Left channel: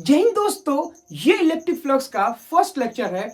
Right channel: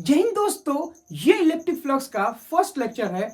जय हिंद दोस्तों, ये इलेक्ट्रिक फ्लक्स का फर्स्ट लेक्चर है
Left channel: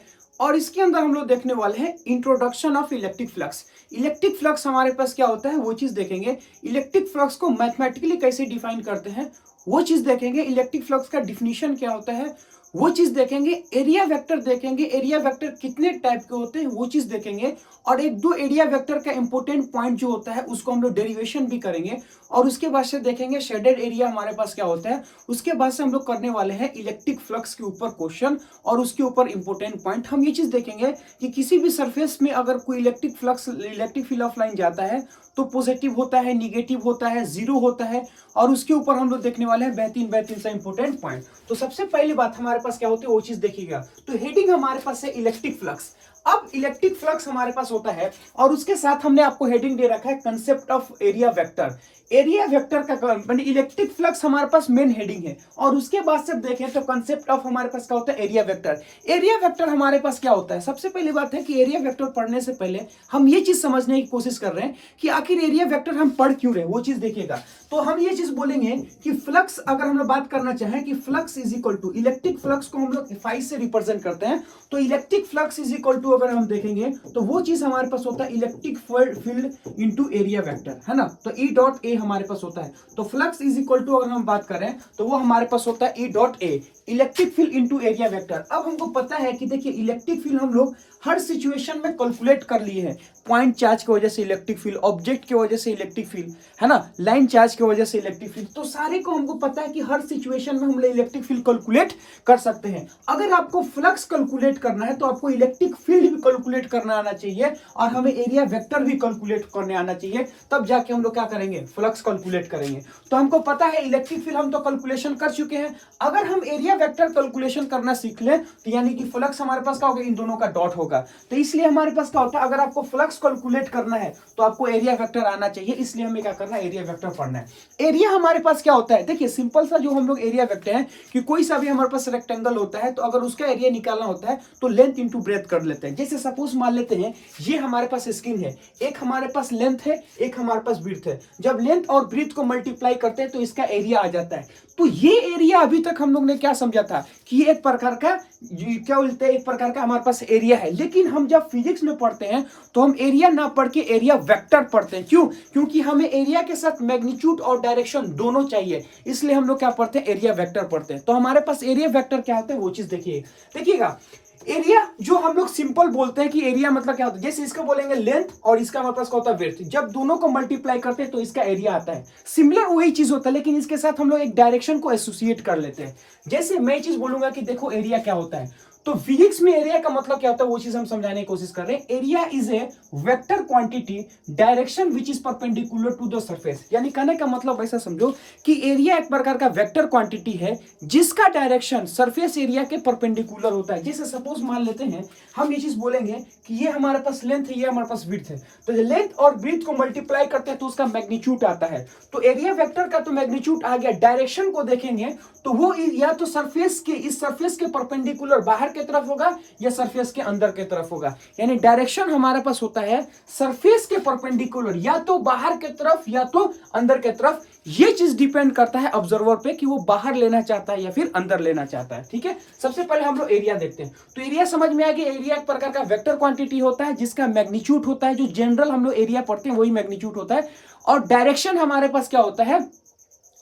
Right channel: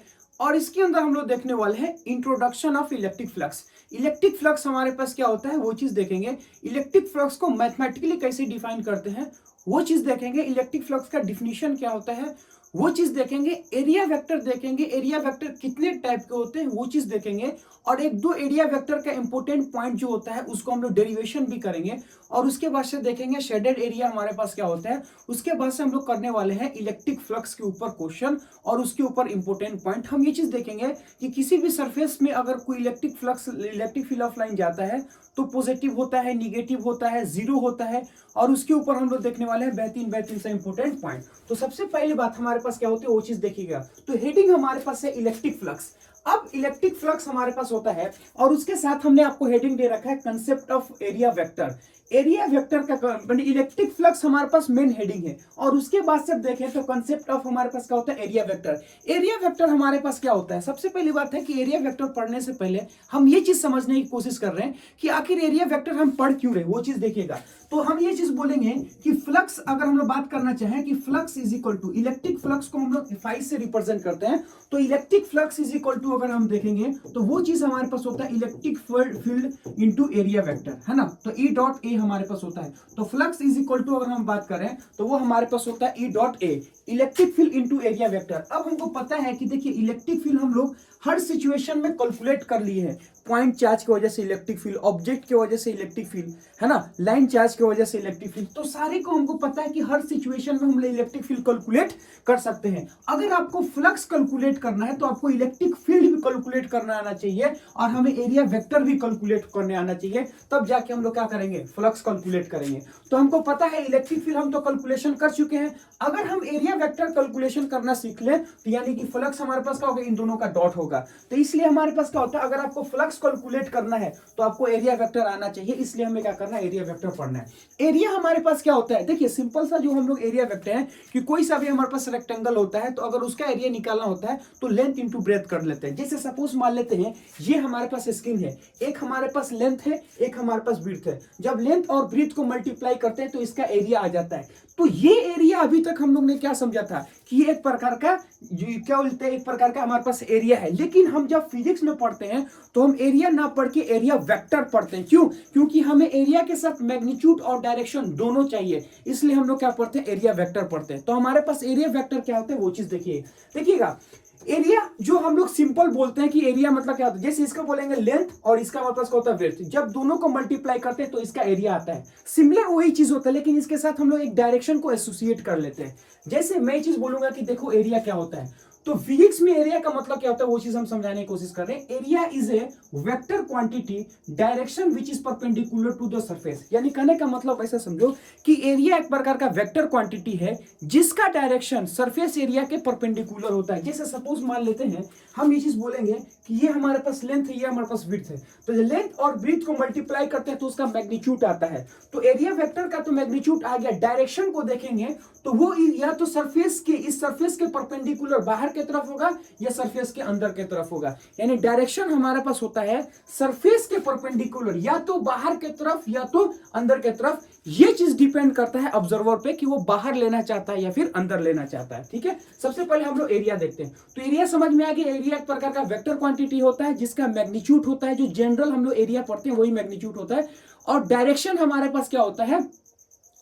और इसके अंदर हम लोग देखने वाले हैं introduction of electric flux. Electric flux हमारे पास क्या होता है वो चीज देखेंगे। इलेक्ट्रिक फ्लक्स को मैथमेटिकली कैसे डिफाइन करते हैं वो चीज देखेंगे। इलेक्ट्रिक फ्लक्स का डिफिनीशन क्या होता है वो चीज देखेंगे। एरिया वेक्टर देखेंगे, एरिया वेक्टर कितने टाइप के होते हैं वो चीज देखेंगे। और एक दो एरिया वेक्टर का इंपॉर्टेंट पॉइंट जो होता है उसको हम लोग डेरिवेशन भी करेंगे और उसके बाद से देखेंगे शेडेड एरिया हमारे पास क्या होता है। उसके बाद से हम लोग करने वाले हैं इलेक्ट्रिक फ्लक्स के ऊपर क्वेश्चन और उसके ऊपर इंपॉर्टेंट पॉइंट। हम ये चीज देखेंगे कि किसी भी सरफेस में अगर कोई electric flux, electric field of line जाता है तो पॉजिटिव होता है, निगेटिव होता है, जीरो होता है और उसके ऊपर हम लोग देखने वाले हैं बेहतरीन बेहतरीन सा इंपॉर्टेंट पॉइंट। तो सबसे पहली बात हमारे पास क्या होती है वो चीज देखिएगा। तो हेडिंग हमारे पास है इलेक्ट्रिक फ्लक्स। अब इलेक्ट्रिक फ्लक्स हमारे पास होता है और उसके साथ हमने आपको हेडिंग दे रखा है concept of area vector. Area vector का इलेक्ट्रिक फ्लक्स हमारे पास मेन हेडिंग है और उसके बाद से देखें तो कंसेप्ट ऑफ हमारे पास क्या होता है एरिया वेक्टर। एरिया वेक्टर हमारे पास क्या होता है, सबसे पहली बात है कि एरिया वेक्टर पढ़ने से पहले हम ये चीज समझने की कोशिश कर रहे हैं कि आखिर एरिया वेक्टर हम पढ़ क्यों रहे वो चीज देखिएगा। तो हम ये चीज बोलेंगे कि फ्लक्स अगर हम लोग बात करना चाहें कि flux is equal to electric flux को हम लोग फाई से रिप्रेजेंट करते हैं। तो electric flux is equal to अगर हम देखेंगे तो वो चीज हमारे पास होता है electric field into area vector, है ना। तो ई डॉट ए हमारे पास होता है। तो फ्लक्स इज इक्वल टू अगर हम बात करें तो वो हमारे पास होता है E dot A, electric field into area vector. अब हमको पता है कि देखिए इलेक्ट्रिक फील्ड हम लोग हर सिचुएशन में कैलकुलेट कर लिए हैं। पॉइंट चार्ज की वजह से इलेक्ट्रिक फील्ड, ऑब्जेक्ट की वजह से इलेक्ट्रिक फील्ड, है ना, लाइन चार्ज की वजह से इलेक्ट्रिक फील्ड। तो सारे को हमको पता है कि हर सिचुएशन में हम लोग इलेक्ट्रिक फील्ड कैलकुलेट कर सकते हैं। अगर आपको फ्लक्स कैलकुलेट करना है तो आपको इलेक्ट्रिक फील्ड भी कैलकुलेट करना आना चाहिए और हमें एरिया वेक्टर भी कैलकुलेट करने आना चाहिए, तब जाके हम लोग क्या करेंगे फ्लक्स कैलकुलेट करेंगे। तो हमको पता है इलेक्ट्रिक फील्ड हम तो कैलकुलेशन कर चुके हैं। अगर हम एरिया वेक्टर कैलकुलेशन करना सीख लें तो यानी कि फ्लक्स हमारे पास क्या होगा, इन दोनों का डॉट होगा। तो इसलिए हमारे पास क्या होता है, अगर आपको फ्लक्स कैलकुलेट करना है तो आपको एरिया वेक्टर आना चाहिए, इसलिए हमें क्या करना है एरिया वेक्टर पढ़ना है। एरिया हमारे पास क्या होता है, देखिए सिंपल सा जो हम लोग एरिया वेक्टर है कि कोई सा भी हमारे पास रेक्टेंगल होता है तो अगर उसका एरिया निकालना होता है तो लेंथ इंटू ब्रेथ कर लेते हैं। जैसे सपोज मान लेते हैं ये हमारे पास स्किन है, एक हमारे पास लेंथ है, एक हमारे पास ब्रीथ है। जब लेंथ और ब्रीथ को मल्टीप्लाई करते हैं तो इसका एरिया आ जाता है। तो ये एरिया अभी तक हम लोग ने क्या समझा था कि ये एक प्रकार का क्या बोलते हैं, एक प्रकार का हमारे पास एरिया है। लेकिन हम जब फिजिक्स में पढ़ते हैं तो हम एरिया ना पढ़ के एरिया वेक्टर पढ़ते हैं। क्यों? क्योंकि हमें एरिया के साथ मैग्नीट्यूड और डायरेक्शन दोनों चाहिए, इसलिए हम लोग क्या पढ़ते हैं एरिया वेक्टर पढ़ते हैं। तो हमारे पास एरिया वेक्टर क्या होता है वो चीज देखिएगा। एरिया जो हम लोग सिंपल बोलते हैं कि एरिया मतलब क्या होता है, जैसे इसको बोलेंगे लेंथ और इसका मतलब क्या होता है विड्थ। जब दोनों को मल्टीप्लाई करते हैं तो इसका एरिया आता है। सिमिलर वही चीज होता है लेकिन इसके साथ हम लोग एक डायरेक्शन को एसोसिएट कर लेते हैं। जैसे मैं चीज बोलूंगा कि देखो एरिया क्या होता है, तो फिजिक्स में एरिया का मतलब क्या होता है वो चीज हम समझाने की कोशिश कर रहे हैं। Area is a vector quantity direction which is perpendicular to the surface. यानी कहने का मतलब ऐसा समझो कि एरिया एक प्रकार का वेक्टर क्वांटिटी है जिसका डायरेक्शन सरफेस एरिया के परपेंडिकुलर होता है। जैसे सपोज मान लेते हैं हम ये चीज बोलेंगे कि ये हमारे पास लेंथ है, ये हमारे पास विड्थ है। तो लेंथ और विड्थ को मल्टीप्लाई करते हैं तो उसका मैग्नीट्यूड आता है। तो एरिया वेक्टर का तो मैग्नीट्यूड आ गया। डायरेक्शन को देखेंगे तो वो या तो सरफेस के, इस सरफेस के परपेंडिकुलर बाहर की तरफ होगा या सरफेस के अंदर की तरफ होगा। यानी डायरेक्शन हमारे पास होता है सरफेस के परपेंडिकुलर, या तो बाहर की तरफ या तो अंदर की तरफ। ये चीज डिपेंड करता है ऑब्जर्वर पे कि वो बाहर लेना चाहता है या फिर अंदर लेना चाहता है। ठीक है, सबसे पहले हम लोग एरिया देखते हैं। तो एरिया समझ में आ गया, एरिया एक प्रकार का वेक्टर क्वांटिटी होता है जिसका मैग्नीट्यूड होता है, जो जनरल हम लोग एरिया पढ़ते हैं वही मैग्नीट्यूड होता है। और डायरेक्शन हमारे पास क्या होता है,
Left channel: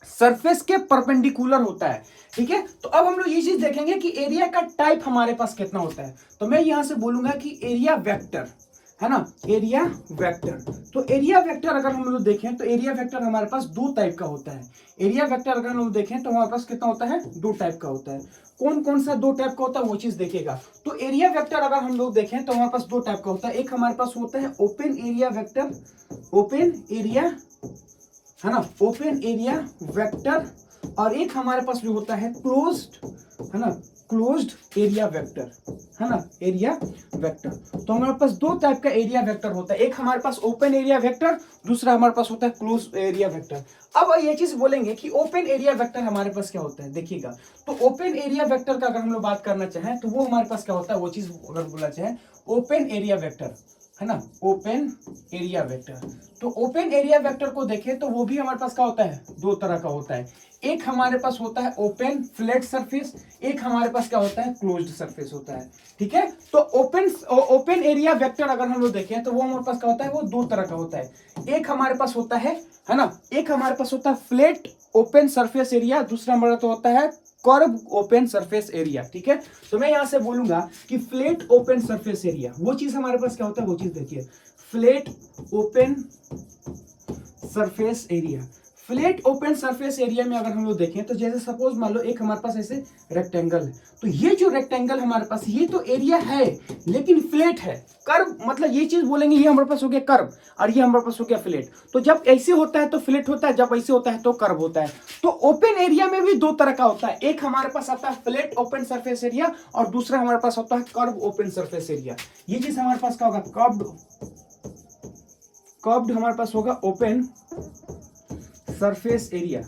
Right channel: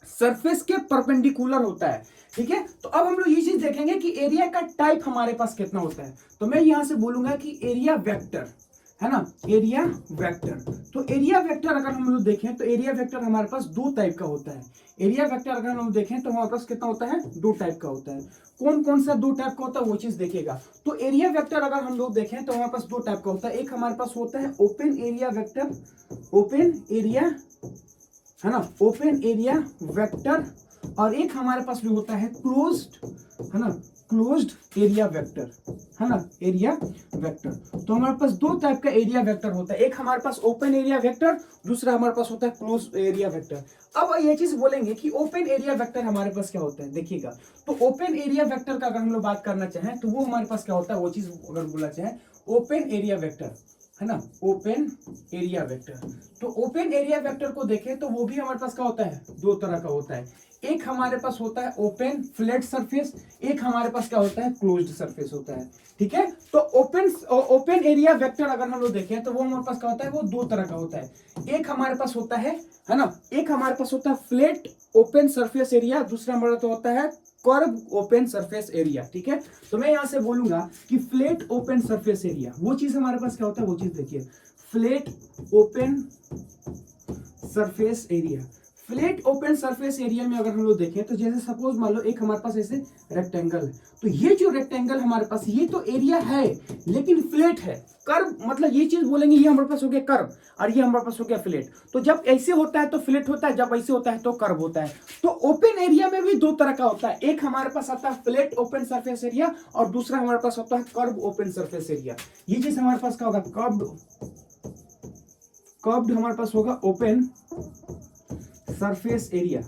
सरफेस के परपेंडिकुलर होता है। ठीक है, तो अब हम लोग ये चीज देखेंगे कि एरिया का टाइप हमारे पास कितना होता है। तो मैं यहां से बोलूंगा कि एरिया वेक्टर, है ना, एरिया वेक्टर। तो एरिया वेक्टर अगर हम लोग देखें तो एरिया वेक्टर हमारे पास दो टाइप का होता है। एरिया वेक्टर अगर हम लोग देखें तो हमारे पास कितना होता है, दो टाइप का होता है। कौन कौन सा दो टाइप का होता है वो चीज देखिएगा। तो एरिया वेक्टर अगर हम लोग देखें तो हमारे पास दो टाइप का होता है। एक हमारे पास होता है open area vector, open area, है ना, ओपन एरिया वेक्टर। और एक हमारे पास जो होता है क्लोज्ड, है ना, क्लोज्ड एरिया वेक्टर, है ना, एरिया वेक्टर। तो हमारे पास दो टाइप का एरिया वेक्टर होता है। एक हमारे पास ओपन एरिया वेक्टर, दूसरा हमारे पास होता है क्लोज एरिया वेक्टर। अब ये चीज बोलेंगे कि ओपन एरिया वेक्टर हमारे पास क्या होता है, देखिएगा। तो ओपन एरिया वेक्टर का अगर हम लोग बात करना चाहें तो वो हमारे पास क्या होता है वो चीज अगर बोला चाहे, ओपन एरिया वेक्टर, है ना, ओपन एरिया वेक्टर। तो ओपन एरिया वेक्टर को देखें तो वो भी हमारे पास क्या होता है, दो तरह का होता है। एक हमारे पास होता है ओपन फ्लैट सरफेस, एक हमारे पास क्या होता है क्लोज्ड सरफेस होता है। ठीक है, तो ओपन एरिया वेक्टर अगर हम लोग देखें तो वो हमारे पास क्या होता है, वो दो तरह का होता है। एक हमारे पास होता है ना, एक हमारे पास होता है फ्लैट ओपन सरफेस एरिया, दूसरा हमारा तो होता है कर्व ओपन सरफेस एरिया। ठीक है, तो मैं यहां से बोलूंगा कि फ्लैट ओपन सरफेस एरिया वो चीज हमारे पास क्या होता है, वो चीज देखिए, flat open surface area. Flat open surface area में अगर हम लोग देखें तो जैसे सपोज मान लो एक हमारे पास ऐसे रेक्टेंगल है, तो ये जो रेक्टेंगल हमारे पास ये तो एरिया है लेकिन फ्लैट है। कर्व मतलब ये चीज बोलेंगे ये हमारे पास हो गया कर्व और ये हमारे पास हो गया फ्लैट। तो जब ऐसे होता है तो फ्लैट होता है, जब ऐसे होता है तो कर्व होता है। तो ओपन एरिया में भी दो तरह का होता है, एक हमारे पास आता है फ्लैट ओपन सरफेस एरिया और दूसरा हमारे पास होता है कर्व ओपन सरफेस एरिया। ये चीज हमारे पास क्या होगा, कर्व्ड हमारे पास होगा open surface area.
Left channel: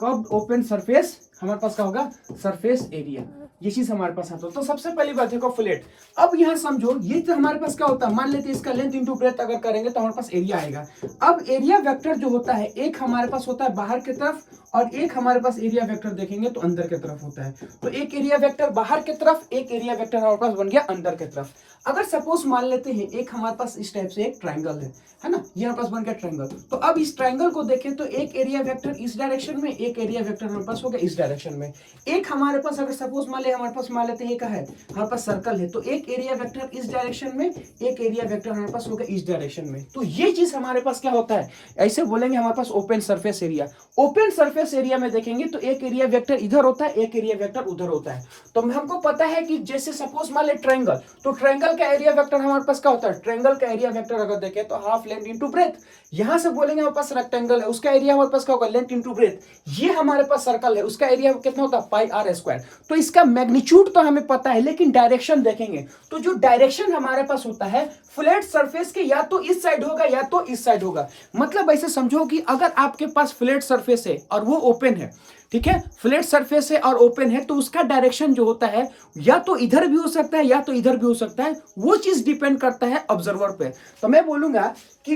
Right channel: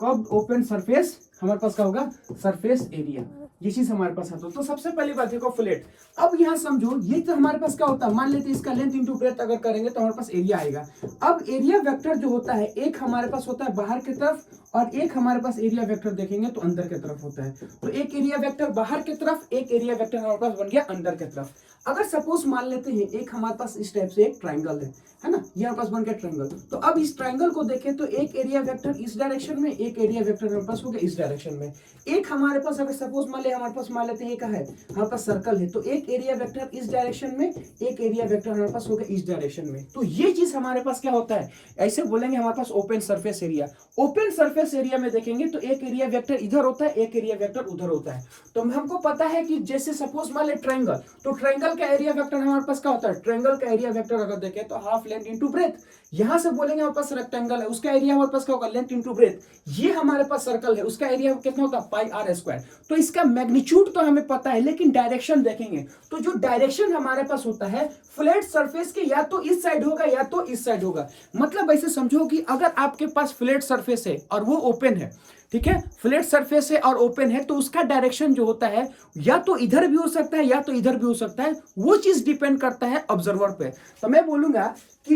Curved open surface हमारे पास क्या होगा, सरफेस एरिया। ये चीज हमारे पास आता है। तो सबसे पहली बात देखो फ्लैट। अब यहां समझो ये तो हमारे पास क्या होता है, मान लेते हैं इसका लेंथ इंटू ब्रेथ अगर करेंगे तो हमारे पास एरिया आएगा। अब एरिया वेक्टर जो होता है एक हमारे पास होता है बाहर की तरफ और एक हमारे पास एरिया वेक्टर देखेंगे तो अंदर की तरफ होता है। तो एक एरिया वेक्टर बाहर की तरफ, एक एरिया वेक्टर हमारे पास बन गया अंदर की तरफ। अगर सपोज मान लेते हैं एक हमारे पास इस टाइप से एक ट्रायंगल है ना, ये हमारे पास बन गया ट्रायंगल। तो अब इस ट्रायंगल को देखें तो एक एरिया वेक्टर इस डायरेक्शन में, एक एरिया वेक्टर हमारे पास हो गया इस डायरेक्शन में। एक हमारे पास अगर सपोज मान ले हमारे पास मान लेते हैं एक है हमारे पास सर्कल है, तो एक एरिया वेक्टर इस डायरेक्शन में, एक एरिया वेक्टर हमारे पास हो गया इस डायरेक्शन में। तो ये चीज हमारे पास क्या होता है, ऐसे बोलेंगे हमारे पास open surface area. Open surface area में देखेंगे तो एक एरिया वेक्टर इधर होता है, एक एरिया वेक्टर उधर होता है। तो हमको पता है कि जैसे सपोज मान ले ट्रायंगल, तो ट्रायंगल का एरिया वेक्टर हमारे पास क्या होता है, ट्रायंगल का एरिया वेक्टर अगर देखें तो हाफ लेंथ इनटू ब्रेथ। यहां से बोलेंगे हमारे पास रेक्टेंगल है, उसका एरिया हमारे पास क्या होगा, लेंथ इनटू ब्रेथ। ये हमारे पास सर्कल है, उसका एरिया कितना होता है, पाई आर स्क्वायर। तो इसका मैग्नीट्यूड तो हमें पता है लेकिन डायरेक्शन देखेंगे तो जो डायरेक्शन हमारे पास होता है फ्लैट सरफेस के या तो इस साइड होगा या तो इस साइड होगा। मतलब ऐसे समझो कि अगर आपके पास फ्लैट सरफेस है और वो ओपन है, ठीक है, फ्लैट सरफेस है और ओपन है, तो उसका डायरेक्शन जो होता है या तो इधर भी हो सकता है या तो इधर भी हो सकता है। वो चीज डिपेंड करता है ऑब्जर्वर पे। तो मैं बोलूंगा कि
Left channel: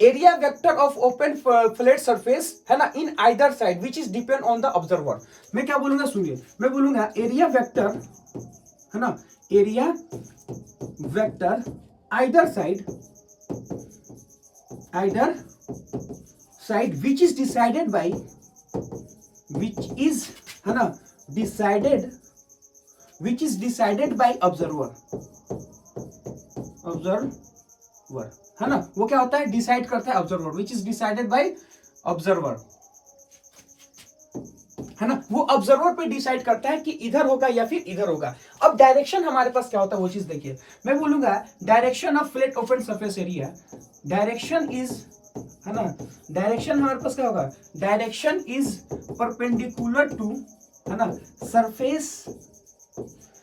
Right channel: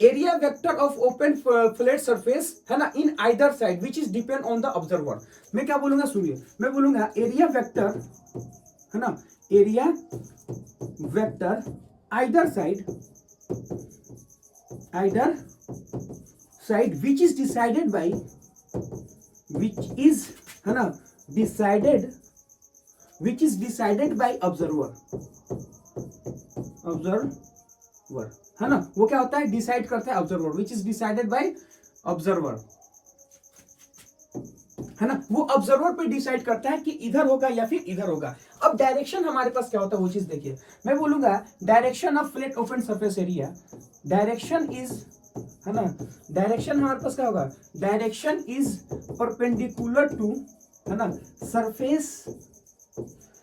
area vector of open flat surface है ना in either side which is depend on the observer. मैं क्या बोलूंगा सुनिए, मैं बोलूंगा एरिया वेक्टर है ना, area vector either side which is decided by, which is है ना डिसाइडेड बाय ऑब्जर्वर है ना, वो क्या होता है, डिसाइड करता है observer, which is decided by observer है ना, वो ऑब्जर्वर पे डिसाइड करता है कि इधर होगा या फिर इधर होगा। अब डायरेक्शन हमारे पास क्या होता है वो चीज देखिए, मैं बोलूंगा direction of flat open surface area, direction is है ना, डायरेक्शन हमारे पास क्या होगा, डायरेक्शन इज परपेंडिकुलर टू है ना सरफेस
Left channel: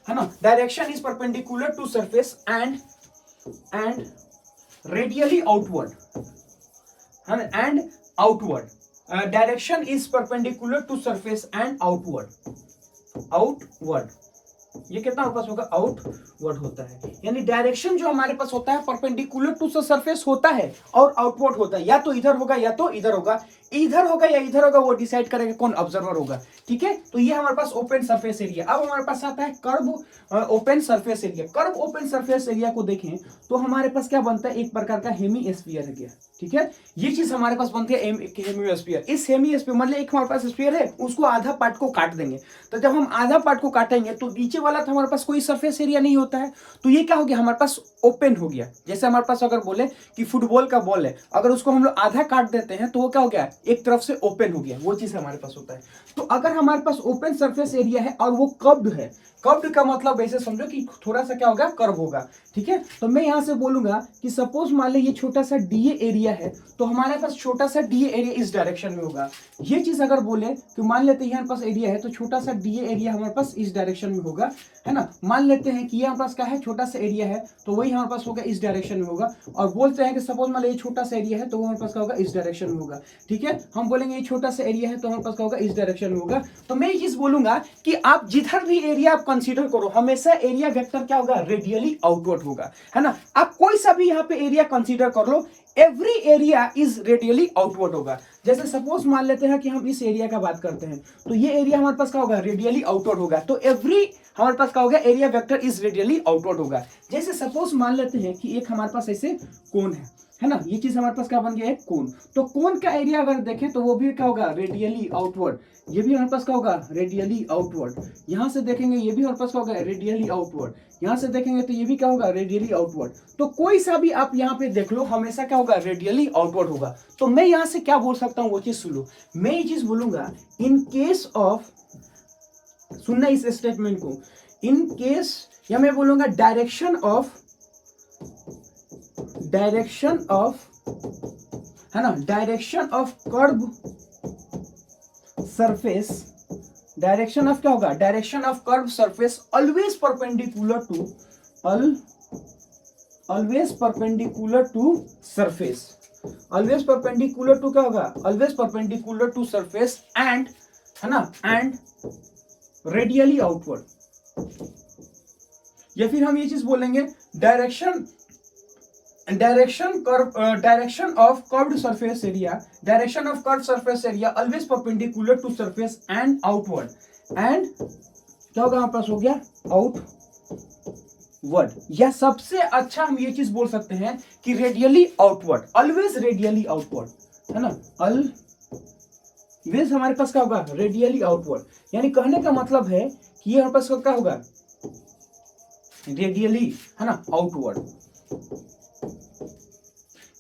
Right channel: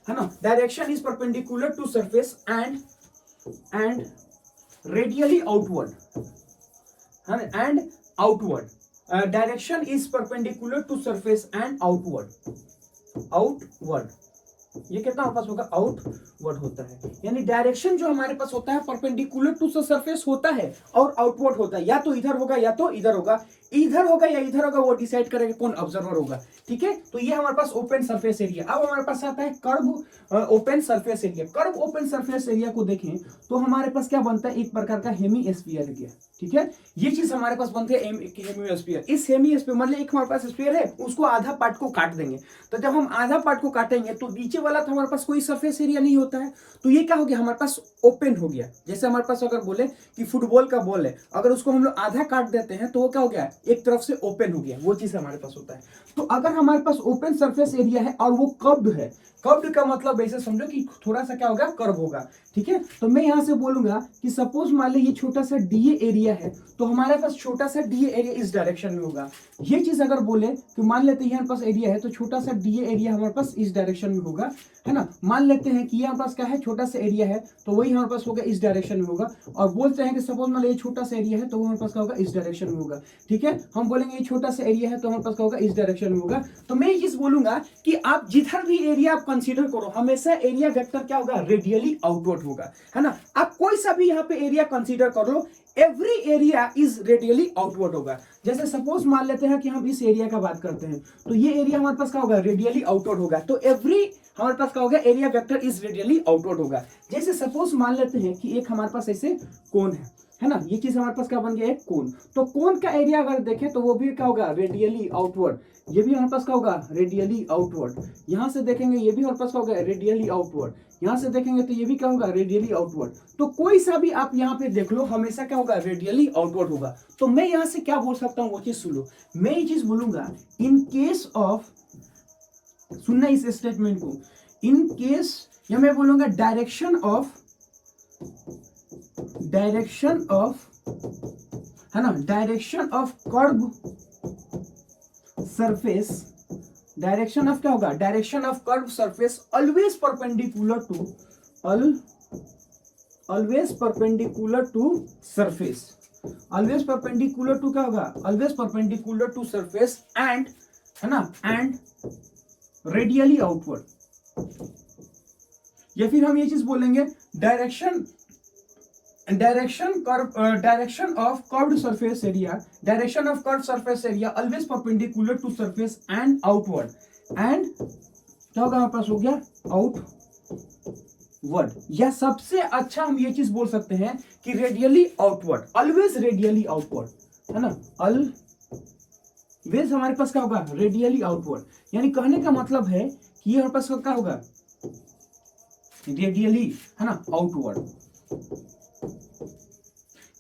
है ना, direction is perpendicular to surface and radially outward है ना, and outward. Direction is perpendicular to surface and outward. ये कितना हमारे पास होगा, आउटवर्ड होता है। यानी डायरेक्शन जो हमारे पास होता है परपेंडिकुलर टू सरफेस होता है और आउटवर्ड होता है, या तो इधर होगा या तो इधर होगा, इधर होगा या इधर होगा वो डिसाइड करेगा कौन, ऑब्जर्वर होगा। ठीक है, तो ये हमारे पास ओपन सरफेस एरिया। अब हमारे पास आता है curve open surface area. Curve open surface area को देखें तो हमारे पास क्या बनता है, एक प्रकार का हेमीस्फीयर एरिया। ठीक है, ये चीज हमारे पास बनती है हेमीस्फीयर। इस हेमीस्फीयर मतलब एक हमारे पास स्फीयर है, उसको आधा पार्ट को काट देंगे। तो जब हम आधा पार्ट को काटेंगे तो नीचे वाला तो हमारे पास कोई सरफेस एरिया नहीं होता है, तो ये क्या हो गया, हमारे पास ओपन हो गया। जैसे हमारे पास अगर बोले कि फुटबॉल का बॉल है, अगर उसको हम लोग आधा काट देते हैं तो वो क्या हो गया, एक तरफ से ओपन हो गया। वो चीज हमारे पास होता है। तो अगर हमारे पास ओपन सरफेस एरिया है और वो कर्व्ड है, कर्व्ड का मतलब ऐसे समझो कि थोड़ा सा क्या होगा, कर्व होगा। ठीक है, तो मैं यहां से बोलूंगा कि सपोज मान ले ये छोटा सा डीए एरिया है, तो हमारे पास छोटा सा डीए एरिया इस डायरेक्शन में होगा। ये चीज अगर बोले कि मान लेते हैं हमारे पास एरिया है, तो छोटा सा डीए एरिया हमारे पास इस डायरेक्शन में होगा, है ना। मान लेते हैं कि ये हमारे पास क्या है, छोटा सा एरिया है, तो वही हमारे पास होगा इस डायरेक्शन में होगा। और बोलते हैं कि सपोज मान ले ये छोटा सा एरिया है, तो वो हमारे पास क्या होगा, इस डायरेक्शन में होगा। ठीक है, हम बोलेंगे ये छोटा सा एरिया है तो हमारे पास क्या होगा, इस डायरेक्शन में होगा। तो मैं ये चीज बोलूंगा कि आप जिधर भी एरिया आप कंसीडर करो, हमेशा एरिया वेक्टर क्या होगा, रेडियली आउटवर्ड होगा, है ना। आप कोई सा भी यहाँ पे एरिया कंसीडर कर लो, every area is radially outward होगा। जैसे सपोज मान लेते हैं कि हम इस एरिया का बात करते हैं, तो ये एरिया हमारे पास क्या होगा, रेडियली आउटवर्ड होगा। तो एवरी हमारे पास क्या होगा, area vector is radially outward होगा। जैसे सपोज मान लेते हैं कि एक हमारे पास ऐसे कोन है ना, ये चीज हमारे पास क्या बन गया, एक कोन। तो कोन का एरिया अगर देखें तो वो भी क्या होगा, रेडियली आउटवर्ड। ये भी हमारे पास क्या होगा, रेडियली आउटवर्ड। यहां से देखेंगे ये भी हमारे पास क्या होगा, रेडियली आउटवर्ड। यहां से देखेंगे तो ये भी क्या होगा, रेडियली आउटवर्ड। तो कोई सा भी आप यहाँ पे देख लो, हमेशा क्या होगा, रेडियली आउटवर्ड होगा। तो मैं यहां से क्या बोल सकता हूँ वो चीज सुनो, मैं ये चीज बोलूंगा इन केस ऑफ, सुनना इस स्टेटमेंट को, इन केस, या मैं बोलूंगा डायरेक्शन ऑफ, है ना, direction of curve surface, direction of क्या होगा, direction of curve surface always perpendicular to, always perpendicular to surface, always perpendicular to क्या होगा, always perpendicular to surface and, है ना, एंड रेडियली आउटवर्ड। या फिर हम ये चीज बोलेंगे direction of curved surface area, direction of curved surface area always perpendicular to surface and outward, and क्या होगा हमारे पास, हो गया आउटवर्ड। या सबसे अच्छा हम ये चीज बोल सकते हैं कि radially outward, always radially outward, है ना, ऑलवेज हमारे पास क्या होगा, रेडियली आउटवर्ड। यानी कहने का मतलब है कि ये हमारे पास क्या होगा, रेडियली, है ना, आउटवर्ड।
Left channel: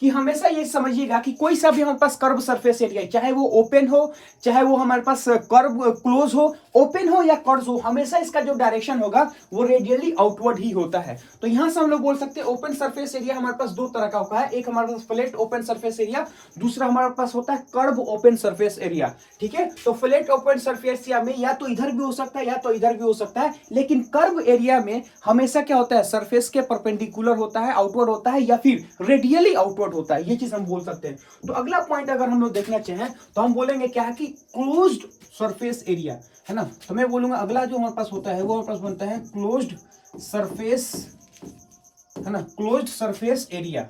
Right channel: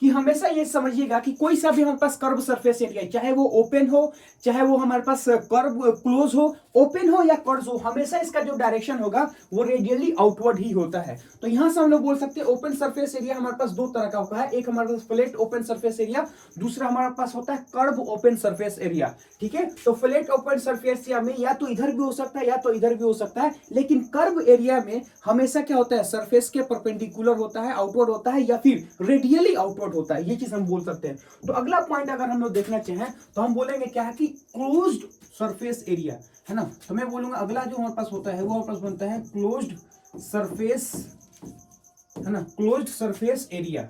कि हमेशा ये समझिएगा कि कोई सा भी हमारे पास कर्व सरफेस एरिया, चाहे वो ओपन हो, चाहे वो हमारे पास कर्व क्लोज हो, ओपन हो या कर्व हो, हमेशा इसका जो डायरेक्शन होगा वो रेडियली आउटवर्ड ही होता है। तो यहां से हम लोग बोल सकते हैं ओपन सरफेस एरिया हमारे पास दो तरह का होता है, एक हमारे पास फ्लैट ओपन सरफेस एरिया, दूसरा हमारे पास होता है कर्व ओपन सरफेस एरिया। ठीक है, तो फ्लैट ओपन सरफेस एरिया में या तो इधर भी हो सकता है या तो इधर भी हो सकता है, लेकिन कर्व एरिया में हमेशा क्या होता है, सरफेस के परपेंडिकुलर होता है, आउटवर्ड होता है, या फिर रेडियली आउटवर्ड होता है। ये चीज हम बोल सकते हैं। तो अगला पॉइंट अगर हम लोग देखना चाहें तो हम बोलेंगे क्या है कि क्लोज्ड सरफेस एरिया, है ना। तो मैं बोलूंगा अगला जो हमारे पास होता है वो हमारे पास बनता है क्लोज्ड सरफेस, है ना, closed surface area,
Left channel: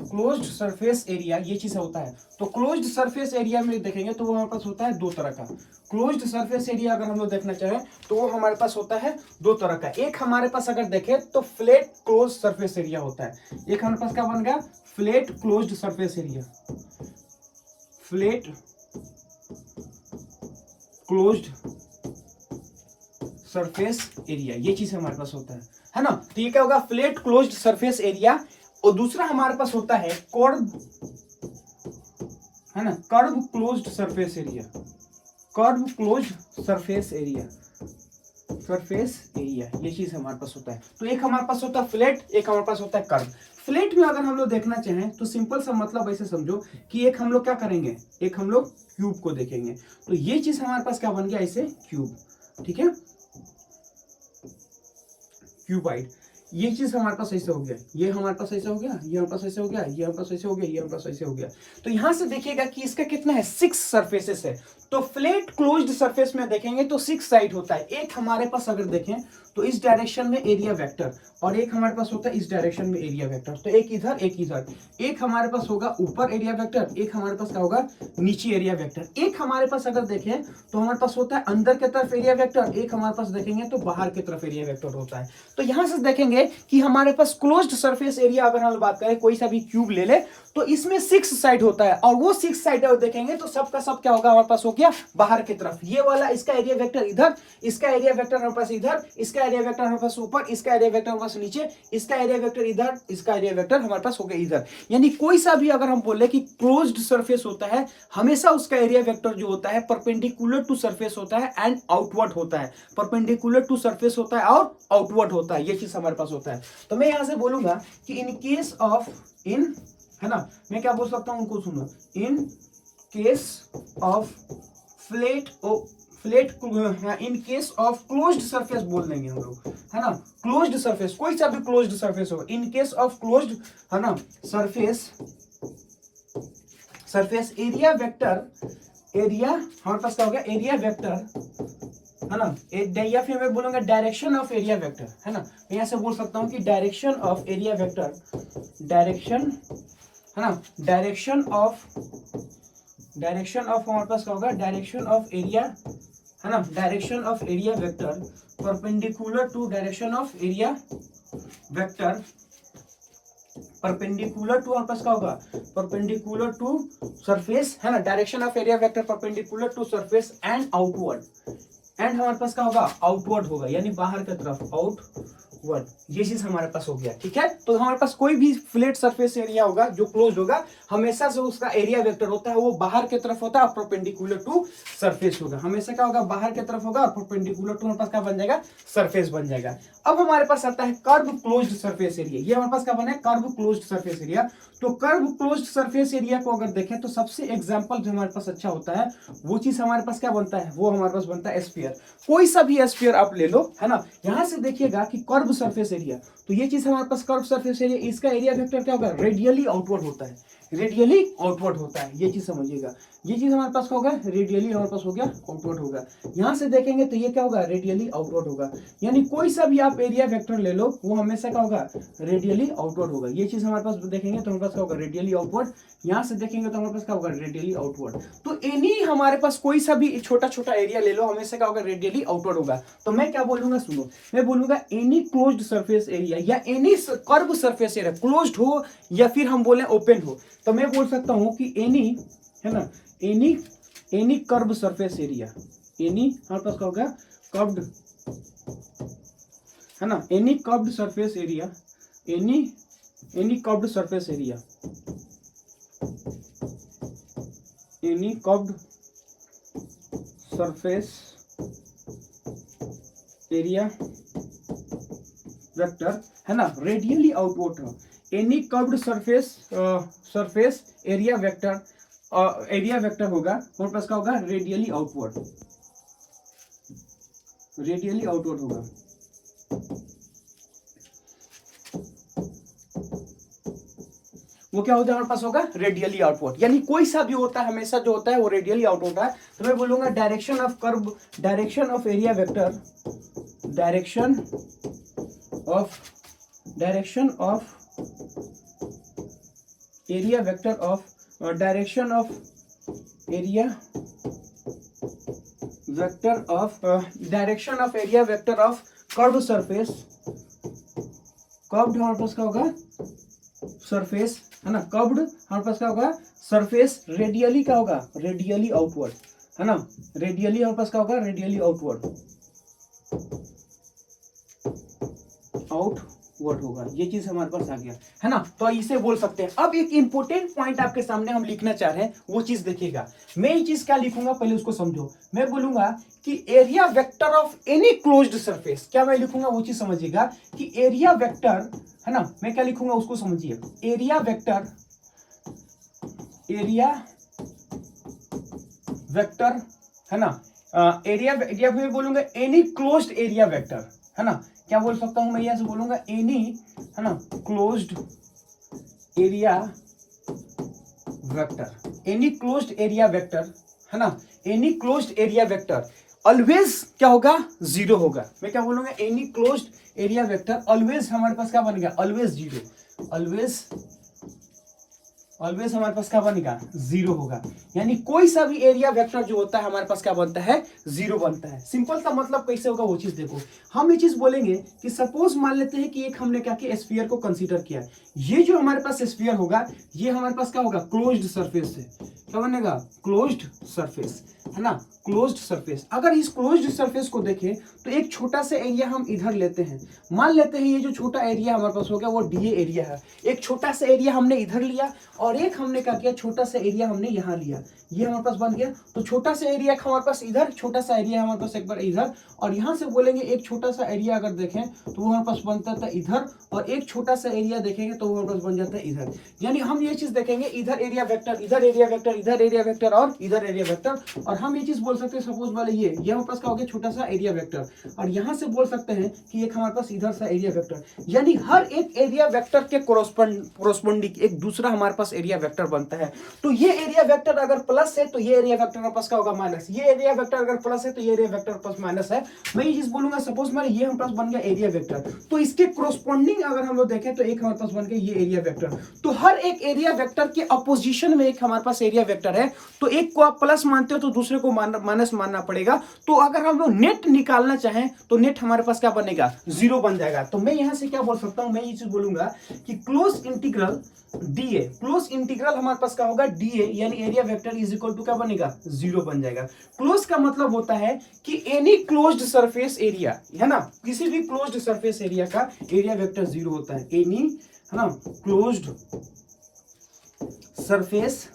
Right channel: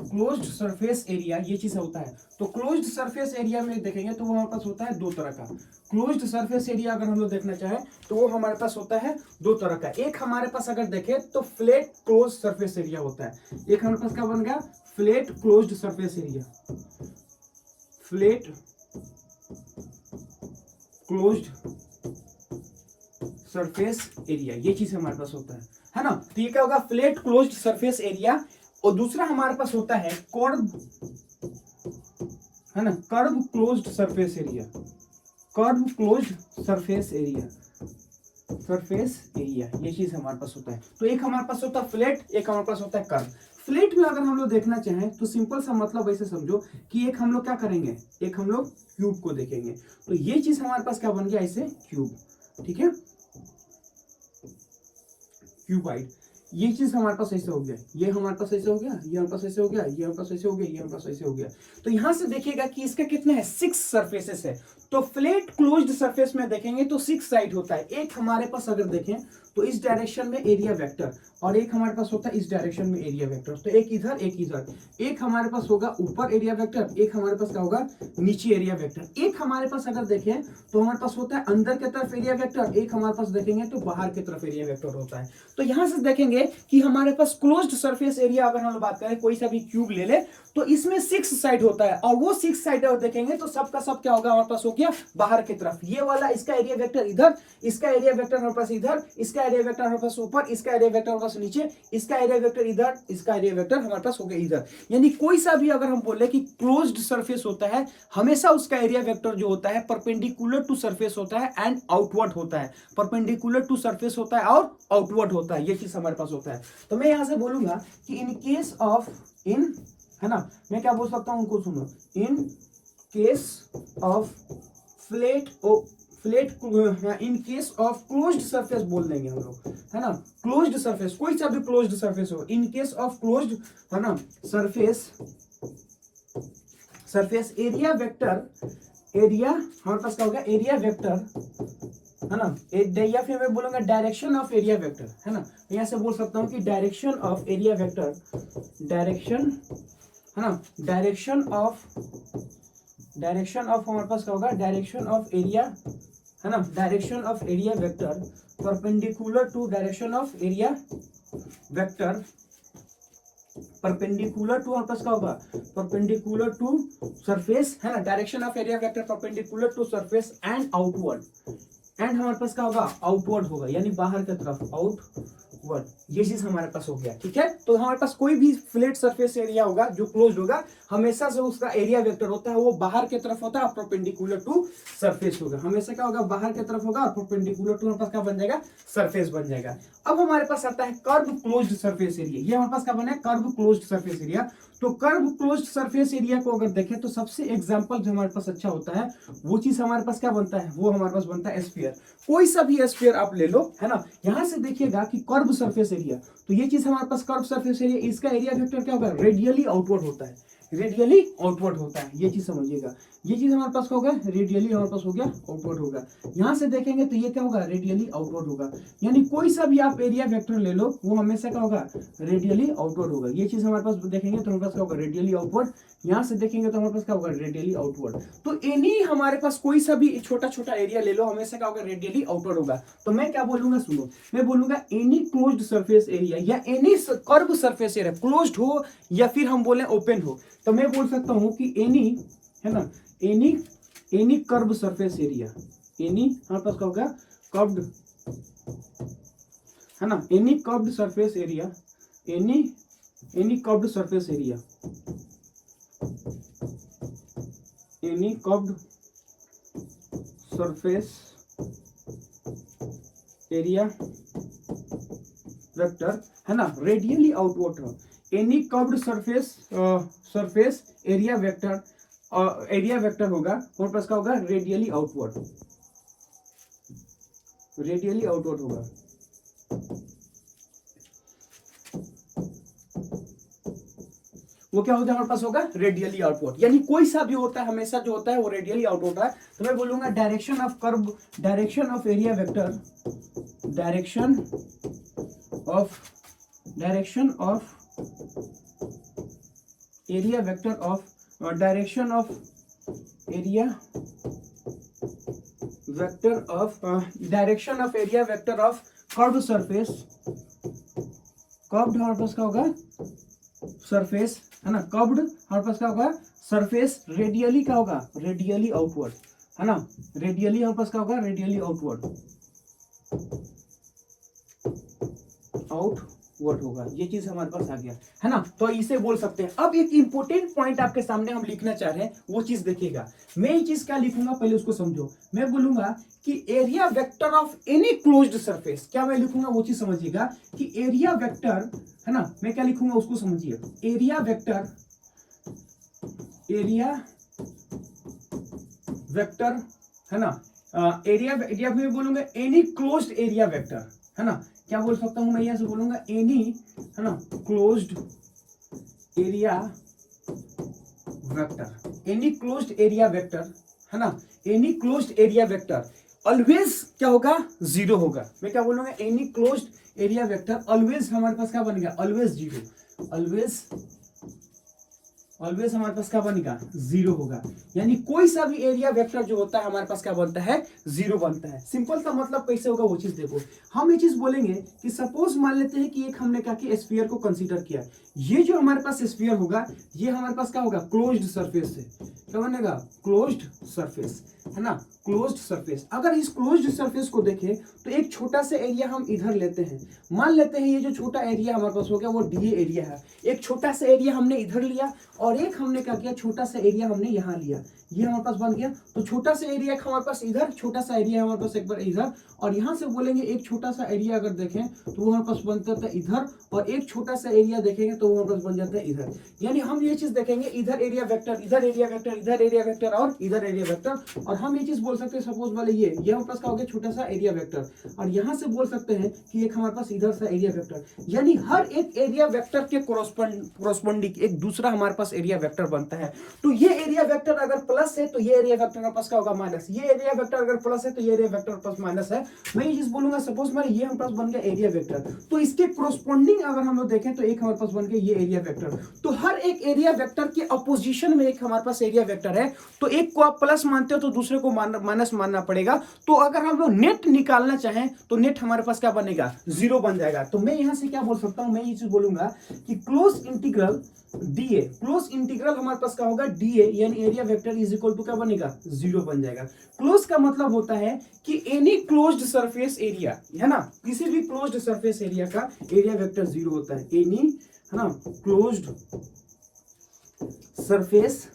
closed surface area ये चीज होता है। तो क्लोज्ड सरफेस एरिया में देखेंगे तो वो हमारे पास होता है दो तरह का। क्लोज्ड सरफेस एरिया अगर हम लोग देखना चाहें तो वो हमारे पास होता है दो तरह का। एक हमारे पास अगर देखें तो फ्लैट क्लोज सरफेस एरिया होता है, एक हमारे पास क्या बन गया, flat closed surface area, flat closed surface area ये चीज हमारे पास होता है ना। तो ये क्या होगा, फ्लैट क्लोज्ड सरफेस एरिया। और दूसरा हमारे पास होता है कर्व, है ना, curve closed surface area, curve closed surface area, surface area ये चीज हमारे पास होता है। तो एक हमारे पास होता है फ्लैट, एक हमारे पास होता है कर्व। फ्लैट में अगर हम लोग देखना चाहें तो सिंपल सा मतलब ऐसे समझो कि एक हम लोग क्या करेंगे, एक हम लोग क्यूब को देखेंगे। तो ये चीज हमारे पास क्या बन गया, ऐसे क्यूब, ठीक है, क्यूबाइड। ये चीज हमारे पास ऐसे हो गया, ये हमारे पास ऐसे हो गया, ये हमारे पास ऐसे हो गया, ये हमारे पास ऐसे हो गया, ये हमारे पास ऐसे हो गया। तो यहां से देखिएगा कि इसका कितना है, 6 सरफेसेस है। तो फ्लैट क्लोज्ड सरफेस में देखेंगे तो 6 साइड होता है। एक हमारे पास अगर देखें तो इस डायरेक्शन में एरिया वेक्टर, और एक हमारे पास होता है इस डायरेक्शन में एरिया वेक्टर। तो एक इधर एक इधर, एक हमारे पास होगा ऊपर एरिया वेक्टर, एक हमारे पास क्या होगा, नीचे एरिया वेक्टर। एक हमारे पास अगर देखें तो हमारे पास होता है अंदर की तरफ एरिया वेक्टर, एक हमारे पास देखेंगे तो बाहर की तरफ एरिया वेक्टर होता है। तो यहां से देखेंगे कि हमारे पास क्लोज्ड सरफेस एरिया अगर हम बात करें, कोई सा भी क्यूब ले ले तो इसमें 6 साइड होता है, और वो 6 साइड अगर देखेंगे तो सबका सब क्या होगा, हमारे पास हो गया बाहर की तरफ। ये वाला इसका एरिया वेक्टर इधर, इसका एरिया वेक्टर हमारे पास इधर, इसका एरिया वेक्टर हमारे पास ऊपर, इसका एरिया वेक्टर हमारे पास नीचे, इसका एरिया वेक्टर इधर, इसका एरिया वेक्टर हमारे पास हो गया इधर। यानी कोई सा भी अगर हम बोले कि क्लोज्ड सरफेस होता है, हमेशा उसका एरिया वेक्टर जो होता है परपेंडिकुलर टू सरफेस होता है एंड आउटवर्ड होता है, परपेंडिकुलर टू सरफेस होता है और आउटवर्ड होता है। ये चीज हमारे पास होता है। तो मैं यहां से बोलूंगा कि इन केस ऑफ, इन, है ना, मैं क्या बोल सकता हूं उनको सुनो, in case of flat in case of closed surface बोल देंगे हम लोग, है ना, क्लोज्ड सरफेस, कोई सा भी क्लोज्ड सरफेस हो, इन केस ऑफ क्लोज्ड, है ना, सरफेस एरिया वेक्टर, एरिया हमारे पास क्या हो गया, एरिया वेक्टर है ना, या फिर मैं बोलूंगा डायरेक्शन ऑफ एरिया वेक्टर, है ना, मैं यहाँ से बोल सकता हूँ कि direction of area vector, direction, है ना, डायरेक्शन ऑफ हमारे पास क्या होगा, डायरेक्शन ऑफ एरिया, है ना, direction of area vector perpendicular to direction of area vector, perpendicular to हमारे पास क्या होगा, परपेंडिकुलर टू सरफेस, है ना, direction of area vector perpendicular to surface and outward, and हमारे पास क्या होगा, आउटवर्ड होगा, यानी बाहर की तरफ, आउटवर्ड, ये चीज हमारे पास हो गया। ठीक है, तो हमारे पास कोई भी फ्लैट सरफेस एरिया होगा जो क्लोज होगा, हमेशा से उसका एरिया वेक्टर होता है वो बाहर की तरफ होता है और परपेंडिकुलर टू सरफेस होगा, हमेशा क्या होगा, बाहर की तरफ होगा और परपेंडिकुलर टू हमारे पास क्या बन जाएगा, सरफेस बन जाएगा। अब हमारे पास आता है कर्व क्लोज्ड सरफेस एरिया, ये हमारे पास क्या बना है, कर्व क्लोज्ड सरफेस एरिया। तो कर्व क्लोज्ड सरफेस एरिया को अगर देखें तो सबसे एग्जांपल जो हमारे पास अच्छा होता है वो चीज हमारे पास क्या बनता है, वो हमारे पास बनता है स्फीयर। कोई सा भी स्फीयर आप ले लो, है ना, यहां से देखिएगा कि कर्व सरफेस एरिया, तो ये चीज हमारे पास कर्व सरफेस एरिया, इसका एरिया वेक्टर क्या होगा, रेडियली आउटवर्ड होता है, रेडियली आउटवर्ड होता है, ये चीज समझिएगा। ये चीज हमारे पास क्या होगा, रेडियली हमारे पास हो गया आउटवर्ड होगा। यहां से देखेंगे तो ये क्या होगा, रेडियली आउटवर्ड होगा, यानी कोई सा भी आप एरिया वेक्टर ले लो वो हमेशा क्या होगा, रेडियली आउटवर्ड होगा। ये चीज हमारे पास देखेंगे तो हमारे पास क्या होगा, रेडियली आउटवर्ड, यहां से देखेंगे तो हमारे पास क्या होगा, रेडियली आउटवर्ड। तो एनी हमारे पास कोई सा भी छोटा छोटा एरिया ले लो, हमेशा क्या होगा, रेडियली आउटवर्ड होगा। तो मैं क्या बोलूंगा, सुनो, मैं बोलूंगा एनी क्लोज्ड सरफेस एरिया या any curve surface area, closed हो या फिर हम बोले ओपन हो, तो मैं बोल सकता हूं कि एनी, है ना, any curve surface area, any हमारे पास क्या होगा, कर्व्ड, है ना, any curved surface area, any curved surface area, any curved surface area vector, है ना, रेडियली आउटवर्ड हो, any curved surface area vector, area vector होगा हमारे पास क्या होगा, रेडियली आउटवर्ड, रेडियली आउटवर्ड होगा। वो क्या होता है, हमारे पास होगा रेडियली आउटवर्ड, यानी कोई सा भी होता है हमेशा जो होता है वो रेडियली आउटवर्ड है। तो मैं बोलूंगा direction of curve, direction of area vector, direction of area vector of, direction of area vector of, direction of area vector of curve surface, curved हमारे पास क्या होगा, सरफेस, है ना, कर्व्ड हमारे पास क्या होगा, सरफेस, रेडियली क्या होगा, रेडियली आउटवर्ड, है ना, रेडियली हमारे पास क्या होगा, रेडियली आउटवर्ड, आउटवर्ड होगा, ये चीज हमारे पास आ गया, है ना। तो इसे बोल सकते हैं। अब एक इंपॉर्टेंट पॉइंट आपके सामने हम लिखना चाह रहे हैं, वो चीज देखिएगा। मैं ये चीज क्या लिखूंगा, पहले उसको समझो। मैं बोलूंगा कि area vector of any closed surface, क्या मैं लिखूंगा वो चीज समझिएगा कि एरिया वेक्टर, है ना, मैं क्या लिखूंगा उसको समझिए, एरिया वेक्टर, एरिया वेक्टर, है ना, एरिया में बोलूंगा एनी क्लोज्ड एरिया वेक्टर, है ना, क्या बोल सकता हूं मैं, यहां से बोलूंगा एनी, है ना, closed area vector, any closed area vector, है ना, any closed area vector always क्या होगा, जीरो होगा। मैं क्या बोलूंगा, any closed area vector always हमारे पास क्या बनेगा, ऑलवेज जीरो, ऑलवेज हमारे पास क्या बनेगा, जीरो होगा। यानी कोई सा भी एरिया वेक्टर जो होता है हमारे पास क्या बनता है, जीरो बनता है। सिंपल सा मतलब कैसे होगा वो चीज देखो। हम ये चीज बोलेंगे कि सपोज मान लेते हैं कि एक हमने क्या किया, स्फीयर को कंसीडर किया। ये जो हमारे पास स्फीयर होगा ये हमारे पास क्या होगा, क्लोज्ड सरफेस से क्या बनेगा, क्लोज्ड सरफेस, है ना, क्लोज्ड सरफेस। अगर इस क्लोज्ड सरफेस को देखें तो एक छोटा सा एरिया हम इधर लेते हैं, मान लेते हैं ये जो छोटा एरिया हमारे पास हो गया वो डीए एरिया है। एक छोटा सा एरिया हमने इधर लिया और एक हमने क्या किया, छोटा सा एरिया हमने यहाँ लिया, ये हमारे पास बन गया। तो छोटा सा एरिया हमारे पास इधर, छोटा सा एरिया हमारे पास एक बार इधर, और यहाँ से बोलेंगे एक छोटा सा एरिया अगर देखें तो वो हमारे पास बनता था इधर, और एक छोटा सा एरिया देखेंगे तो वो हमारे पास बन जाता है इधर। यानी हम ये चीज देखेंगे, इधर एरिया वेक्टर, इधर एरिया वेक्टर, इधर एरिया वेक्टर और इधर एरिया वेक्टर। और हम ये चीज बोल सकते हैं सपोज वाले ये हमारे पास क्या हो गया, छोटा सा एरिया वेक्टर, और यहाँ से बोल सकते हैं कि एक हमारे पास इधर सा एरिया वेक्टर। यानी हर एक एरिया वेक्टर के कोरोस्पोंडिंग एक दूसरा हमारे पास एरिया वेक्टर बनता है। तो ये एरिया वेक्टर अगर प्लस है तो ये एरिया वेक्टर हमारे पास क्या होगा, माइनस। ये एरिया वेक्टर अगर प्लस है तो ये एरिया वेक्टर प्लस माइनस है। मैं ये चीज बोलूंगा, सपोज मान ये हमारे पास बन गया एरिया वेक्टर, तो इसके कोरोस्पोंडिंग अगर हम लोग देखें तो एक हमारे पास बन गया ये एरिया वेक्टर। तो हर एक एरिया वेक्टर के अपोजिशन में एक हमारे पास एरिया वेक्टर है, तो एक को आप प्लस मानते हो तो दूसरे को माइनस मानना पड़ेगा। तो अगर हम लोग नेट निकालना चाहें तो नेट हमारे पास क्या बनेगा, 0 बन जाएगा। तो मैं यहां से क्या बोल सकता हूं, मैं ये चीज बोलूंगा कि close integral D A, close integral हमारे पास क्या होगा, डीए यानी area vector is equal to क्या बनेगा, 0 बन जाएगा। क्लोज का मतलब होता है कि एनी क्लोज्ड सरफेस एरिया, है ना, किसी भी क्लोज्ड सरफेस एरिया का एरिया वेक्टर 0 होता है। एनी, है ना, क्लोज्ड सरफेस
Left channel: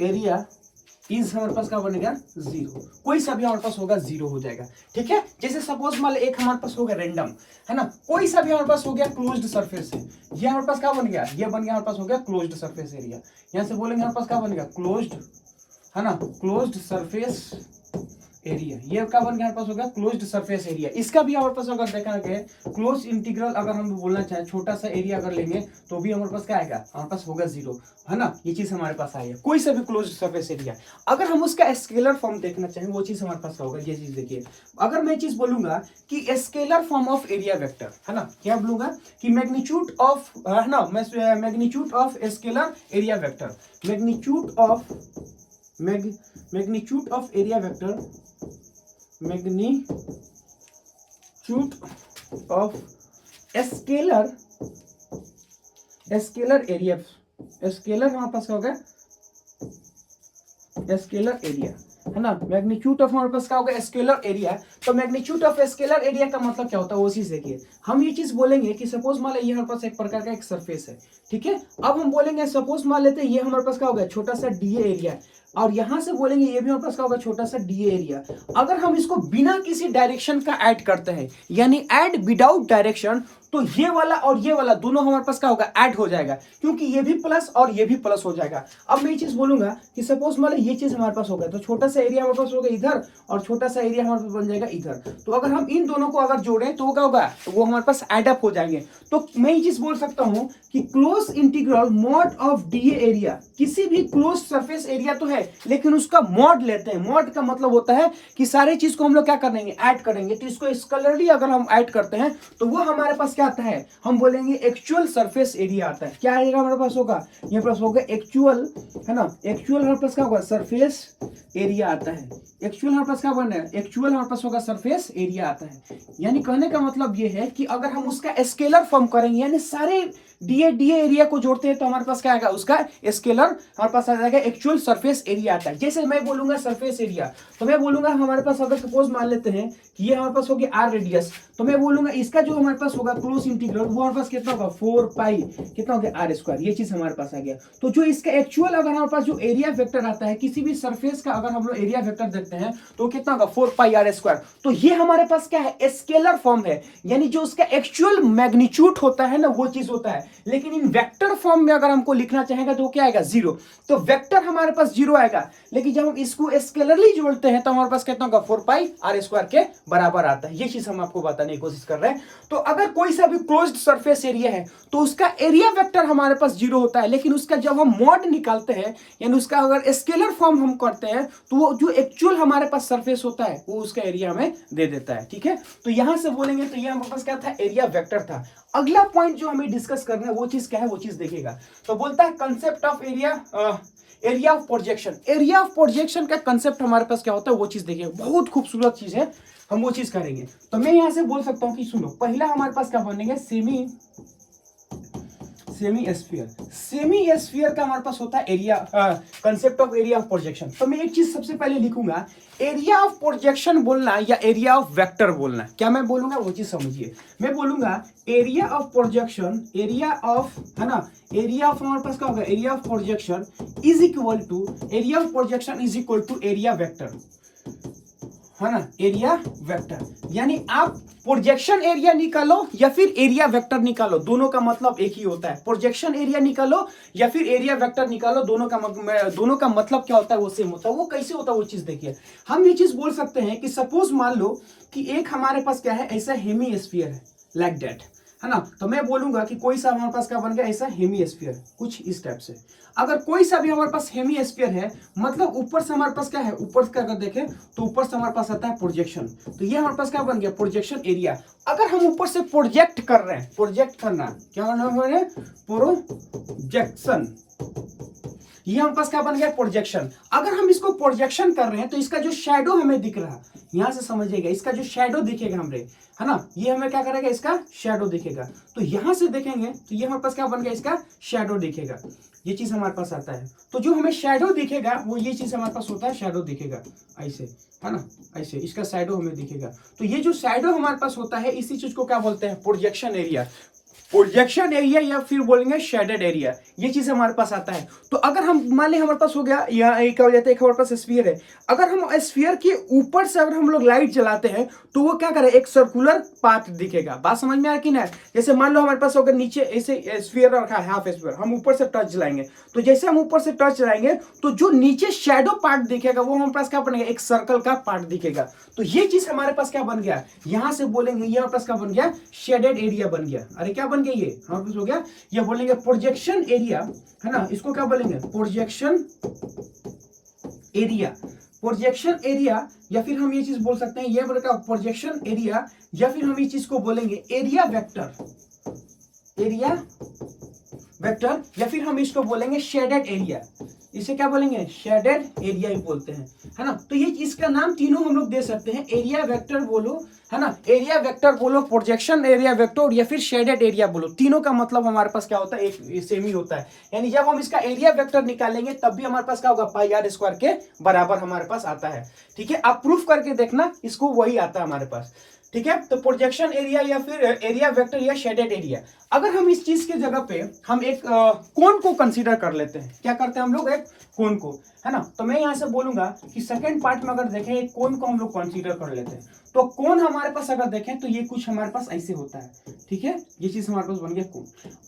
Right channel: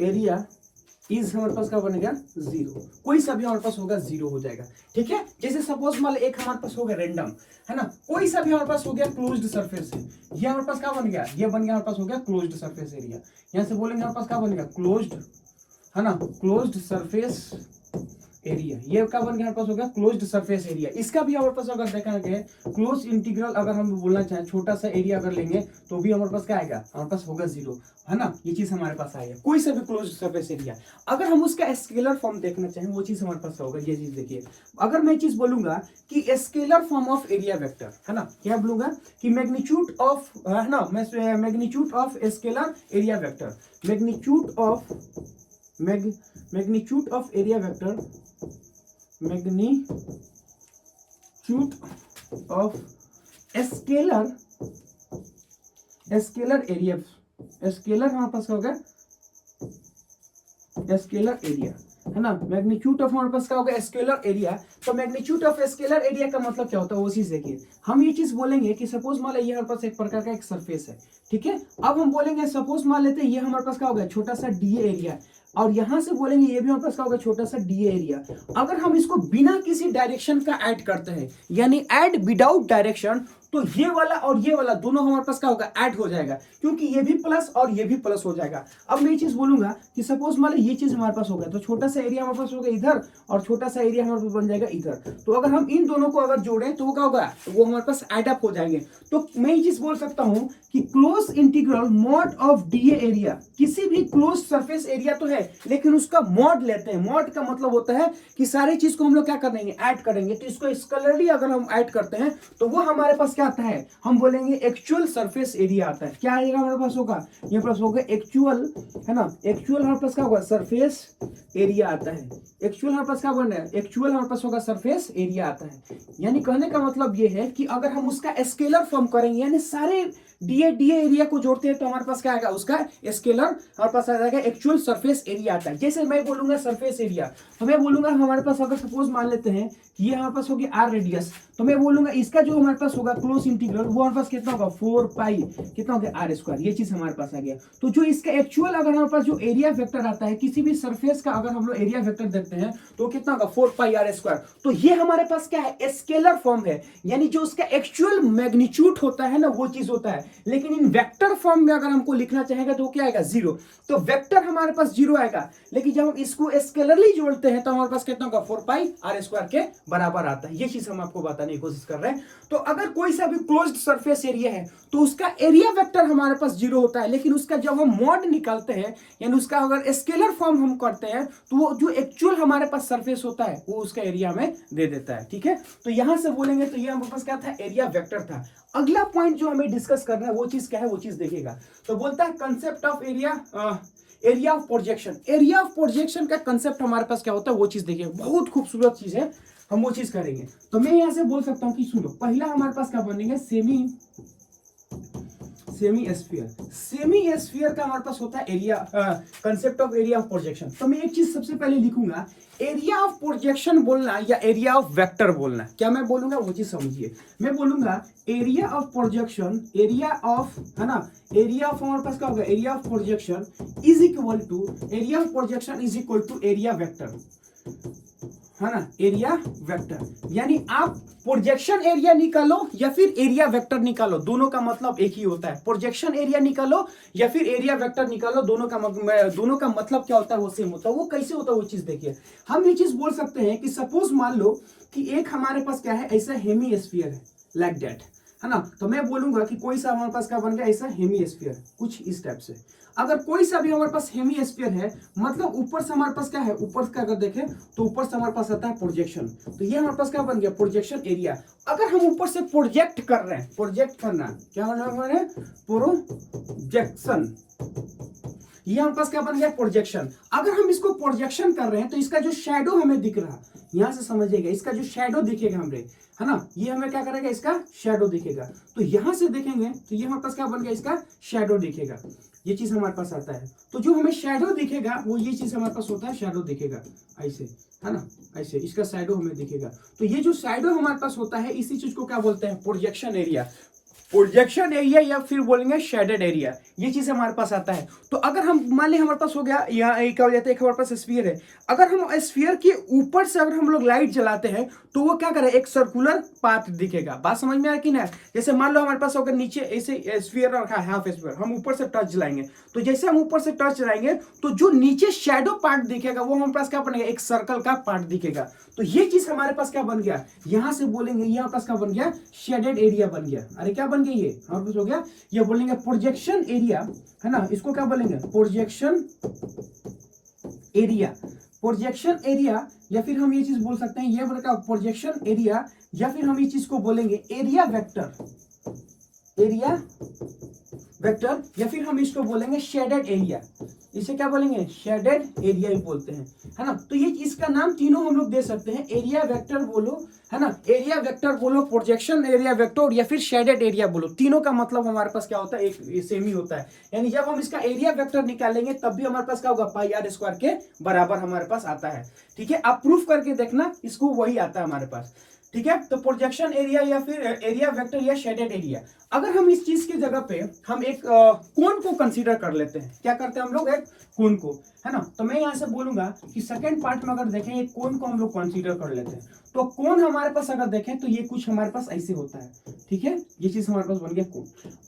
एरिया इज हमारे पास क्या बनेगा, 0। कोई सा भी हमारे पास होगा 0 हो जाएगा, ठीक है। जैसे सपोज मान लो एक हमारे पास हो गया रैंडम, है ना, कोई सा भी हमारे पास हो गया क्लोज्ड सरफेस है, ये हमारे पास क्या बन गया, ये बन गया हमारे पास हो गया क्लोज्ड सरफेस एरिया। यहां से बोलेंगे हमारे पास क्या बनेगा, क्लोज्ड, है ना, क्लोज्ड सरफेस एरिया। ये क्या बन गया हमारे पास होगा क्लोज्ड सरफेस एरिया। इसका भी हमारे पास अगर देखा गया क्लोज इंटीग्रल अगर हम बोलना चाहें, छोटा सा एरिया अगर लेंगे तो भी हमारे पास क्या आएगा, हमारे पास होगा 0, है ना। ये चीज हमारे पास आएगा, कोई सा भी क्लोज्ड सरफेस एरिया। अगर हम उसका स्केलर फॉर्म देखना चाहें वो चीज हमारे पास होगा, ये चीज देखिए। अगर मैं चीज बोलूंगा कि scalar form of area vector, है ना, क्या बोलूंगा कि मैग्नीट्यूड ऑफ, है ना, magnitude of scalar area vector, magnitude of area vector, magnitude of scalar area, scalar हमारे पास क्या होगा, स्केलर एरिया, है ना, मैग्नीट्यूड ऑफ हमारे पास क्या होगा, स्केलर एरिया। तो मैग्नीट्यूड ऑफ स्केलर एरिया का मतलब क्या होता है वो चीज देखिए। हम ये चीज बोलेंगे कि सपोज मान लीजिए हमारे पास एक प्रकार का एक सरफेस है, ठीक है। अब हम बोलेंगे सपोज मान लेते हैं ये हमारे पास क्या होगा, छोटा सा डीए एरिया, और यहां से बोलेंगे ये भी हमारे पास क्या होगा, छोटा सा डीए एरिया। अगर हम इसको बिना किसी डायरेक्शन का ऐड करते हैं, यानी ऐड विदाउट डायरेक्शन, तो ये वाला और ये वाला दोनों हमारे पास क्या होगा, ऐड हो जाएगा, क्योंकि ये भी प्लस और ये भी प्लस हो जाएगा। अब मैं ये चीज बोलूंगा कि सपोज मान लो ये चीज हमारे पास हो गया, तो छोटा सा एरिया हमारे पास होगा इधर और छोटा सा एरिया हमारे पास बन जाएगा इधर। तो अगर हम इन दोनों को अगर जोड़ें तो वो क्या होगा, तो वो हमारे पास एड अप हो जाएंगे। तो मैं ये चीज बोल सकता हूं कि close integral mod of DA area, किसी भी क्लोज सरफेस एरिया तो है लेकिन उसका मॉड लेते हैं। मॉड का मतलब होता है कि सारे चीज को हम लोग क्या करेंगे, ऐड करेंगे। तो इसको स्केलरली अगर हम ऐड करते हैं तो वो हमारे पास क्या आता है, हम बोलेंगे एक्चुअल सरफेस एरिया आता है। क्या आएगा हमारे पास होगा, ये पास होगा एक्चुअल, है ना, एक्चुअल हमारे पास क्या होगा, सरफेस एरिया आता है। एक्चुअल हमारे पास क्या बन रहा है, एक्चुअल हमारे पास होगा सरफेस एरिया आता है। यानी कहने का मतलब ये है कि अगर हम उसका स्केलर फॉर्म करेंगे, यानी सारे डीए एरिया को जोड़ते हैं तो हमारे पास क्या आएगा, उसका स्केलर हमारे पास आ जाएगा, एक्चुअल सरफेस एरिया आता है। जैसे मैं बोलूंगा सरफेस एरिया, तो मैं बोलूंगा हमारे पास अगर सपोज मान लेते हैं कि ये हमारे पास हो गया आर रेडियस, तो मैं बोलूंगा इसका जो हमारे पास होगा क्लोज इंटीग्रल वो हमारे पास कितना होगा, 4 पाई कितना हो गया, आर स्क्वायर। ये चीज हमारे पास आ गया। तो जो इसका एक्चुअल अगर हमारे पास जो एरिया वेक्टर आता है किसी भी सरफेस का, अगर हम लोग एरिया वेक्टर देखते हैं तो कितना होगा, 4 पाई आर स्क्वायर। तो ये हमारे पास क्या है, स्केलर फॉर्म है, यानी जो उसका एक्चुअल मैग्नीट्यूड होता है ना वो चीज होता है। लेकिन इन वेक्टर फॉर्म में अगर हमको लिखना चाहेगा तो क्या आएगा, 0। तो वेक्टर हमारे पास 0 आएगा, लेकिन जब हम इसको स्केलरली जोड़ते हैं तो हमारे पास कितना होगा, 4 पाई आर स्क्वायर के बराबर आता है। ये चीज हम आपको बताने की कोशिश कर रहे हैं। तो अगर कोई सा भी क्लोज्ड सरफेस एरिया है तो उसका एरिया वेक्टर हमारे पास 0 होता है, लेकिन उसका जब हम मॉड निकालते हैं यानी उसका अगर स्केलर फॉर्म हम करते हैं तो वो जो एक्चुअल हमारे पास सरफेस होता है वो उसका एरिया में दे देता है, ठीक है। तो यहां से बोलेंगे तो ये हमारे पास क्या था, एरिया वेक्टर था। अगला पॉइंट जो हमें डिस्कस करना है वो चीज क्या है, वो चीज देखेगा। तो बोलता है concept of area of projection. Area of projection का कंसेप्ट हमारे पास क्या होता है वो चीज देखिए, बहुत खूबसूरत चीज है, हम वो चीज करेंगे। तो मैं यहां से बोल सकता हूं कि सुनो, पहला हमारे पास क्या बनेगा, सेमी स्फीयर का हमारे पास होता है area, concept of area of projection. तो मैं एक चीज सबसे पहले लिखूंगा, एरिया ऑफ प्रोजेक्शन बोलना या एरिया ऑफ वेक्टर बोलना, क्या मैं बोलूंगा वो चीज समझिए। मैं बोलूंगा area of projection, area of, है ना, एरिया ऑफ हमारे पास क्या होगा, area of projection is equal to, area of projection is equal to area vector, है ना, एरिया वेक्टर। यानी आप प्रोजेक्शन एरिया निकालो या फिर एरिया वेक्टर निकालो, दोनों का मतलब एक ही होता है। प्रोजेक्शन एरिया निकालो या फिर एरिया वेक्टर निकालो, दोनों का मतलब क्या होता है वो सेम होता है। वो कैसे होता है वो चीज देखिए। हम ये चीज बोल सकते हैं कि सपोज मान लो कि एक हमारे पास क्या है, ऐसा हेमी स्फीयर है, लाइक दैट, है ना। तो मैं बोलूंगा कि कोई सा हमारे पास क्या बन गया ऐसा हेमिस्फीयर, कुछ इस टाइप से। अगर कोई सा भी हमारे पास हेमिस्फीयर है, मतलब ऊपर से हमारे पास क्या है, ऊपर से अगर देखें तो ऊपर से हमारे पास आता है प्रोजेक्शन, तो ये हमारे पास क्या बन गया प्रोजेक्शन एरिया। अगर हम ऊपर से प्रोजेक्ट कर रहे हैं, प्रोजेक्ट करना क्या है, प्रोजेक्शन, ये हमारे पास क्या बन गया प्रोजेक्शन। अगर हम इसको प्रोजेक्शन कर रहे हैं तो इसका जो शैडो हमें दिख रहा है, यहां से समझिएगा, इसका जो शैडो दिखेगा हमरे, है ना, ये हमें क्या करेगा, इसका शैडो दिखेगा। तो यहां से देखेंगे तो ये हमारे पास क्या बन गया, इसका शैडो दिखेगा, ये चीज हमारे पास आता है। तो जो हमें शैडो दिखेगा वो ये चीज हमारे पास होता है, शैडो दिखेगा ऐसे, है ना, ऐसे इसका शैडो हमें दिखेगा। तो ये जो शैडो हमारे पास होता है, इसी चीज को क्या बोलते हैं, प्रोजेक्शन एरिया। प्रोजेक्शन एरिया या फिर बोलेंगे शेडेड एरिया, ये चीज हमारे पास आता है। तो अगर हम मान लें हमारे पास हो गया, यहाँ एक हो जाता है, एक हमारे पास स्फीयर है, अगर हम स्फीयर के ऊपर से अगर हम लोग लाइट जलाते हैं तो वो क्या करे, एक सर्कुलर पाथ दिखेगा। बात समझ में आ रही कि ना। जैसे मान लो हमारे पास अगर नीचे ऐसे स्फीयर रखा है, हाफ स्फीयर, हम ऊपर से टच जलाएंगे, तो जैसे हम ऊपर से टच जलाएंगे तो जो नीचे शेडो पार्ट दिखेगा वो हमारे पास क्या बनेगा, एक सर्कल का पार्ट दिखेगा। तो ये चीज हमारे पास क्या बन गया, यहां से बोलेंगे यहाँ पास क्या बन गया, शेडेड एरिया बन गया। अरे क्या बन गया, ये हमारे पास हो गया, ये बोलेंगे प्रोजेक्शन एरिया, है ना, इसको क्या बोलेंगे, प्रोजेक्शन एरिया। प्रोजेक्शन एरिया, या फिर हम ये चीज बोल सकते हैं, ये बोलेगा प्रोजेक्शन एरिया, या फिर हम ये चीज को बोलेंगे एरिया वेक्टर, एरिया वेक्टर, या फिर हम इसको बोलेंगे शेडेड एरिया। इसे क्या बोलेंगे, शेडेड एरिया ही बोलते हैं, है ना। तो ये इसका नाम तीनों हम लोग दे सकते हैं, एरिया वेक्टर बोलो, है ना, एरिया वेक्टर बोलो, प्रोजेक्शन एरिया वेक्टर, या फिर शेडेड एरिया बोलो। तीनों का मतलब हमारे पास क्या होता है, एक सेम ही होता है। यानी जब हम इसका एरिया वेक्टर निकालेंगे तब भी हमारे पास क्या होगा, पाई आर स्क्वायर के बराबर हमारे पास आता है। ठीक है, आप प्रूफ करके देखना, इसको वही आता है हमारे पास। ठीक है, तो प्रोजेक्शन एरिया या फिर एरिया वेक्टर या शेडेड एरिया। अगर हम इस चीज की जगह पे हम एक कोन को कंसीडर कर लेते हैं, क्या करते हैं हम लोग, एक कोन को, है ना। तो मैं यहां से बोलूंगा कि सेकंड पार्ट में अगर देखें, एक कोन को हम लोग कंसीडर कर लेते हैं, तो कोन हमारे पास अगर देखें तो ये कुछ हमारे पास ऐसे होता है। ठीक है, ये चीज हमारे पास बन गया कोन।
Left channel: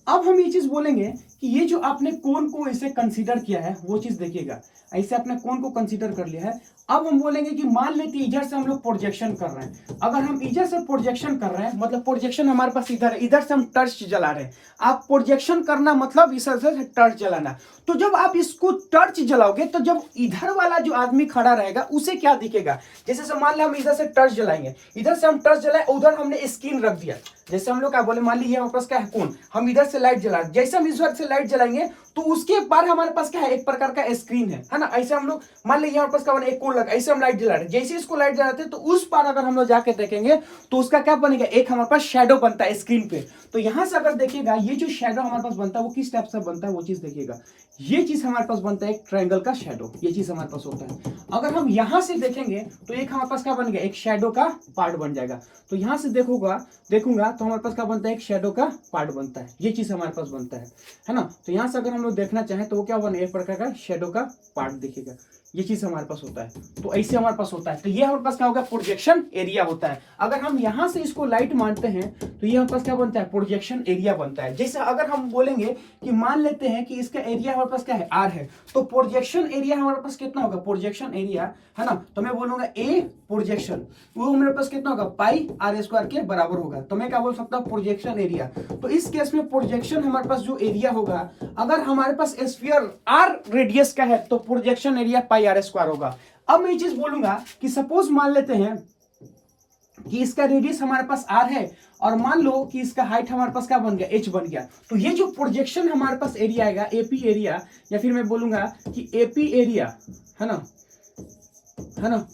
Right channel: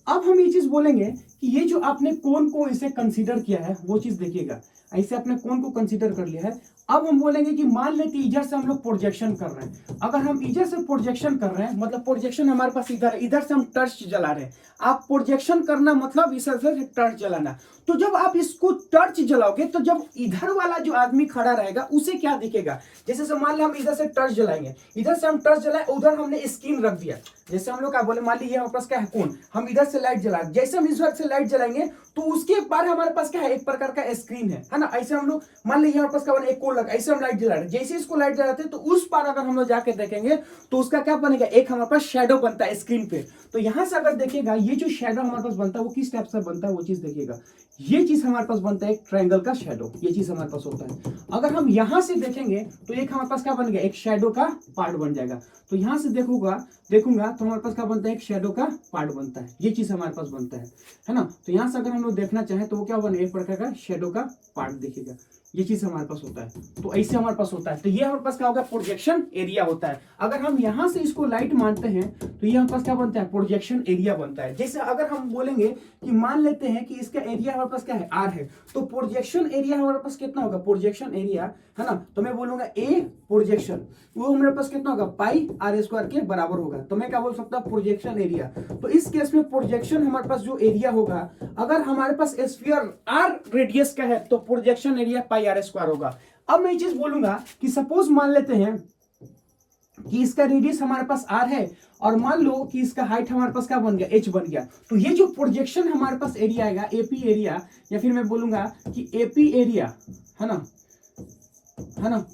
अब हम ये चीज बोलेंगे कि ये जो आपने कोन को इसे कंसीडर किया है वो चीज देखिएगा, ऐसे आपने कोन को कंसीडर कर लिया है। अब हम बोलेंगे कि मान लेते इधर से हम लोग प्रोजेक्शन कर रहे हैं, अगर हम इधर से प्रोजेक्शन कर रहे हैं, मतलब प्रोजेक्शन हमारे पास इधर है, इधर से हम टर्च जला रहे हैं। आप प्रोजेक्शन करना मतलब इस तरह से टर्च जलाना। तो जब आप इसको टर्च जलाओगे तो जब इधर वाला जो आदमी खड़ा रहेगा उसे क्या दिखेगा, जैसे से मान लो हम इधर से टर्च जलाएंगे, इधर से हम टर्च जलाए, उधर हमने स्क्रीन रख दिया, जैसे हम लोग क्या बोले, मान लीजिए हमारे पास क्या है कोन, हम इधर से लाइट जला, जैसे हम इस से लाइट जलाएंगे तो उसके पार हमारे पास क्या है, एक प्रकार का स्क्रीन है ना। ऐसे हम लोग मान लीजिए हमारे पास क्या बना, एक कोन लगा, ऐसे हम लाइट जला रहे, जैसे इसको लाइट जलाते हैं तो उस पार अगर हम लोग जाके देखेंगे तो उसका क्या बनेगा, एक हमारे पास शेडो बनता है स्क्रीन पे। तो यहां से अगर देखिएगा ये जो शेडो हमारे पास बनता है वो किस टाइप से बनता है, वो चीज देखिएगा, ये चीज हमारे पास बनता है एक ट्रायंगल का शेडो, ये चीज हमारे पास होता है। अगर हम यहां से देखेंगे तो एक हमारे पास क्या बन गया, एक शेडो का पार्ट बन जाएगा। तो यहां से देखूंगा तो हमारे पास क्या बनता है, एक शेडो का पार्ट बनता है, ये चीज हमारे पास बनता है ना। तो यहां से अगर हम लोग देखना चाहें तो वो क्या बनेगा, एक प्रकार का शेडो का पार्ट दिखेगा, ये चीज हमारे पास होता है। तो ऐसे हमारे पास होता है। तो ये हमारे पास क्या होगा, प्रोजेक्शन एरिया होता है। अगर हम यहां से इसको लाइट मानते हैं तो ये हमारे पास क्या बनता है, प्रोजेक्शन एरिया बनता है। जैसे अगर हम बोलेंगे कि मान लेते हैं कि इसका एरिया हमारे पास क्या है, आर है, तो प्रोजेक्शन एरिया हमारे पास कितना होगा, प्रोजेक्शन एरिया, है ना। तो मैं बोलूंगा ए प्रोजेक्शन, वो हमारे पास कितना होगा, पाई आर स्क्वायर के बराबर होगा। तो मैं क्या बोल सकता हूँ, प्रोजेक्शन एरिया। तो इस केस में प्रोजेक्शन हमारे पास जो एरिया होगा, अगर हमारे पास स्फीयर आर रेडियस का है तो projection area pi R square होगा। अब मैं ये चीज बोलूंगा कि सपोज मान लेते हैं कि इसका रेडियस हमारे पास आर है और मान लो कि इसका हाइट हमारे पास क्या बन गया, एच बन गया। तो ये जो प्रोजेक्शन हमारे पास एरिया आएगा, एपी एरिया, या फिर मैं बोलूंगा कि एपी एरिया, है ना,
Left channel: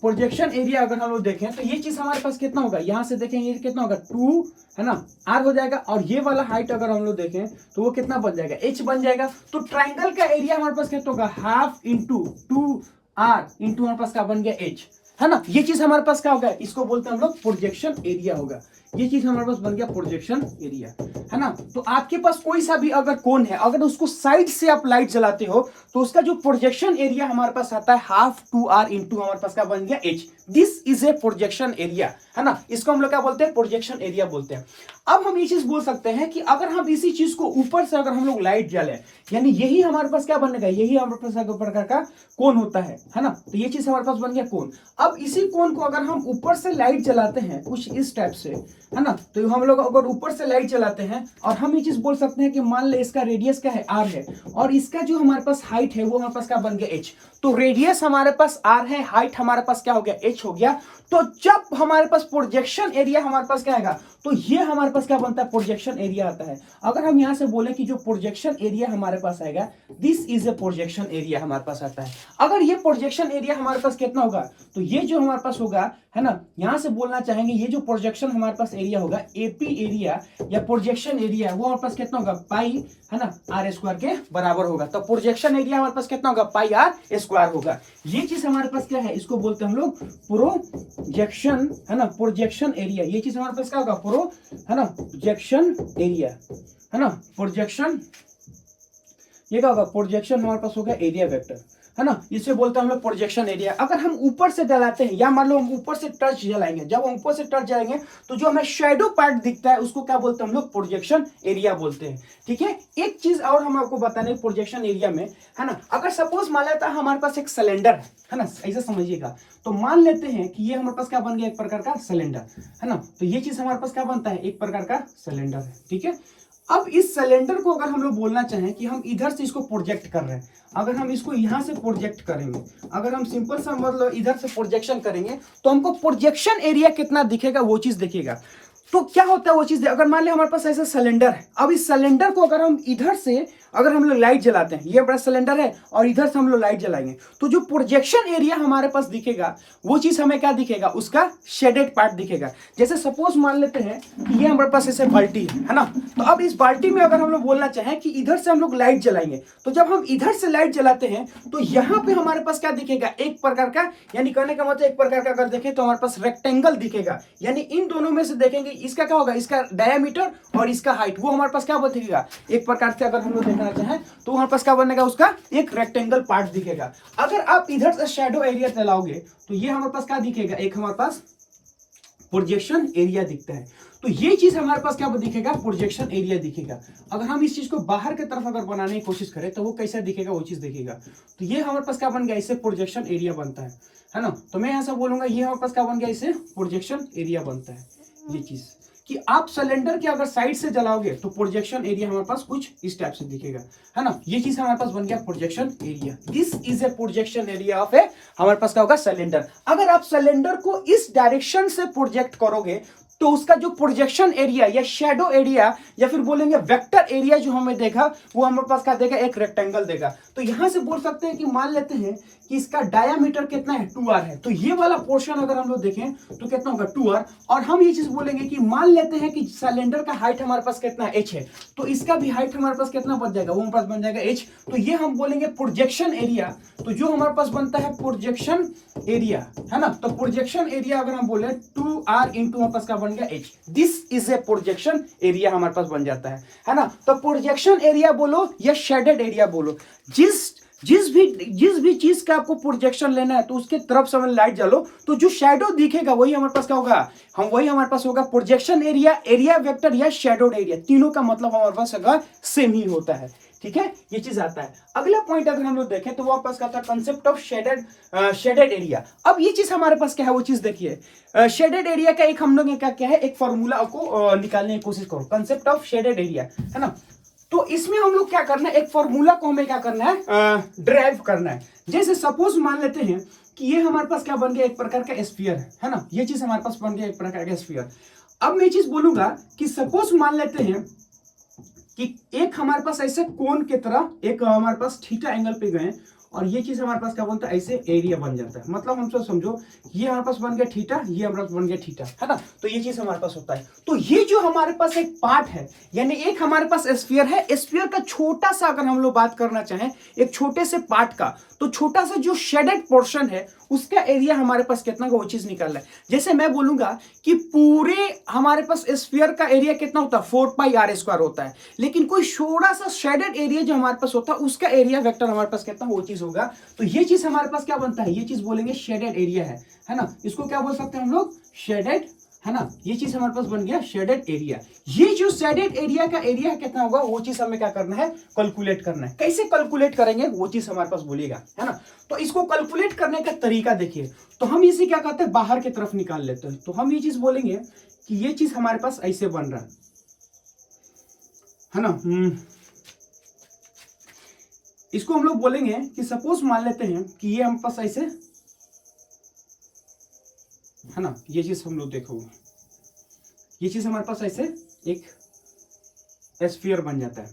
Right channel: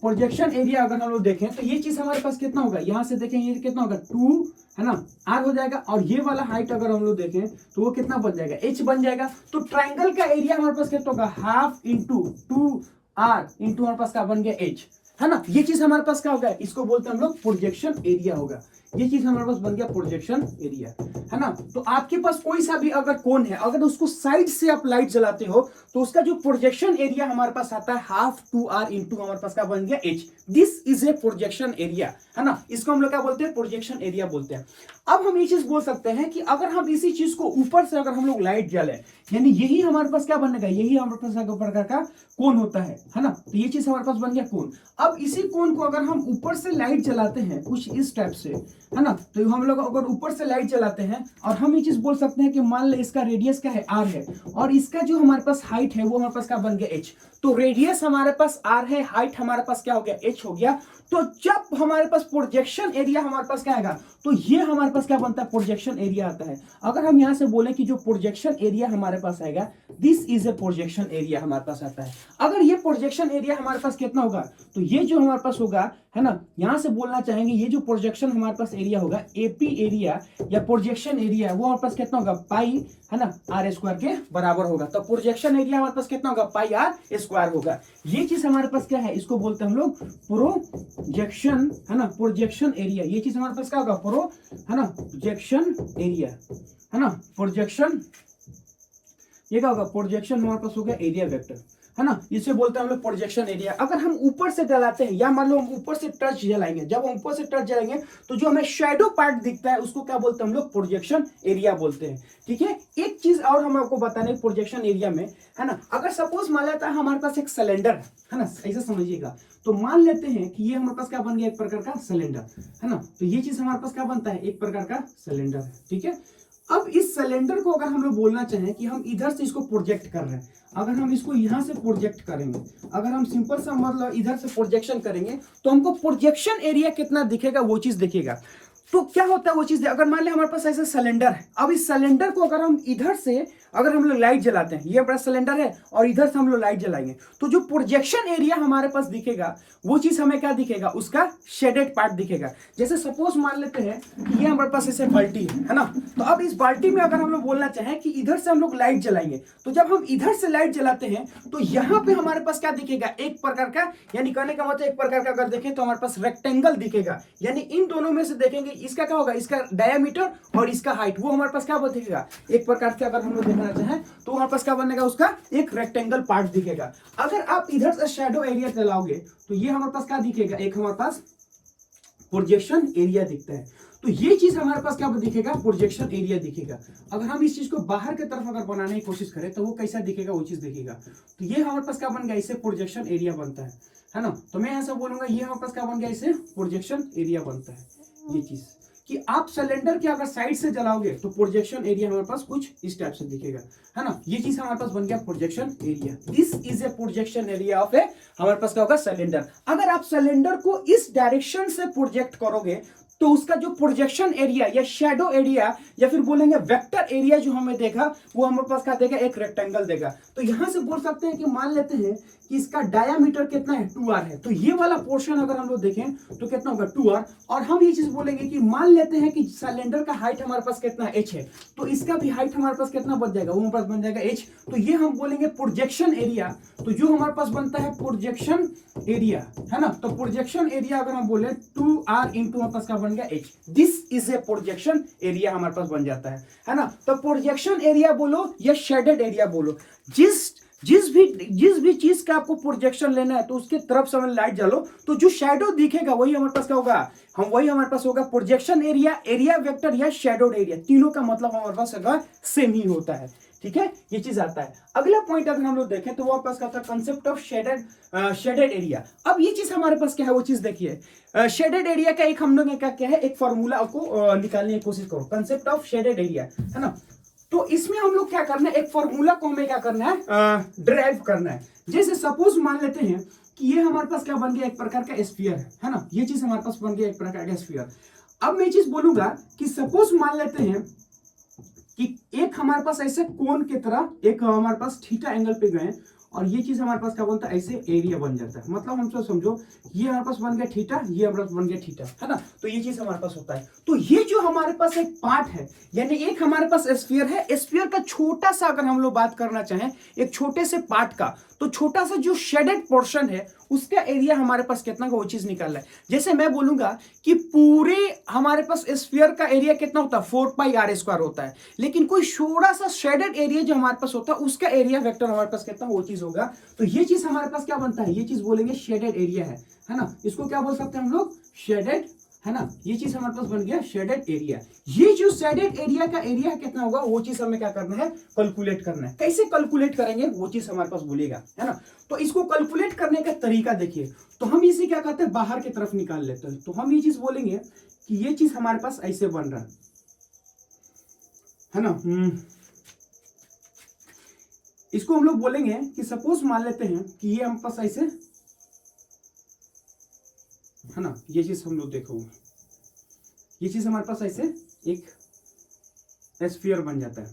प्रोजेक्शन एरिया अगर हम लोग देखें तो ये चीज हमारे पास कितना होगा, यहां से देखें ये कितना होगा, 2, है ना, आर हो जाएगा। और ये वाला हाइट अगर हम लोग देखें तो वो कितना बन जाएगा, एच बन जाएगा। तो ट्राइंगल का एरिया हमारे पास कितना होगा, हाफ इंटू 2r इंटू हमारे पास क्या बन गया, एच, है ना। ये चीज हमारे पास क्या होगा, इसको बोलते हैं हम लोग प्रोजेक्शन एरिया होगा। ये चीज हमारे पास बन गया प्रोजेक्शन एरिया, है ना। तो आपके पास कोई सा भी अगर कोन है, अगर उसको साइड से आप लाइट जलाते हो तो उसका जो प्रोजेक्शन एरिया हमारे पास आता है हाफ 2r इंटू हमारे पास क्या बन गया, H. This is a projection area, है ना। इसको हम लोग क्या बोलते हैं, प्रोजेक्शन एरिया बोलते हैं। अब हम ये चीज बोल सकते हैं कि अगर हम इसी चीज को ऊपर से अगर हम लोग लाइट जलाएं, यानी यही हमारे पास क्या बनेगा, यही हमारे पास एक प्रकार का कोन होता है ना। तो ये चीज हमारे पास बन गया कोन। अब इसी कोन को अगर हम ऊपर से लाइट जलाते हैं कुछ इस टाइप से, है ना, तो हम लोग अगर ऊपर से लाइट जलाते हैं और हम ये चीज बोल सकते हैं कि मान ले इसका रेडियस क्या है, आर है, और इसका जो हमारे पास हाइट है वो हमारे पास क्या बन गया, एच। तो रेडियस हमारे पास आर है, हाइट हमारे पास क्या हो गया, एच हो गया। तो जब हमारे पास प्रोजेक्शन एरिया हमारे पास क्या आएगा, तो ये हमारे पास क्या बनता है, प्रोजेक्शन एरिया आता है। अगर हम यहां से बोले कि जो प्रोजेक्शन एरिया हमारे पास आएगा, this is a projection area हमारे पास आता है। अगर ये प्रोजेक्शन एरिया हमारे पास कितना होगा, तो ये जो हमारे पास होगा, है ना, यहां से बोलना चाहेंगे ये जो प्रोजेक्शन हमारे पास एरिया होगा, एपी एरिया या प्रोजेक्शन एरिया, वो हमारे पास कितना होगा, पाई, है ना, आर स्क्वायर के बराबर होगा। तो प्रोजेक्शन एरिया हमारे पास कितना होगा, पाई आर स्क्वायर होगा। ये चीज हमारे पास क्या है, इसको बोलते हैं हम लोग प्रोजेक्शन, है ना, प्रोजेक्शन एरिया। ये चीज हमारे पास क्या होगा, है ना, प्रोजेक्शन एरिया, है ना, प्रोजेक्शन, ये क्या होगा, प्रोजेक्शन हमारे पास होगा एरिया वेक्टर, है ना, इसे बोलते हैं हम लोग प्रोजेक्शन एरिया। अगर हम ऊपर से जलाते हैं, या मान लो हम ऊपर से टर्च जलाएंगे, जब हम ऊपर से टर्च जलाएंगे तो जो हमें शेडो पार्ट दिखता है उसको क्या बोलते हैं हम लोग, प्रोजेक्शन एरिया बोलते हैं। ठीक है, एक चीज और हम आपको बताने प्रोजेक्शन एरिया में, है ना, अगर सपोज मान लेता है हमारे पास एक सिलेंडर है ना, ऐसे समझिएगा, तो मान लेते हैं कि ये हमारे पास क्या बन गया, एक प्रकार का सिलेंडर, है ना, तो ये चीज हमारे पास क्या बनता है, एक प्रकार का सिलेंडर है। ठीक है, अब इस सिलेंडर को अगर हम लोग बोलना चाहें कि हम इधर से इसको प्रोजेक्ट कर रहे हैं, अगर हम इसको यहां से प्रोजेक्ट करेंगे, अगर हम सिंपल सा मतलब इधर से प्रोजेक्शन करेंगे, तो हमको प्रोजेक्शन एरिया कितना दिखेगा वो चीज दिखेगा। तो क्या होता है वो चीज, अगर मान ले हमारे पास ऐसा सिलेंडर है, अब इस सिलेंडर को अगर हम इधर से अगर हम लोग लाइट जलाते हैं, ये बड़ा सिलेंडर है और इधर से हम लोग लाइट जलाएंगे, तो जो प्रोजेक्शन एरिया हमारे पास दिखेगा वो चीज हमें क्या दिखेगा, उसका शेडेड पार्ट दिखेगा। जैसे सपोज मान लेते हैं कि ये हमारे पास ऐसे बाल्टी है ना, तो अब इस बाल्टी में अगर हम लोग बोलना चाहें कि इधर से हम लोग लाइट जलाएंगे, तो जब हम इधर से लाइट जलाते हैं तो यहाँ पे हमारे पास क्या दिखेगा, एक प्रकार का, यानी कहने का मतलब एक प्रकार का अगर देखें तो हमारे पास रेक्टेंगल दिखेगा। यानी इन दोनों में से देखेंगे इसका क्या होगा, इसका डायमीटर और इसका हाइट, वो हमारे पास क्या दिखेगा, एक प्रकार से अगर हम लोग देखना चाहें तो हमारे पास क्या बनेगा, उसका एक रेक्टेंगल पार्ट दिखेगा। अगर आप इधर से शैडो एरिया चलाओगे तो ये हमारे पास क्या दिखेगा, एक हमारे पास प्रोजेक्शन एरिया दिखता है। तो ये चीज हमारे पास क्या दिखेगा, प्रोजेक्शन एरिया दिखेगा। अगर हम इस चीज को बाहर की तरफ अगर बनाने की कोशिश करें तो वो कैसा दिखेगा, वो चीज दिखेगा। तो ये हमारे पास क्या बन गया, इससे प्रोजेक्शन एरिया बनता है ना। तो मैं ऐसा बोलूंगा ये हमारे पास क्या बन गया, इससे प्रोजेक्शन एरिया बनता है। ये चीज कि आप सिलेंडर के अगर साइड से जलाओगे तो प्रोजेक्शन एरिया हमारे पास कुछ इस टाइप से दिखेगा, है ना। ये चीज हमारे पास बन गया projection area. This is a projection area of a, हमारे पास क्या होगा, सिलेंडर। अगर आप सिलेंडर को इस डायरेक्शन से प्रोजेक्ट करोगे तो उसका जो प्रोजेक्शन एरिया या शैडो एरिया या फिर बोलेंगे वेक्टर एरिया जो हमें देखा, वो हमारे पास क्या देगा, एक रेक्टेंगल देगा। तो यहां से बोल सकते हैं कि मान लेते हैं कि इसका डायामीटर कितना है, 2r है। तो ये वाला पोर्शन अगर हम लोग देखें तो कितना होगा, 2r। और हम ये चीज बोलेंगे कि मान लेते हैं कि सिलेंडर का हाइट हमारे पास कितना h है, तो इसका भी हाइट हमारे पास कितना बन जाएगा, वो हमारे पास बन जाएगा h। तो ये हम बोलेंगे प्रोजेक्शन एरिया। तो जो हमारे पास बनता है प्रोजेक्शन एरिया, है ना, तो प्रोजेक्शन एरिया अगर हम बोले 2r इंटू हमारे पास क्या बन गया, h। This is a projection area हमारे पास बन जाता है ना। तो प्रोजेक्शन एरिया बोलो या शेडेड एरिया बोलो, जिस भी चीज का आपको प्रोजेक्शन लेना है तो उसके तरफ से लाइट जलो तो जो शैडो दिखेगा वही हमारे पास क्या होगा, वही हमारे पास होगा प्रोजेक्शन एरिया, एरिया वेक्टर या शैडोड एरिया। तीनों का मतलब हमारे पास अगर सेम ही होता है। ठीक है, ये चीज आता है। अगला पॉइंट अगर हम लोग देखें तो वो पास क्या था, कंसेप्ट ऑफ शेडेड एरिया। अब ये चीज हमारे पास क्या है, वो चीज देखिए। शेडेड एरिया का एक हम लोग क्या है, एक फॉर्मूला को निकालने की कोशिश करो, कंसेप्ट ऑफ शेडेड एरिया, है ना। तो इसमें हम लोग क्या करना है, एक फॉर्मूला को हमें क्या करना है, ड्राइव करना है। जैसे सपोज मान लेते हैं कि ये हमारे पास क्या बन गया, एक प्रकार का स्फीयर है ना। ये चीज हमारे पास बन गया एक प्रकार का स्फीयर। अब मैं चीज बोलूंगा कि सपोज मान लेते हैं कि एक हमारे पास ऐसे कोन की तरह एक हमारे पास थीटा एंगल पे गए और ये चीज हमारे पास क्या बनता है, ऐसे एरिया बन जाता है। मतलब हम सब समझो ये हमारे पास बन गया थीटा, ये हमारे पास बन गया थीटा, है ना। तो ये चीज हमारे पास होता है। तो ये जो हमारे पास एक पार्ट है, यानी एक हमारे पास स्फीयर है, स्फीयर का छोटा सा अगर हम लोग बात करना चाहें एक छोटे से पार्ट का, तो छोटा सा जो शेडेड पोर्शन है उसका एरिया हमारे पास कितना का, वो चीज निकालना है। जैसे मैं बोलूंगा कि पूरे हमारे पास स्फीयर का एरिया कितना होता है, 4πr² होता है, लेकिन कोई थोड़ा सा शेडेड एरिया जो हमारे पास होता है उसका एरिया वेक्टर हमारे पास कितना, वो चीज होगा। तो ये चीज हमारे पास क्या बनता है, ये चीज बोलेंगे शेडेड एरिया है ना। इसको क्या बोल सकते हैं हम लोग, शेडेड, है ना, ये चीज हमारे पास बन गया शेडेड एरिया। ये जो शेडेड एरिया का एरिया कितना होगा वो चीज हमें क्या करना है, कैलकुलेट करना है। कैसे कैलकुलेट करेंगे वो चीज हमारे पास बोलेगा, है ना। तो इसको कैलकुलेट करने का तरीका देखिए, तो हम इसे क्या कहते हैं, बाहर की तरफ निकाल लेते हैं। तो हम ये चीज बोलेंगे कि ये चीज हमारे पास ऐसे बन रहा है ना। इसको हम लोग बोलेंगे कि सपोज मान लेते हैं कि ये हमारे पास ऐसे, है ना, ये चीज हम लोग देखो, ये चीज हमारे पास ऐसे एक स्फीयर बन जाता है,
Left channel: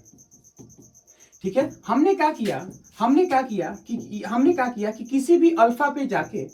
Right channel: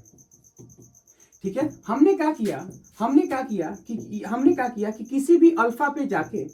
ठीक है। हमने क्या किया कि किसी भी अल्फा पे जाके,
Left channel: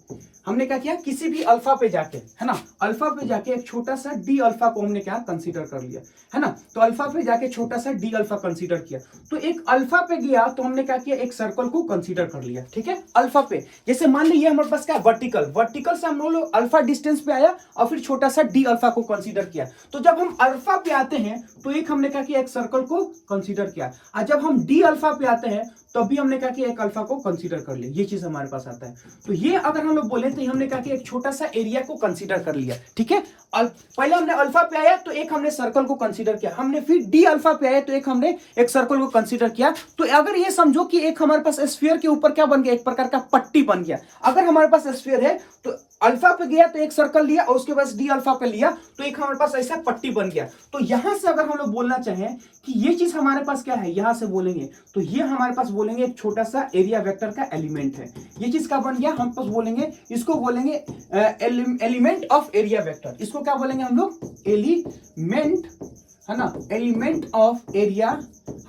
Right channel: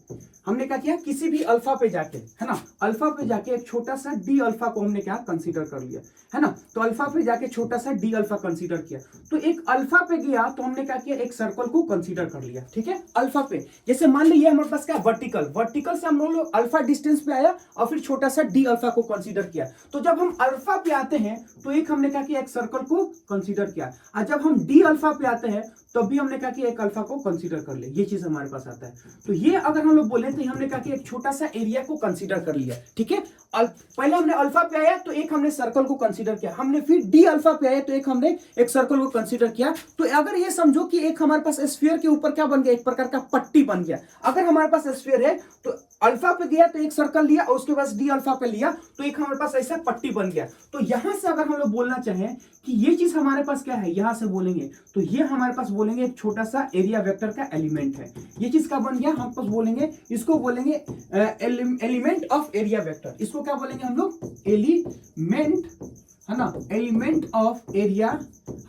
हमने क्या किया, किसी भी अल्फा पे जाके, है ना, अल्फा पे जाके एक छोटा सा डी अल्फा को हमने क्या कंसीडर कर लिया, है ना। तो अल्फा पे जाके छोटा सा डी अल्फा कंसीडर किया, तो एक अल्फा पे गया तो हमने क्या किया, एक सर्कल को कंसीडर कर लिया, ठीक है। अल्फा पे जैसे मान लीजिए हमारे पास क्या वर्टिकल से हम लोग अल्फा डिस्टेंस पे आया और फिर छोटा सा डी अल्फा को कंसीडर किया। तो जब हम अल्फा पे आते हैं तो एक हमने क्या किया, एक सर्कल को कंसीडर किया, और जब हम डी अल्फा पे आते हैं तब भी हमने क्या किया, एक अल्फा को कंसीडर कर लिया। ये चीज हमारे पास आता है। तो ये अगर हम लोग बोले तो हमने क्या किया, एक छोटा सा एरिया को कंसीडर कर लिया, ठीक है। पहले हमने अल्फा पे आया तो एक हमने सर्कल को कंसीडर किया, हमने फिर डी अल्फा पे आया तो एक हमने एक सर्कल को कंसीडर किया। तो अगर ये समझो कि एक हमारे पास स्फीयर के ऊपर क्या बन गया, एक प्रकार का पट्टी बन गया। अगर हमारे पास स्फीयर है तो अल्फा पे गया तो एक सर्कल लिया और उसके बाद डी अल्फा पे लिया तो एक हमारे पास ऐसा पट्टी बन गया। तो यहां से अगर हम लोग बोलना चाहें कि ये चीज हमारे पास क्या है, यहां से बोलेंगे तो ये हमारे पास बोलेंगे एक छोटा सा एरिया वेक्टर का एलिमेंट है। ये चीज का बन गया, हम पास बोलेंगे, इसको बोलेंगे एलिमेंट ऑफ एरिया वेक्टर। इसको क्या बोलेंगे हम लोग, एलिमेंट, है ना, एलिमेंट ऑफ एरिया,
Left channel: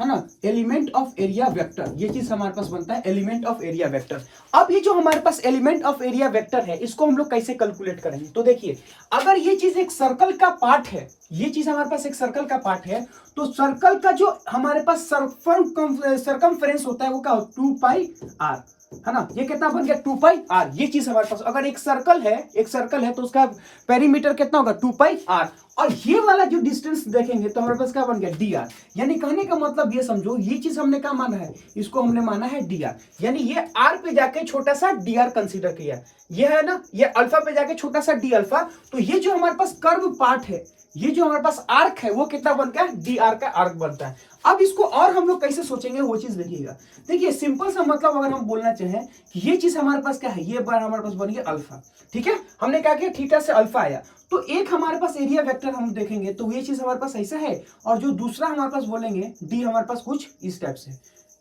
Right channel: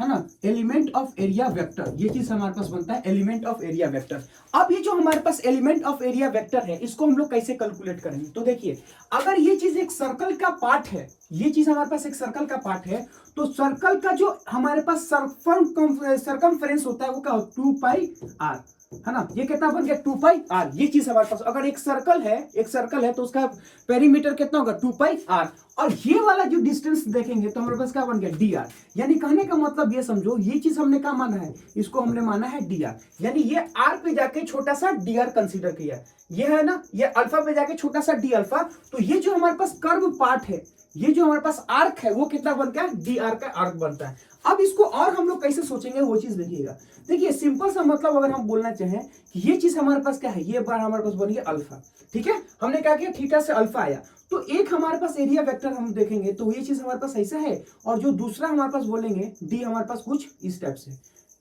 है ना, एलिमेंट ऑफ एरिया वेक्टर। ये चीज हमारे पास बनता है एलिमेंट ऑफ एरिया वेक्टर। अब ये जो हमारे पास एलिमेंट ऑफ एरिया वेक्टर है इसको हम लोग कैसे कैलकुलेट करेंगे, तो देखिए अगर ये चीज एक सर्कल का पार्ट है, ये चीज हमारे पास एक सर्कल का पार्ट है, तो सर्कल का जो हमारे पास सरकमफ्रेंस होता है वो क्या हो, 2 पाई आर, है ना। ये कितना बन गया, 2 पाई आर। ये चीज हमारे पास, अगर एक सर्कल है तो उसका पेरीमीटर कितना होगा, 2 पाई आर। और ये वाला जो डिस्टेंस देखेंगे तो हमारे पास क्या बन गया, डी आर। यानी कहने का मतलब ये समझो, ये चीज हमने क्या माना है, इसको हमने माना है डी आर। यानी ये आर पे जाके छोटा सा डी आर कंसिडर किया, ये है ना, ये अल्फा पे जाके छोटा सा डी अल्फा। तो ये जो हमारे पास कर्व पार्ट है, ये जो हमारे पास आर्क है वो कितना बन गया, डी आर का आर्क बनता है। अब इसको और हम लोग कैसे सोचेंगे वो चीज देखिएगा। देखिए सिंपल सा मतलब अगर हम बोलना चाहें कि ये चीज हमारे पास क्या है, ये बार हमारे पास बन गया अल्फा, ठीक है। हमने क्या किया, थीटा से अल्फा आया, तो एक हमारे पास एरिया वेक्टर हम देखेंगे तो ये चीज हमारे पास ऐसा है, और जो दूसरा हमारे पास बोलेंगे डी हमारे पास कुछ इस टाइप से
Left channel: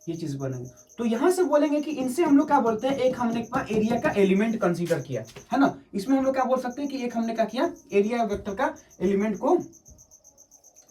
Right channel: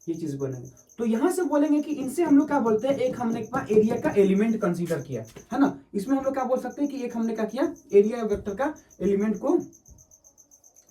ये चीज बनेंगे। तो यहां से बोलेंगे कि इनसे हम लोग क्या बोलते हैं, एक हमने एरिया का एलिमेंट कंसीडर किया, है ना। इसमें हम लोग क्या बोल सकते हैं कि एक हमने क्या किया, एरिया वेक्टर का एलिमेंट को,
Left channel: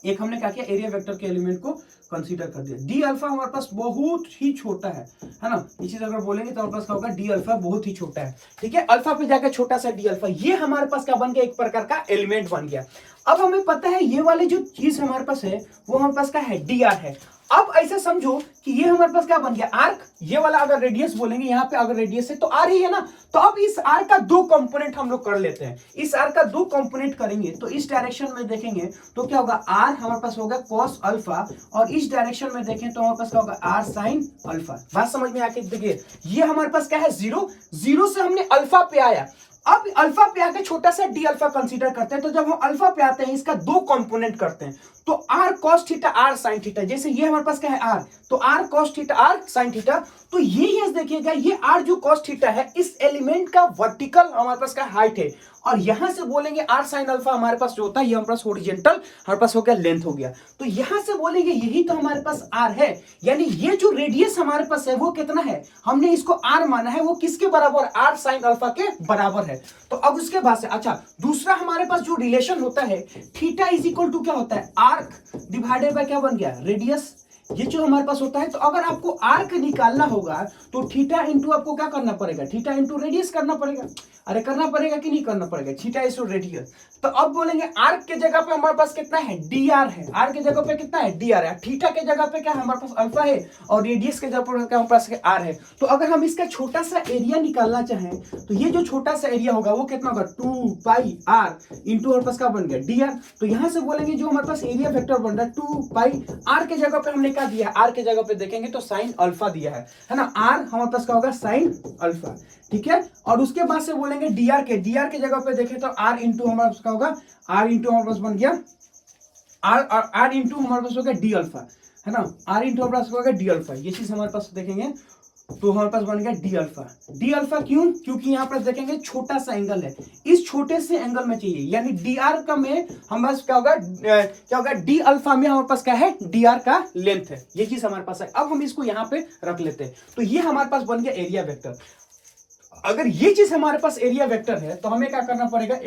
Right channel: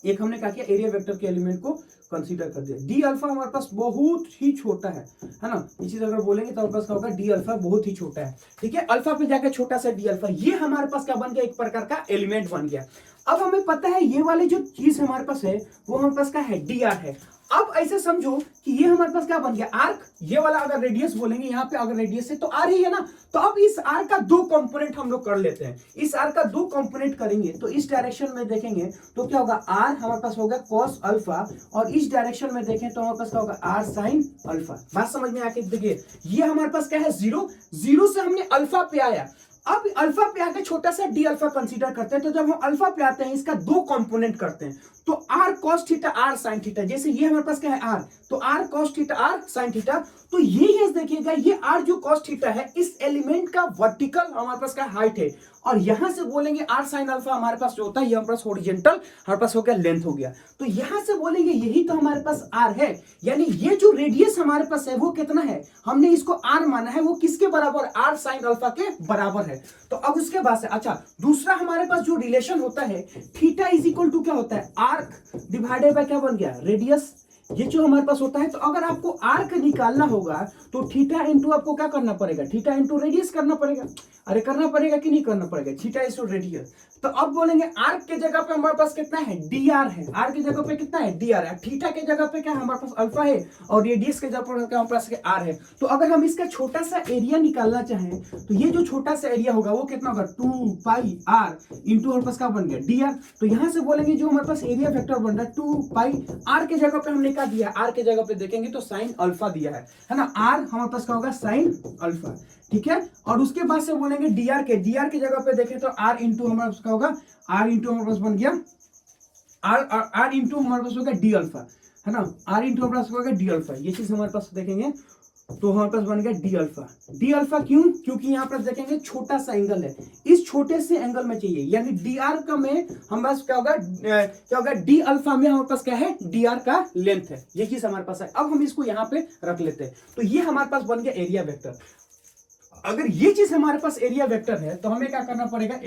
एक हमने क्या किया, एरिया वेक्टर के एलिमेंट को कंसीडर कर दिया। डी अल्फा हमारे पास बहुत ही छोटा है ना। ये चीज अगर बोलेंगे तो हमारे पास क्या होगा, डी अल्फा बहुत ही छोटा है, ठीक है। अल्फा पे जाकर छोटा सा डी अल्फा, ये हमारे पास क्या बन गया, एक प्रकार का एलिमेंट बन गया। अब हमें पता है ये वाले जो चीज हमारे पास है वो हमारे पास क्या है, डी आर है। अब ऐसे समझो कि ये हमारे पास क्या बन गया, आर्क। ये वाला अगर रेडियस बोलेंगे, यहाँ पे अगर रेडियस है तो आर ही है ना। तो अब इस आर का दो कंपोनेंट हम लोग कर लेते हैं। इस आर का दो कंपोनेंट करेंगे तो इस डायरेक्शन में देखेंगे तो क्या होगा, आर हमारे पास होगा कॉस अल्फा, और इस डायरेक्शन में देखें तो हमारे पास क्या होगा, आर साइन अल्फा। बात समझ में आके देखिए, ये हमारे पास क्या है, जीरो। जीरो से हमने अल्फा पे आया, अब अल्फा पे आके छोटा सा डी अल्फा कंसीडर करते हैं। तो जब हम अल्फा पे आते हैं इसका दो कंपोनेंट करते हैं, तो R cos theta R sine theta. जैसे ये हमारे पास क्या है, आर, तो R cos theta R sine theta. तो ये देखिएगा, ये आर जो कॉस थीटा है इस एलिमेंट का वर्टिकल हमारे पास का हाइट है, और यहां से बोलेंगे आर साइन अल्फा हमारे पास जो होता है ये हमारे पास हॉरिजॉन्टल हमारे पास हो गया, लेंथ हो गया। तो यहां से बोलेंगे यही तो हमारे पास आर है। यानी ये जो रेडियस हमारे पास है वो कितना है, हमने इसको आर माना है, वो किसके बराबर, आर साइन अल्फा के बराबर है। तो अब उसके बाद से अच्छा दूसरा हमारे पास जो रिलेशन होता है, थीटा इज इक्वल टू क्या होता है, आर्क डिवाइडेड बाय क्या बन गया, रेडियस। ये जो हमारे पास होता है, तो अगर आपको आर्क निकालना होगा तो थीटा इंटू आपको क्या करना पड़ेगा, थीटा इंटू रेडियस करना पड़ेगा। अरे करना पड़ेगा कि नहीं करना पड़ेगा, थीटा इंटू रेडियस। तो अब बोलेंगे आर्क के जगह पे हमारे पास कितना है, डी आर है। आर के जगह पे कितना है, डी आर है। थीटा के जगह पे क्या हमारे पास अल्फा है, और रेडियस के जगह पे क्या हमारे पास आर है। तो अगर हम इसका छोटा सा एरिया निकालना चाहें तो ये जो छोटा सा एरिया होगा वो कितना होगा, 2 पाई आर इंटू हमारे पास क्या बन गया, डी आर। तो यहां से बोलेंगे जो हमारे पास एरिया वेक्टर बन रहा है 2 पाई आर के जगह पे हमने क्या दिया है, आर के जगह पे देखेंगे तो साइन अल्फा दिया है ना, आर हमारे पास क्या होगा साइन अल्फा, ठीक है। और उसके बाद से बोलेंगे डीआर के जगह पे देखें तो आर इंटू हमारे पास क्या होगा, आर इंटू हमारे पास बन गया आर इंटू हमारे पास हो गया डी अल्फा, है ना, आर इंटू हमारे पास हो गया डी अल्फा, ये चीज हमारे पास देखेंगे तो हमारे पास बन गया डी अल्फा क्यों, क्योंकि यहाँ पर देखेंगे छोटा सा एंगल है, इस छोटे से एंगल में चाहिए, यानी डी आर का में हमारे पास क्या होगा डी अल्फा में हमारे पास क्या है, डी आर का लेंथ है, ये चीज हमारे पास है। अब हम इसको यहाँ पे रख लेते हैं, तो ये हमारे पास बन गया एरिया वेक्टर। अगर ये चीज हमारे पास एरिया वेक्टर है तो हमें क्या करना पड़ेगा,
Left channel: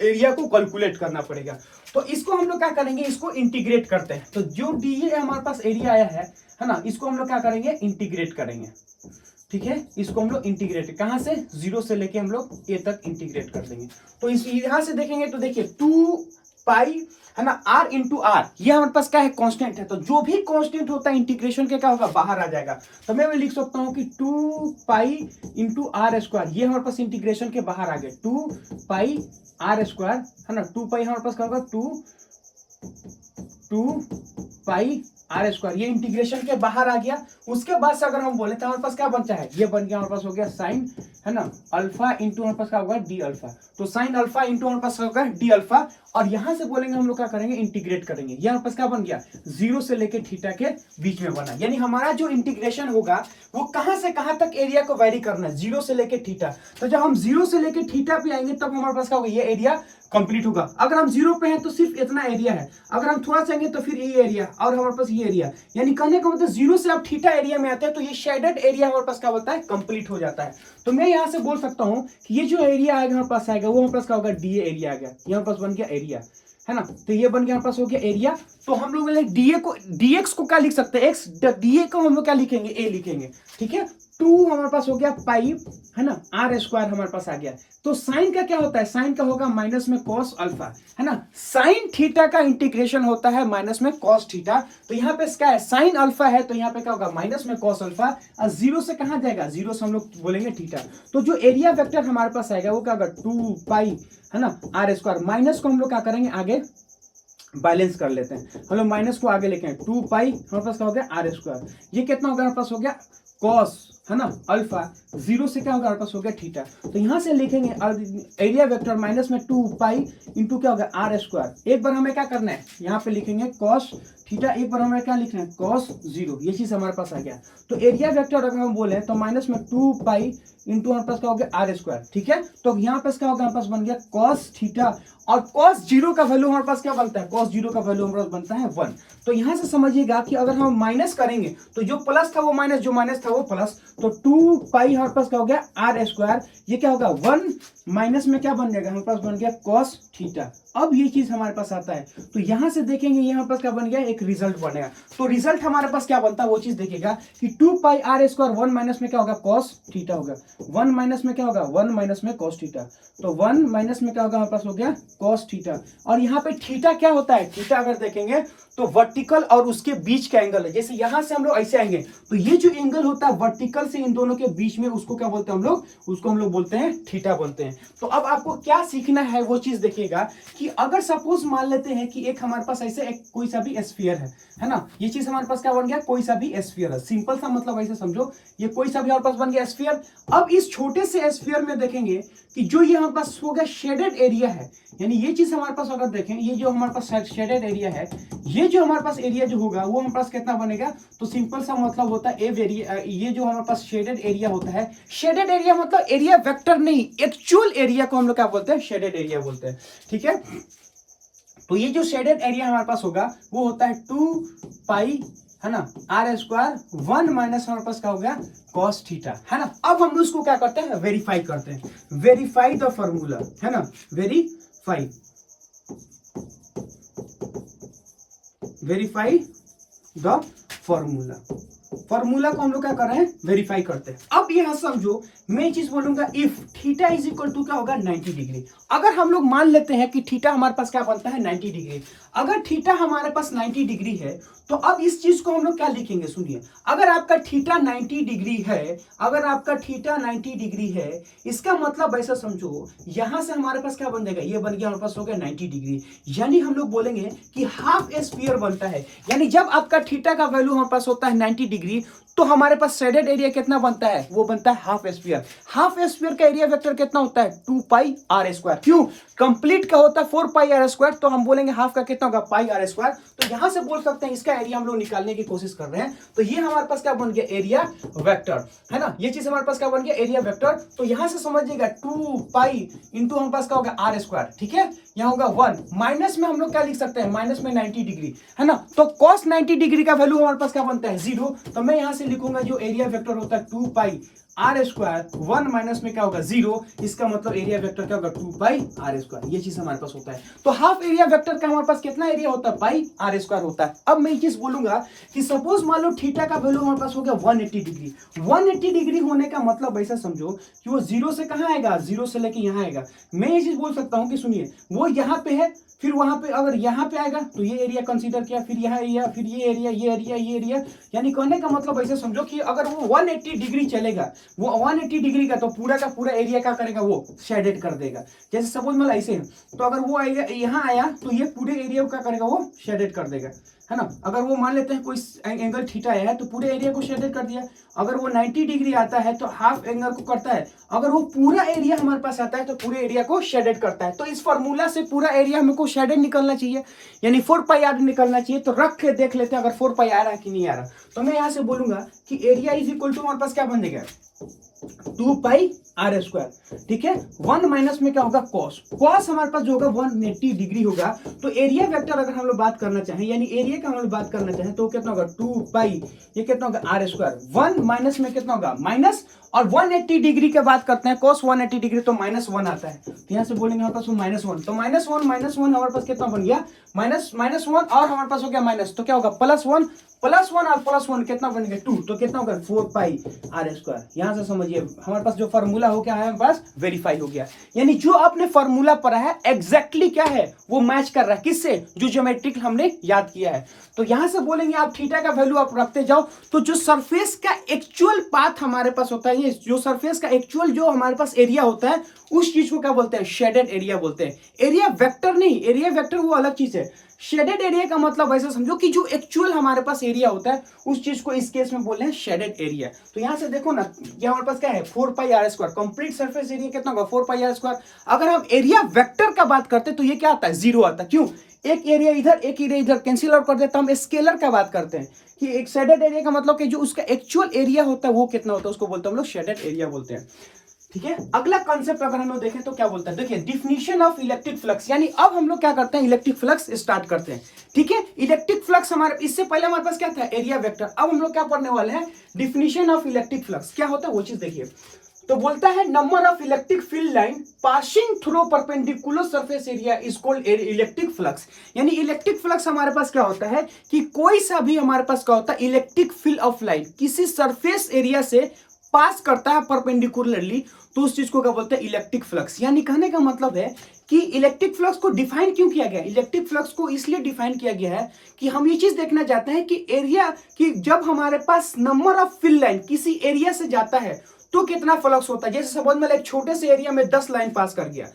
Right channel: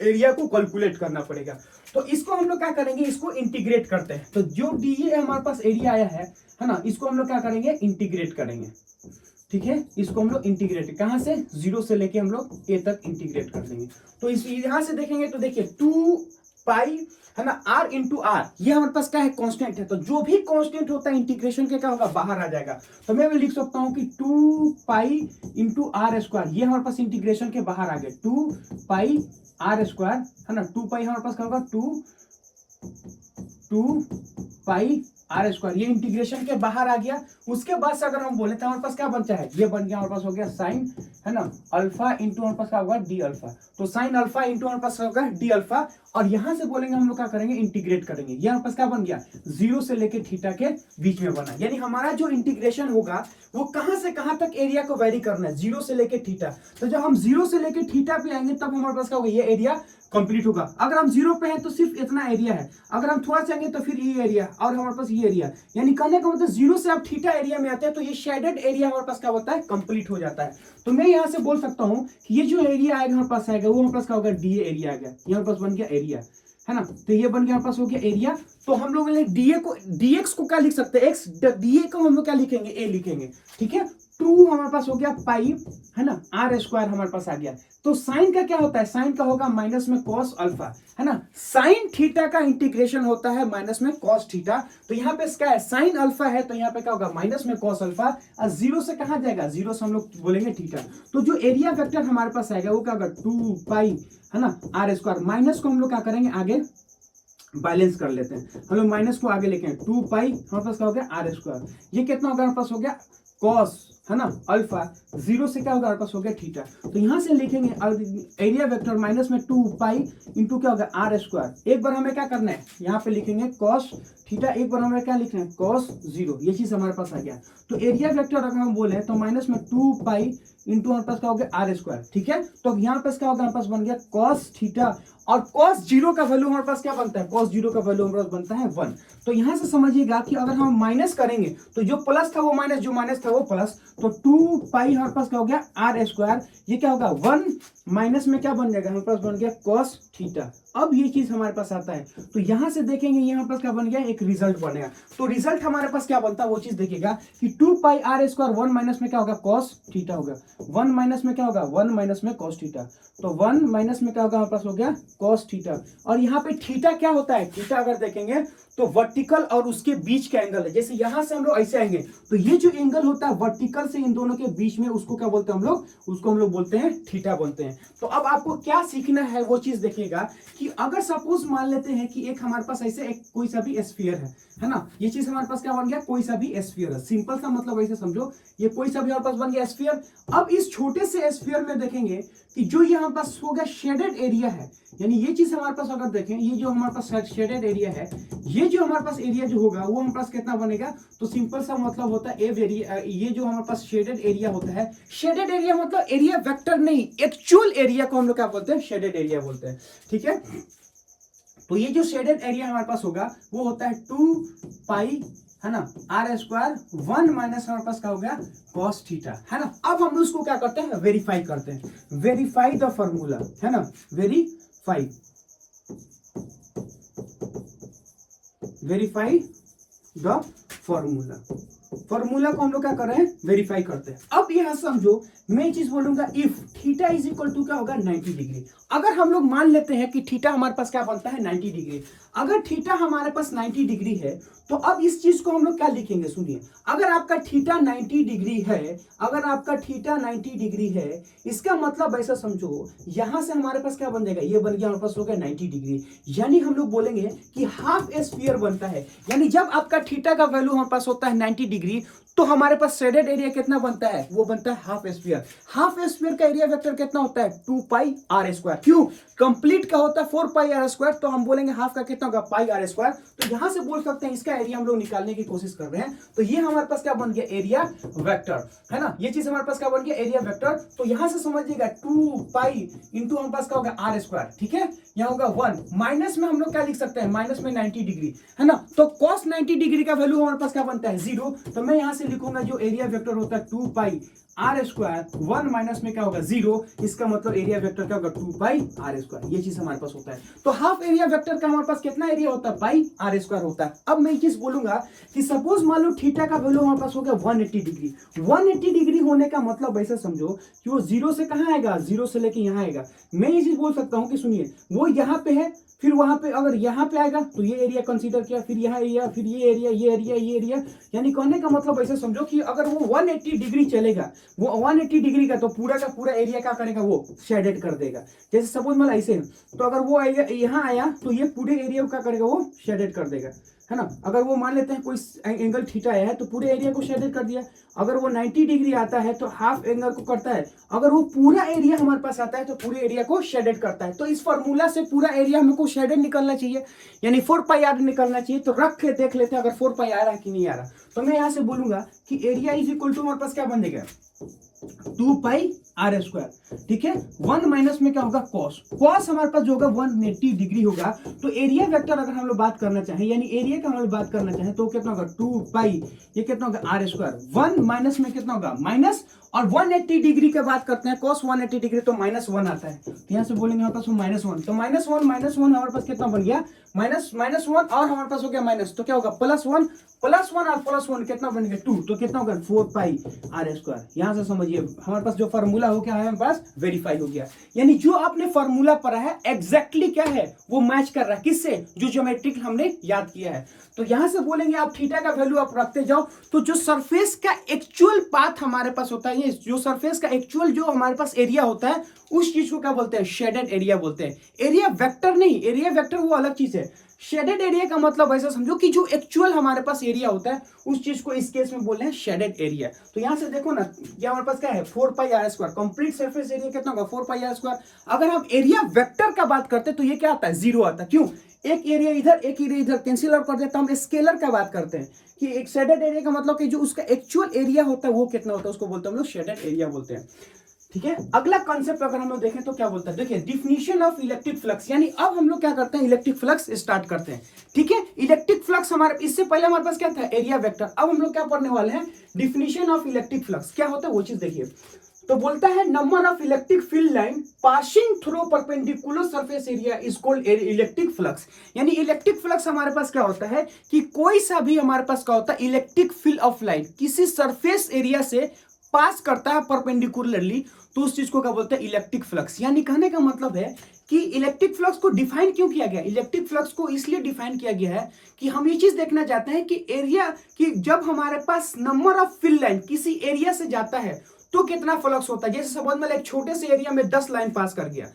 एरिया को कैलकुलेट करना पड़ेगा। तो इसको हम लोग क्या करेंगे, इसको इंटीग्रेट करते हैं, तो जो डी ए हमारे पास एरिया आया है ना, इसको हम लोग क्या करेंगे, इंटीग्रेट करेंगे, ठीक है। इसको हम लोग इंटीग्रेट कहां से, 0 से लेके हम लोग ए तक इंटीग्रेट कर देंगे। तो इस यहां से देखेंगे तो देखिए 2 पाई है ना, आर इंटू आर, ये हमारे पास क्या है, कांस्टेंट है, तो जो भी कांस्टेंट होता है इंटीग्रेशन के क्या होगा, बाहर आ जाएगा। तो मैं लिख सकता हूं कि 2 पाई इंटू आर स्क्वायर, ये हमारे पास इंटीग्रेशन के बाहर आ गए, 2 पाई आर स्क्वायर, है ना, 2 पाई हमारे पास क्या होगा, 2 पाई आर स्क्वायर, ये इंटीग्रेशन के बाहर आ गया। उसके बाद से अगर हम बोले तो हमारे पास क्या बनता है, ये बन गया हमारे पास हो गया साइन, है ना, अल्फा इंटू हमारे पास क्या होगा, डी अल्फा, तो साइन अल्फा इंटू हमारे पास होगा डी अल्फा। और यहां से बोलेंगे हम लोग क्या करेंगे, इंटीग्रेट करेंगे, ये हमारे पास क्या बन गया, 0 से लेके थीटा के बीच में बना, यानी हमारा जो इंटीग्रेशन होगा वो कहां से कहां तक एरिया को वेरी करना है, 0 से लेके थीटा। तो जब हम 0 से लेके थीटा पे आएंगे तब हमारे पास क्या होगा, ये एरिया कंप्लीट होगा। अगर हम 0 पे हैं तो सिर्फ इतना एरिया है, अगर हम थोड़ा सा आएंगे तो फिर ये एरिया और हमारे पास ये एरिया, यानी कहने का मतलब 0 से आप थीटा एरिया में आते हैं तो ये शेडेड एरिया हमारे पास क्या होता है, कंप्लीट हो जाता है। तो मैं यहाँ से बोल सकता हूँ कि ये जो एरिया आएगा हमारे पास आएगा वो हमारे पास क्या होगा, डी एरिया आ गया, ये हमारे पास बन गया एरिया, है ना, तो ये बन गया हमारे पास हो गया एरिया। तो हम लोग डीए को डीएक्स को क्या लिख सकते हैं, एक्स, डीए को हम लोग क्या लिखेंगे, ए लिखेंगे, ठीक है। 2 हमारे पास हो गया पाई, है ना, आर स्क्वायर हमारे पास आ गया। तो साइन का क्या होता है, साइन का होगा माइनस में कॉस अल्फा, है ना, साइन थीटा का इंटीग्रेशन होता है माइनस में कॉस थीटा। तो यहाँ पे क्या है, साइन अल्फा है तो यहाँ पे क्या होगा, माइनस में कॉस अल्फा, और 0 से कहाँ जाएगा, 0 से हम लोग बोलेंगे थीटा। तो जो एरिया वेक्टर हमारे पास आएगा वो क्या होगा, 2 पाई, है ना, आर स्क्वायर, माइनस को हम लोग क्या करेंगे आगे बैलेंस कर लेते हैं, हम लोग माइनस को आगे लेके 2 पाई हमारे पास क्या हो गया, आर स्क्वायर, ये कितना होगा हमारे पास हो गया कॉस, है ना, अल्फा, 0 से क्या होगा हमारे पास हो गया थीटा। तो यहां से लिखेंगे एरिया वेक्टर माइनस में 2 पाई इंटू क्या होगा, आर स्क्वायर। एक बार हमें क्या करना है, यहाँ पे लिखेंगे कॉस थीटा, एक बार हमें क्या लिखना है, कॉस 0, ये चीज हमारे पास आ गया। तो एरिया वेक्टर अगर हम बोले तो माइनस में 2 पाई इंटू हमारे पास क्या हो गया, आर स्क्वायर, ठीक है। तो यहाँ पे क्या होगा, हमारे पास बन गया कॉस थीटा, और cos 0 का वैल्यू हमारे पास क्या बनता है, cos 0 का वैल्यू हमारे पास बनता है 1। तो यहां से समझिएगा कि अगर हम माइनस करेंगे तो जो प्लस था वो माइनस, जो माइनस था वो प्लस, तो 2 पाई हमारे पास क्या हो गया, आर स्क्वायर, ये क्या होगा 1 माइनस में क्या बन जाएगा, हमारे पास बन गया cos थीटा। अब ये चीज हमारे पास आता है, तो यहां से देखेंगे ये हमारे पास क्या बन गया, एक रिजल्ट बनेगा। तो रिजल्ट हमारे पास क्या बनता है वो चीज देखिएगा कि 2 पाई आर स्क्वायर 1 माइनस में क्या होगा, cos थीटा होगा, 1 माइनस में क्या होगा, 1 माइनस में cos थीटा, तो 1 माइनस में क्या होगा हमारे पास हो गया cos थीटा। और यहाँ पे थीटा क्या होता है, थीटा अगर देखेंगे तो वर्टिकल और उसके बीच का एंगल है। जैसे यहां से हम लोग ऐसे आएंगे तो ये जो एंगल होता है वर्टिकल से इन दोनों के बीच में, उसको क्या बोलते हैं हम लोग, उसको हम लोग बोलते हैं थीटा बोलते हैं। तो अब आपको क्या सीखना है वो चीज देखिएगा कि अगर सपोज मान लेते हैं कि एक हमारे पास ऐसे एक कोई सा भी स्फीयर है ना, ये चीज हमारे पास क्या बन गया, कोई सा भी स्फीयर है, सिंपल सा मतलब ऐसे समझो, ये कोई सा भी हमारे पास बन गया स्फीयर। अब इस छोटे से स्फीयर में देखेंगे कि जो ये हमारे पास हो गया शेडेड एरिया है, यानी ये चीज हमारे पास अगर देखें, ये जो हमारे पास शेडेड एरिया है, ये जो हमारे पास एरिया जो होगा वो हमारे पास कितना बनेगा, तो सिंपल सा मतलब होता है ये जो हमारे पास शेडेड एरिया होता है, शेडेड एरिया मतलब एरिया वेक्टर नहीं, एक्चुअल एरिया को हम लोग क्या बोलते हैं, शेडेड एरिया बोलते हैं, ठीक है। तो ये जो शेडेड एरिया हमारे पास होगा वो होता है 2 पाई, है ना, आर स्क्वायर 1 माइनस हमारे पास क्या हो गया, cos थीटा, है ना। अब हम उसको क्या करते हैं, वेरीफाई करते हैं, वेरीफाई द फॉर्मूला, है ना, वेरीफाई द फॉर्मूला, फॉर्मूला को हम लोग क्या कर रहे हैं, वेरीफाई करते हैं। अब यहां समझो मैं ये चीज बोलूंगा if theta is equal to क्या होगा 90 डिग्री। अगर हम लोग मान लेते हैं कि थीटा हमारे पास क्या बनता है 90 डिग्री, अगर थीटा हमारे पास 90 डिग्री है तो अब इस चीज को हम लोग क्या लिखेंगे, सुनिए, अगर आपका थीटा 90 डिग्री है, अगर आपका थीटा 90 डिग्री है, इसका मतलब ऐसा समझो यहां से हमारे पास क्या बन जाएगा, ये बन गया हमारे पास हो गया 90 डिग्री, यानी हम लोग बोलेंगे कि हाफ स्फीयर बनता है। यानी जब आपका थीटा का वैल्यू हमारे पास होता है 90 डिग्री तो हमारे पास शेडेड एरिया कितना बनता है, वो बनता है हाफ स्फीयर। हाफ स्फीयर का एरिया वेक्टर कितना होता है 2 पाई आर स्क्वायर। क्यों, कंप्लीट का होता है 4 पाई आर स्क्वायर, तो हम बोलेंगे हाफ का कितना होगा पाई आर स्क्वायर। तो यहां से बोल सकते हैं इसका एरिया हम लोग निकालने की कोशिश कर रहे हैं, तो ये हमारे पास क्या बन गया एरिया वेक्टर, है ना, ये चीज हमारे पास क्या बन गया एरिया वेक्टर। तो यहां से समझिएगा 2 पाई इंटू हमारे पास क्या होगा आर स्क्वायर, ठीक है, यहाँ होगा 1, माइनस में हम लोग क्या लिख सकते हैं, माइनस में 90 डिग्री, है ना, तो cos 90 डिग्री का वैल्यू हमारे पास क्या बनता है 0, तो मैं यहां से लिखूंगा जो एरिया वेक्टर होता है 2 पाई आर स्क्वायर, 1 माइनस में क्या होगा 0, इसका मतलब एरिया वेक्टर क्या होगा 2 पाई आर स्क्वायर, ये चीज हमारे पास होता है। तो हाफ एरिया वेक्टर का हमारे पास कितना एरिया होता है पाई आर स्क्वायर होता है। अब मैं ये चीज बोलूंगा कि सपोज मान लो थीटा का वैल्यू हमारे पास हो गया 180 डिग्री, 180 डिग्री होने का मतलब ऐसा समझो कि वो 0 से कहां आएगा, 0 से लेके यहां आएगा। मैं ये चीज बोल सकता हूं कि सुनिए वो यहां पे है, फिर वहां पे अगर यहां पे आएगा तो ये एरिया कंसीडर किया, फिर यह एरिया, फिर ये एरिया, ये एरिया, ये एरिया, यानी कहने का मतलब ऐसे समझो कि अगर वो 180 डिग्री चलेगा, वो 180 डिग्री का तो पूरा का पूरा एरिया क्या करेगा, वो शेडेड कर देगा। जैसे सपोज मतलब ऐसे, तो अगर वो एरिया यहाँ आया तो ये पूरे एरिया को क्या करेगा, वो शेडेड कर देगा, है ना। अगर वो मान लेते हैं कोई एंगल थीटा है तो पूरे एरिया को शेडेड कर दिया। अगर वो 90 डिग्री आता है तो हाफ एंगल को करता है। अगर वो पूरा एरिया हमारे पास आता है तो पूरे एरिया को शेडेड करता है। तो इस फॉर्मूला से पूरा एरिया हमको शेडेड निकलना चाहिए, यानी 4 पाई आर निकलना चाहिए। तो रख के देख लेते हैं अगर 4 पाई आ रहा है कि नहीं आ रहा। तो मैं यहां से बोलूंगा कि एरिया इज इक्वल टू हमारे पास क्या बन जाएगा 2 पाई आर स्क्वायर, ठीक है, 1 माइनस में क्या होगा कॉस, कॉस हमारे पास जो होगा 180 डिग्री होगा। तो एरिया वेक्टर अगर हम लोग बात करना चाहें, यानी एरिया का हम लोग बात करना चाहें तो कितना होगा 2 पाई, ये कितना होगा आर स्क्वायर, 1 माइनस में कितना होगा माइनस, और 180 डिग्री की बात करते हैं कॉस 180 डिग्री तो -1 आता है। तो यहां से बोलेंगे हमारे पास -1, तो -1 हमारे पास कितना बन गया -1, और हमारे पास हो गया माइनस, तो क्या होगा +1 और +1 कितना बन गया 2, तो कितना होगा 4 पाई आर स्क्वायर। यहां से समझिए हमारे पास जो फॉर्मूला हो गया है हमारे पास वेरीफाई हो गया, यानी जो आपने फॉर्मूला पढ़ा है एग्जैक्टली क्या है वो मैच कर रहा है किससे, जो ज्योमेट्रिक हमने याद किया है। तो यहां से बोलेंगे आप थीटा का वैल्यू आप रखते जाओ, तो जो सरफेस का एक्चुअल पाथ हमारे पास होता है, ये जो सरफेस का एक्चुअल जो हमारे पास एरिया होता है उस चीज को क्या बोलते हैं शेडेड एरिया बोलते हैं। एरिया वेक्टर नहीं, एरिया वेक्टर वो अलग चीज है। शेडेड एरिया का मतलब ऐसा समझो कि जो एक्चुअल हमारे पास एरिया होता है उस चीज को इस केस में बोल रहे हैं शेडेड एरिया। तो यहां से देखो ना, ये हमारे पास क्या है 4 pi R square, complete surface area कितना होगा 4 पाई आर स्क्वायर। अगर हम एरिया वेक्टर का बात करते तो ये क्या आता है 0 आता है। क्यों, एक एरिया इधर एक एरिया इधर कैंसिल आउट कर देते, हम स्केलर का बात करते हैं कि एक शेडेड एरिया का मतलब कि जो उसका एक्चुअल एरिया होता है वो कितना होता है उसको बोलते हैं हम लोग शेडेड एरिया बोलते हैं, ठीक है। अगला कॉन्सेप्ट अगर हम लोग देखें तो क्या बोलता है, देखिए डिफिनीशन ऑफ इलेक्ट्रिक फ्लक्स, यानी अब हम लोग क्या करते हैं इलेक्ट्रिक फ्लक्स स्टार्ट करते हैं, ठीक है। इलेक्ट्रिक फ्लक्स हमारे इससे पहले हमारे पास क्या था एरिया वेक्टर, अब हम लोग क्या पढ़ने वाले हैं डिफिनीशन ऑफ इलेक्ट्रिक फ्लक्स क्या होता है वो चीज देखिए। तो बोलता है number of electric field line passing through perpendicular surface area is called electric flux. यानी इलेक्ट्रिक फ्लक्स हमारे पास क्या होता है कि कोई सा भी हमारे पास क्या होता है इलेक्ट्रिक फील्ड ऑफ लाइन किसी सरफेस एरिया से पास करता है परपेंडिकुलरली, तो उस चीज को क्या बोलते हैं इलेक्ट्रिक फ्लक्स। यानी कहने का मतलब है कि इलेक्ट्रिक फ्लक्स को डिफाइन क्यों किया गया, इलेक्ट्रिक फ्लक्स को इसलिए डिफाइन किया गया है कि हम ये चीज देखना चाहते हैं कि एरिया कि जब हमारे पास नंबर ऑफ फील्ड लाइन किसी एरिया से जाता है तो कितना फ्लक्स होता है। जैसे सपोज में एक छोटे से एरिया में 10 लाइन पास कर गया,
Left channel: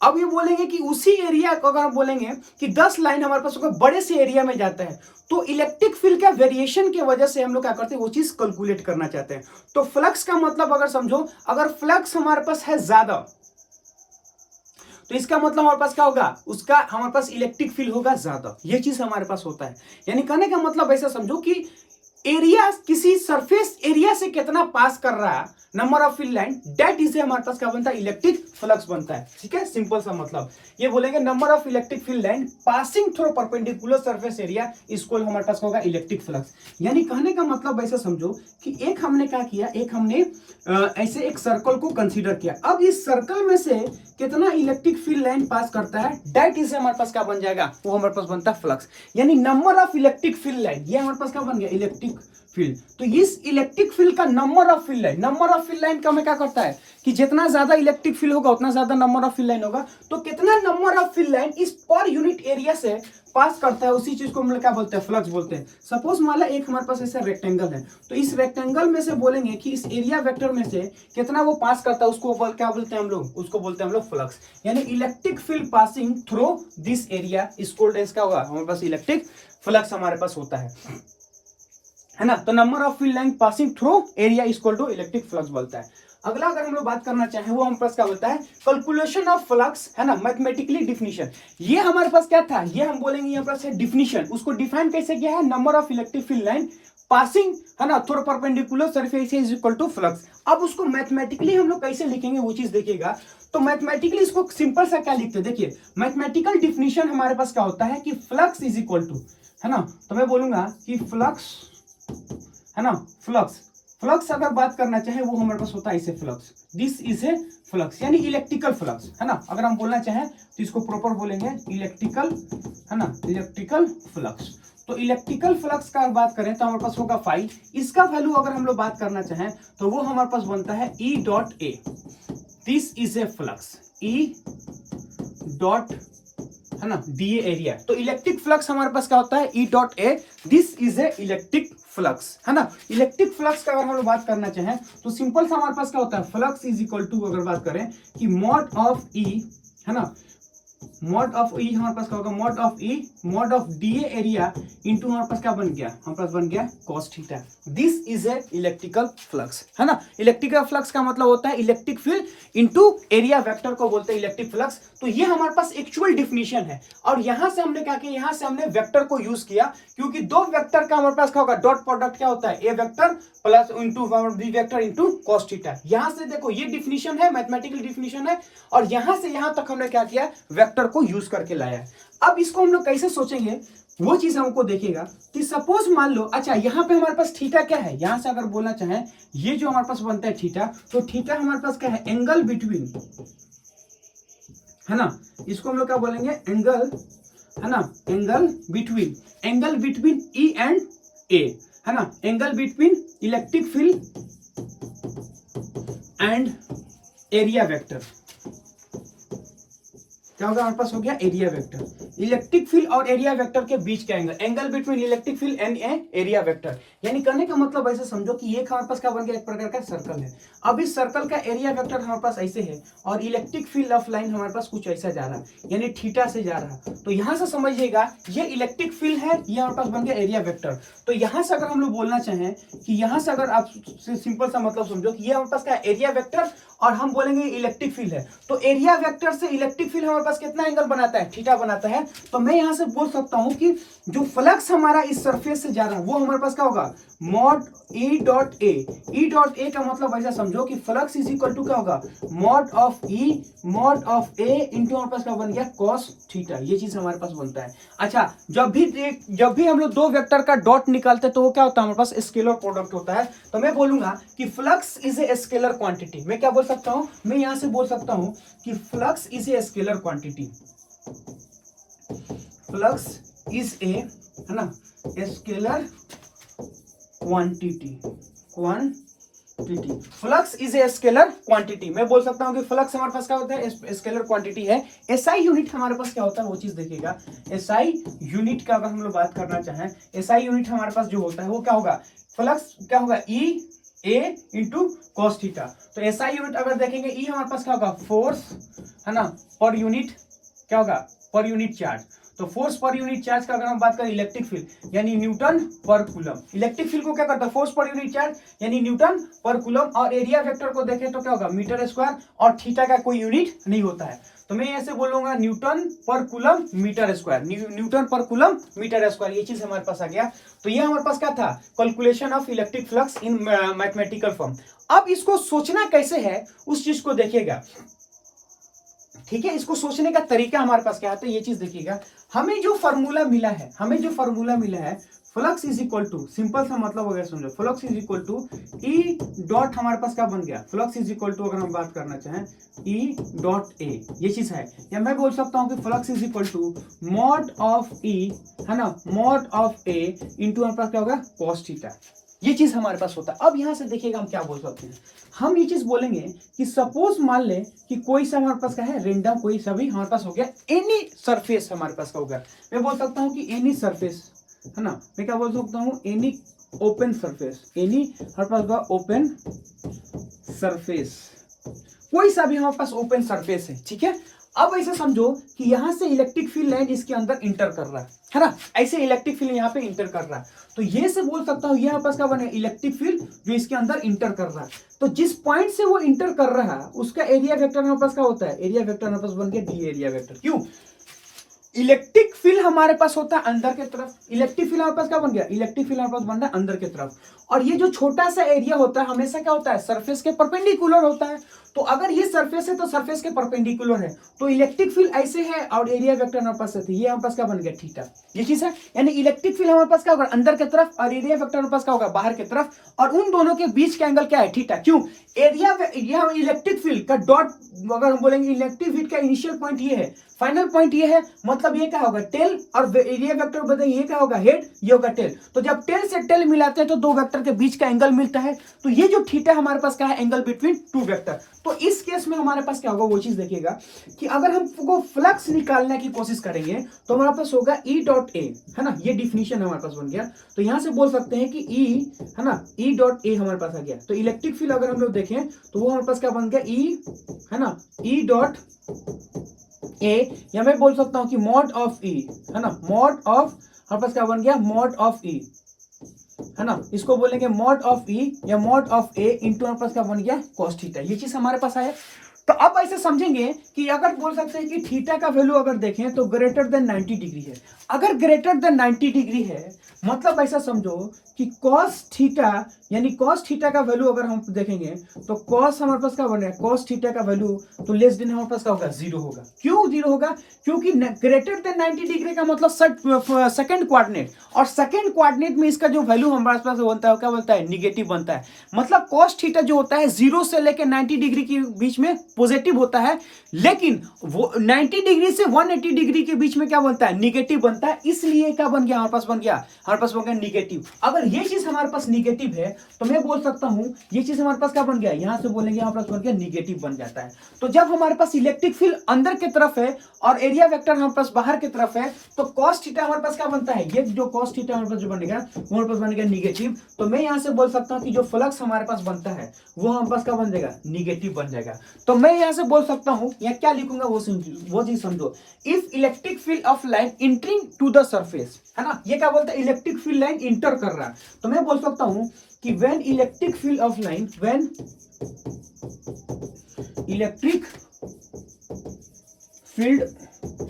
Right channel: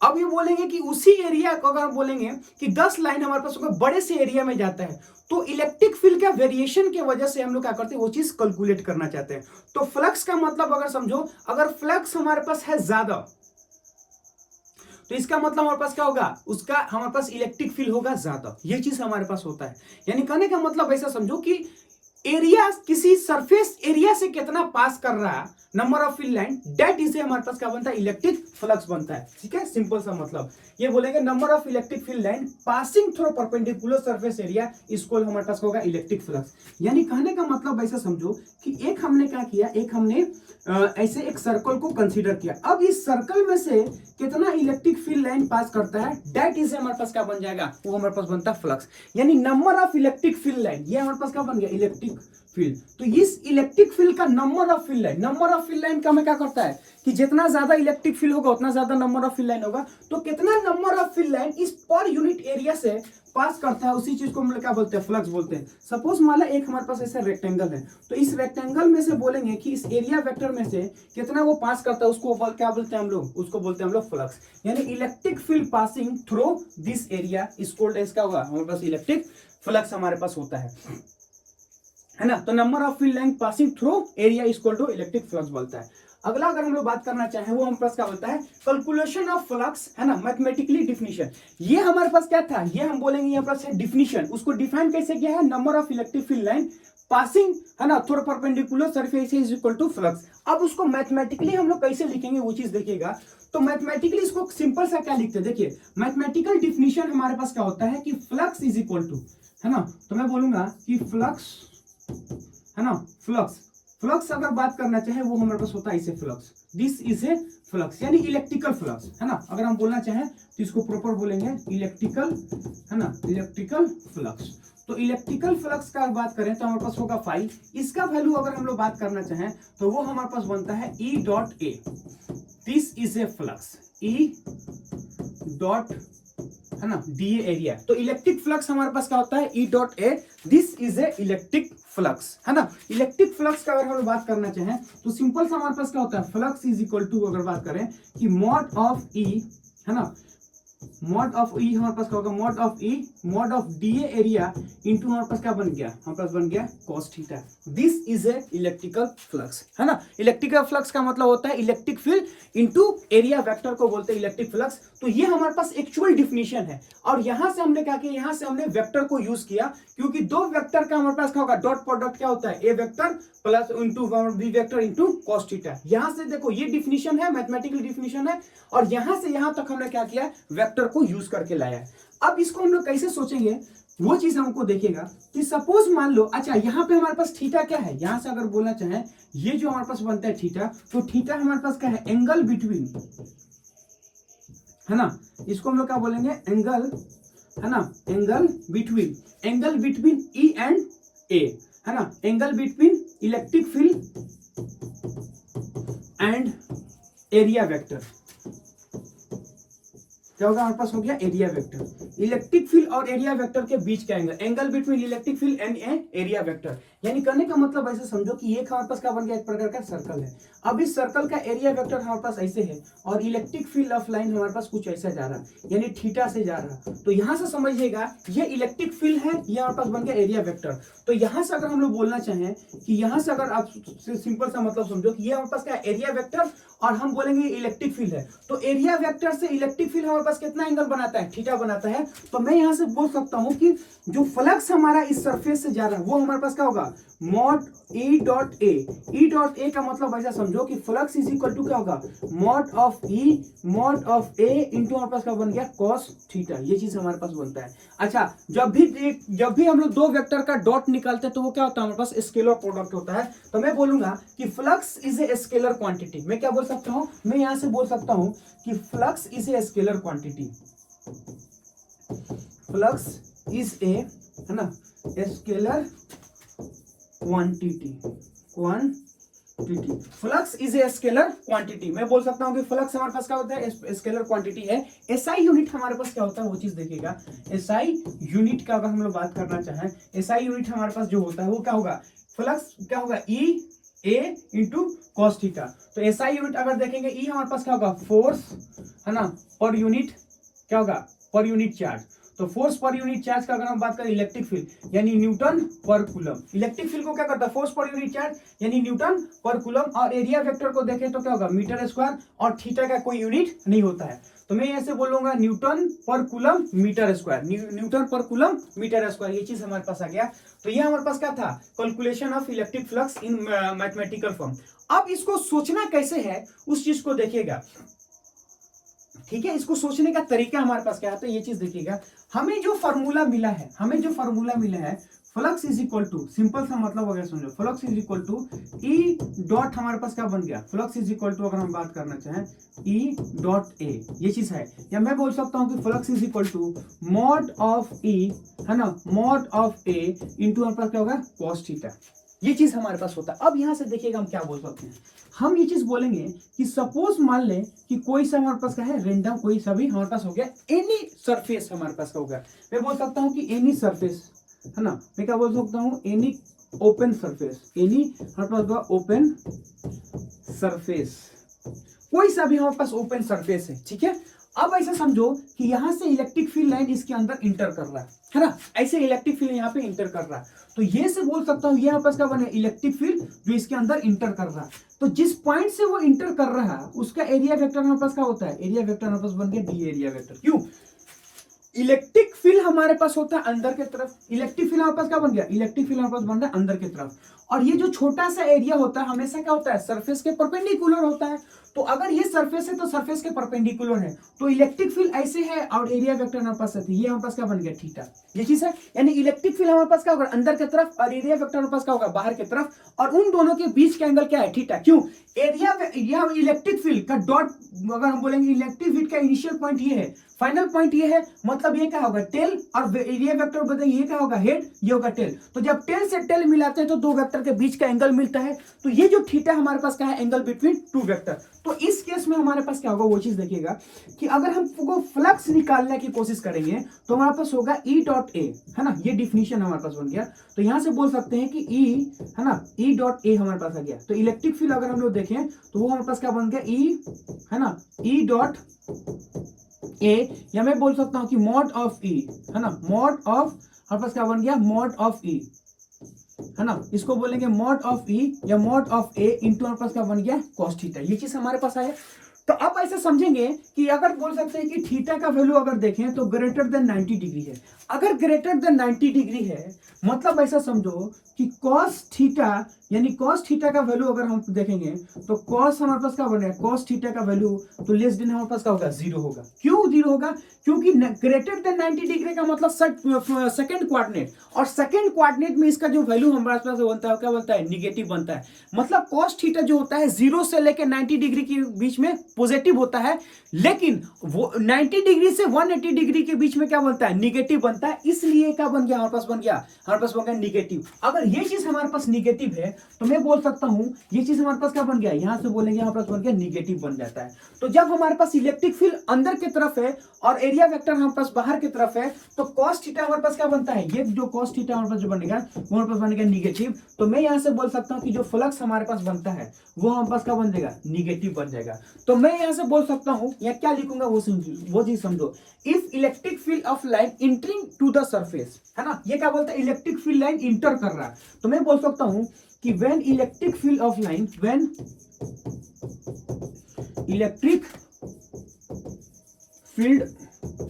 अब ये बोलेंगे कि उसी एरिया को अगर हम बोलेंगे कि 10 लाइन हमारे पास बड़े से एरिया में जाता है तो इलेक्ट्रिक फील्ड का वेरिएशन की वजह से हम लोग क्या करते हैं वो चीज कैलकुलेट करना चाहते हैं। तो फ्लक्स का मतलब अगर समझो अगर फ्लक्स हमारे पास है ज्यादा तो इसका मतलब हमारे पास क्या होगा उसका हमारे पास इलेक्ट्रिक फील्ड होगा ज्यादा, ये चीज हमारे पास होता है। यानी कहने का मतलब ऐसा समझो कि एरिया किसी सरफेस एरिया से कितना पास कर रहा है number of field line that is हमारे पास क्या बनता है इलेक्ट्रिक फ्लक्स बनता है, ठीक है। सिंपल सा मतलब ये बोलेंगे number of electric field line passing through perpendicular surface area इसको हमारे पास होगा इलेक्ट्रिक फ्लक्स। यानी कहने का मतलब ऐसा समझो कि एक हमने क्या किया, एक हमने ऐसे एक सर्कल को कंसीडर किया, अब इस सर्कल में से कितना इलेक्ट्रिक फील्ड लाइन पास करता है दैट इज हमारे पास क्या बन जाएगा वो हमारे पास बनता है फ्लक्स। यानी number of electric field line ये हमारे पास क्या बन गया इलेक्ट्रिक इलेक्ट्रिक फील्ड। तो इस इलेक्ट्रिक फील्ड का नंबर ऑफ फील्ड लाइन का हमें क्या करता है कि जितना ज्यादा इलेक्ट्रिक फील्ड होगा उतना ज्यादा नंबर ऑफ फील्ड लाइन होगा। तो कितना नंबर ऑफ फील्ड लाइन इस पर यूनिट एरिया से पास करता है, उसी चीज को हम लोग क्या बोलते हैं, फ्लक्स बोलते हैं। सपोज मान लो एक हमारे पास ऐसा रेक्टेंगल है, तो इस रेक्टेंगल में से बोलेंगे कि इस एरिया वेक्टर में से कितना वो पास करता है, उसको क्या बोलते हैं हम लोग, उसको बोलते हैं हम लोग फ्लक्स। यानी electric field passing through this area is called as क्या होगा, हमारे पास इलेक्ट्रिक फ्लक्स हमारे पास होता है ना। तो number of field line passing through area is equal to electric flux बोलता है। अगला अगर हम लोग बात करना चाहें वो हमारे पास क्या बोलता है, कैलकुलेशन ऑफ फ्लक्स, है ना, मैथमेटिकली डिफिनीशन। ये हमारे पास क्या था, ये हम बोलेंगे यहाँ पर से डिफिनीशन, उसको डिफाइन कैसे किया है, number of electric field line passing, है ना, through perpendicular surface is equal to flux. अब उसको मैथमेटिकली हम लोग कैसे लिखेंगे वो चीज देखिएगा। तो मैथमेटिकली इसको सिंपल सा क्या लिखते हैं, देखिए मैथमेटिकल डिफिनीशन हमारे पास क्या होता है कि फ्लक्स इज इक्वल टू, है ना, तो मैं बोलूंगा कि फ्लक्स, है ना, फ्लक्स अगर बात करना चाहे वो हमारे पास होता है इसे flux, this is A flux, यानी इलेक्ट्रिकल फ्लक्स, है ना। अगर हम बोलना चाहें तो इसको प्रॉपर बोलेंगे इलेक्ट्रिकल, है ना, इलेक्ट्रिकल फ्लक्स। तो इलेक्ट्रिकल फ्लक्स का बात करें तो हमारे पास होगा फाई। इसका वैल्यू अगर हम लोग बात करना चाहें तो वो हमारे पास बनता है E dot A, this is A flux, E dot, है ना, डी एरिया। तो इलेक्ट्रिक फ्लक्स हमारे पास क्या होता है, E dot A, this is A electric flux, है ना। इलेक्ट्रिक फ्लक्स का अगर हम लोग बात करना चाहें तो सिंपल सा हमारे पास क्या होता है, फ्लक्स इज इक्वल टू, अगर बात करें कि मॉड ऑफ ई, है ना, मॉड ऑफ ई हमारे पास क्या होगा, mod of E mod of D area into हमारे पास क्या बन गया, हमारे पास बन गया cos theta. This is A electrical flux, है ना। इलेक्ट्रिकल फ्लक्स का मतलब होता है electric field into area vector को बोलते हैं इलेक्ट्रिक फ्लक्स। तो ये हमारे पास एक्चुअल डिफिनीशन है। और यहां से हमने क्या किया, यहां से हमने वेक्टर को यूज किया, क्योंकि दो वेक्टर का हमारे पास क्या होगा, डॉट प्रोडक्ट क्या होता है, A vector plus into B vector into cos theta. यहां से देखो ये डिफिनीशन है, मैथमेटिकल डिफिनीशन है, और यहां से यहां तक हमने क्या किया, वेक्टर को यूज करके लाया। अब इसको हम लोग कैसे सोचेंगे वो चीज हमको देखिएगा कि सपोज मान लो, अच्छा यहाँ पे हमारे पास थीटा क्या है, यहां से अगर बोलना चाहें ये जो हमारे पास बनता है थीटा, तो थीटा हमारे पास क्या है, एंगल बिटवीन, है ना, इसको हम लोग क्या बोलेंगे, एंगल, है ना, एंगल बिटवीन ई एंड ए, है ना, angle between electric field and area vector. क्या होगा, हमारे पास हो गया एरिया वेक्टर, इलेक्ट्रिक फील्ड और एरिया वेक्टर के बीच का angle between electric field and area vector. यानी करने का मतलब ऐसे समझो कि ये हमारे पास क्या बन गया, एक प्रकार का सर्कल है। अब इस सर्कल का एरिया वेक्टर हमारे पास ऐसे है और इलेक्ट्रिक फील्ड ऑफ लाइन हमारे पास कुछ ऐसा जा रहा, यानी थीटा से जा रहा। तो यहां से समझिएगा ये इलेक्ट्रिक फील्ड है, ये हमारे पास बन गया एरिया वेक्टर। तो यहां से अगर हम लोग बोलना चाहें कि यहां से अगर आप सिंपल सा मतलब समझो कि ये हमारे पास क्या एरिया वेक्टर और हम बोलेंगे इलेक्ट्रिक फील्ड है, तो एरिया वेक्टर से इलेक्ट्रिक फील्ड हमारे पास कितना एंगल बनाता है, थीटा बनाता है। तो मैं यहां से बोल सकता हूं कि जो फ्लक्स हमारा इस सरफेस से जा रहा है वो हमारे पास क्या होगा, mod E dot A. E dot A का मतलब ऐसा समझो कि फ्लक्स इज इक्वल टू क्या होगा, मॉड ऑफ ए इंटू हमारे पास क्या बन गया, कॉस थीटा। ये चीज हमारे पास बनता है। अच्छा, जब भी हम लोग दो वेक्टर का डॉट निकालते हैं तो वो क्या होता है, हमारे पास स्केलर प्रोडक्ट होता है। तो मैं बोलूंगा कि flux is a scalar quantity. मैं क्या बोल सकता हूं, मैं यहां से बोल सकता हूं कि flux is a scalar quantity, flux is a, है ना, scalar quantity, flux is a scalar quantity. मैं बोल सकता हूं कि फ्लक्स हमारे पास क्या होता है, स्केलर क्वांटिटी है। एसआई यूनिट हमारे पास क्या होता है वो चीज देखिएगा। एसआई यूनिट का अगर हम लोग बात करना चाहें, एसआई यूनिट हमारे पास जो होता है वो क्या होगा, फ्लक्स क्या होगा, ई ए इंटू कॉस थीटा। तो एसआई यूनिट अगर देखेंगे, ई हमारे पास क्या होगा, फोर्स, है ना, पर यूनिट क्या होगा, पर यूनिट चार्ज। तो फोर्स पर यूनिट चार्ज का अगर हम बात करें, इलेक्ट्रिक फील्ड यानी न्यूटन पर कूलम। इलेक्ट्रिक फील्ड को क्या करता है, फोर्स पर यूनिट चार्ज यानी न्यूटन पर कूलम। और एरिया वेक्टर को देखें तो क्या होगा, मीटर स्क्वायर, और थीटा का कोई यूनिट नहीं होता है। तो मैं ऐसे बोलूंगा न्यूटन पर कूलम मीटर स्क्वायर, न्यूटन पर कूलम मीटर स्क्वायर। ये चीज हमारे पास आ गया। तो ये हमारे पास क्या था, calculation of electric flux in mathematical form. अब इसको सोचना कैसे है उस चीज को देखिएगा ठीक है, इसको सोचने का तरीका हमारे पास क्या है, तो ये चीज देखिएगा, हमें जो फॉर्मूला मिला है flux is equal to, simple सा मतलब हो गया, समझो, flux is equal to E dot, हमारे पास क्या बन गया, फ्लक्स इज इक्वल टू, अगर हम बात करना चाहें ई डॉट ए, ये चीज है, या मैं बोल सकता हूँ कि flux is equal to mod of E, है ना, मॉड ऑफ ए इंटू हमारे पास क्या होगा, कॉस थीटा, ये चीज हमारे पास होता है। अब यहां से देखिएगा हम क्या बोल सकते हैं, हम ये चीज बोलेंगे कि सपोज मान ले कि कोई सा हमारे पास क्या है, रेंडम कोई सा भी हमारे पास हो गया, एनी सरफेस हमारे पास का हो गया, मैं बोल सकता हूँ कि एनी सरफेस, है ना, मैं क्या बोल सकता हूँ, एनी ओपन सरफेस, एनी हमारे पास का ओपन सरफेस, कोई सा भी हमारे पास ओपन सरफेस है, ठीक है। अब ऐसा समझो कि यहां से इलेक्ट्रिक फील्ड लाइन इसके अंदर इंटर कर रहा है ना, ऐसे इलेक्ट्रिक फील्ड यहाँ पे इंटर कर रहा है, तो ये से बोल सकता हूँ, ये हमारे पास क्या बने, इलेक्ट्रिक फील्ड जो इसके अंदर इंटर कर रहा है, तो जिस पॉइंट से वो इंटर कर रहा है उसका एरिया वेक्टर हमारे पास क्या होता है, एरिया वेक्टर हमारे पास बन गया डी एरिया वेक्टर। क्यों, इलेक्ट्रिक फील्ड हमारे पास होता है अंदर की तरफ, इलेक्ट्रिक फील्ड हमारे पास क्या बन गया, इलेक्ट्रिक फील्ड हमारे पास बन रहा है अंदर की तरफ, और ये जो छोटा सा एरिया होता है हमेशा क्या होता है, सरफेस के परपेंडिकुलर होता है, तो अगर ये सरफेस है तो सरफेस के परपेंडिकुलर है, तो इलेक्ट्रिक फील्ड ऐसे है और एरिया वेक्टर हमारे पास है, ये हमारे पास क्या बन गया, थीटा, ये चीज है, यानी इलेक्ट्रिक फील्ड हमारे पास क्या होगा, अंदर की तरफ, और एरिया वेक्टर हमारे पास क्या होगा, बाहर की तरफ, और उन दोनों के बीच का एंगल क्या है, थीटा। क्यों, एरिया, यह इलेक्ट्रिक फील्ड का डॉट, अगर हम बोलेंगे इलेक्ट्रिक फील्ड का इनिशियल पॉइंट ये है, फाइनल पॉइंट ये है, मतलब ये क्या होगा, टेल, और एरिया वेक्टर बताइए ये क्या होगा, हेड, ये होगा टेल, तो जब टेल से टेल मिलाते हैं तो दो वेक्टर के बीच का एंगल मिलता है, तो ये जो थीटा हमारे पास क्या है, एंगल बिटवीन टू वेक्टर। तो इस केस में हमारे पास क्या होगा, वो चीज देखिएगा कि अगर हमको फ्लक्स निकालने की कोशिश करेंगे तो हमारे पास होगा ई डॉट ए, है ना, ये डिफिनीशन हमारे पास बन गया, तो यहां से बोल सकते हैं कि ई, है ना, ई डॉट ए हमारे पास आ गया, तो इलेक्ट्रिक फील्ड अगर हम लोग देखें तो वो हमारे पास क्या बन गया, ई, है ना, ई डॉट ए, या मैं बोल सकता हूं कि मॉड ऑफ ई, है ना, मॉड ऑफ, हमारे पास क्या बन गया, मॉड ऑफ ई, है ना, इसको बोलेंगे मॉड ऑफ ई या मॉड ऑफ ए इंटू हमारे पास क्या बन गया, कॉस थीटा, ये चीज हमारे पास आया। तो अब ऐसे समझेंगे कि अगर बोल सकते हैं कि थीटा का वैल्यू अगर देखें तो ग्रेटर देन 90 डिग्री है, अगर ग्रेटर देन 90 डिग्री है मतलब ऐसा समझो कि कॉस थीटा, यानी कॉस थीटा का वैल्यू अगर हम देखेंगे तो कॉस हमारे पास क्या बन रहा है, कॉस थीटा का वैल्यू तो लेस देन हमारे पास क्या होगा, जीरो होगा। क्यों जीरो होगा, क्योंकि ग्रेटर देन 90 डिग्री का मतलब सेकंड कोऑर्डिनेट, और सेकंड कोऑर्डिनेट में इसका जो वैल्यू हमारे पास बनता है क्या बनता है, निगेटिव बनता है, मतलब कॉस थीटा जो होता है 0 से लेकर 90 डिग्री के बीच में पॉजिटिव होता है, लेकिन वो 90 डिग्री से 180 डिग्री के बीच में क्या बनता है, निगेटिव बनता है, इसलिए क्या बन गया, हमारे पास बन गया निगेटिव। अगर ये चीज हमारे पास निगेटिव है तो मैं बोल सकता हूं ये चीज हमारे पास क्या बन गया, यहां से बोलेंगे हमारे पास बन गया निगेटिव बन जाता है। तो जब हमारे पास इलेक्ट्रिक फील्ड अंदर की तरफ है और एरिया वेक्टर हमारे पास बाहर की तरफ है तो कॉस थीटा हमारे पास क्या बनता है, ये जो कॉस थीटा हमारे पास जो बनेगा वो हमारे पास बनेगा निगेटिव। तो मैं यहां से बोल सकता हूं कि जो फ्लक्स हमारे पास बनता है वो हमारे पास क्या बन जाएगा, निगेटिव बन जाएगा। तो मैं यहां से बोल सकता हूं या क्या लिखूंगा वो चीज समझो, if electric field of line entering to the surface, है ना, ये क्या बोलता है, इलेक्ट्रिक फील्ड लाइन इंटर कर रहा है, तो मैं बोल सकता हूं कि when electric field of line, when electric field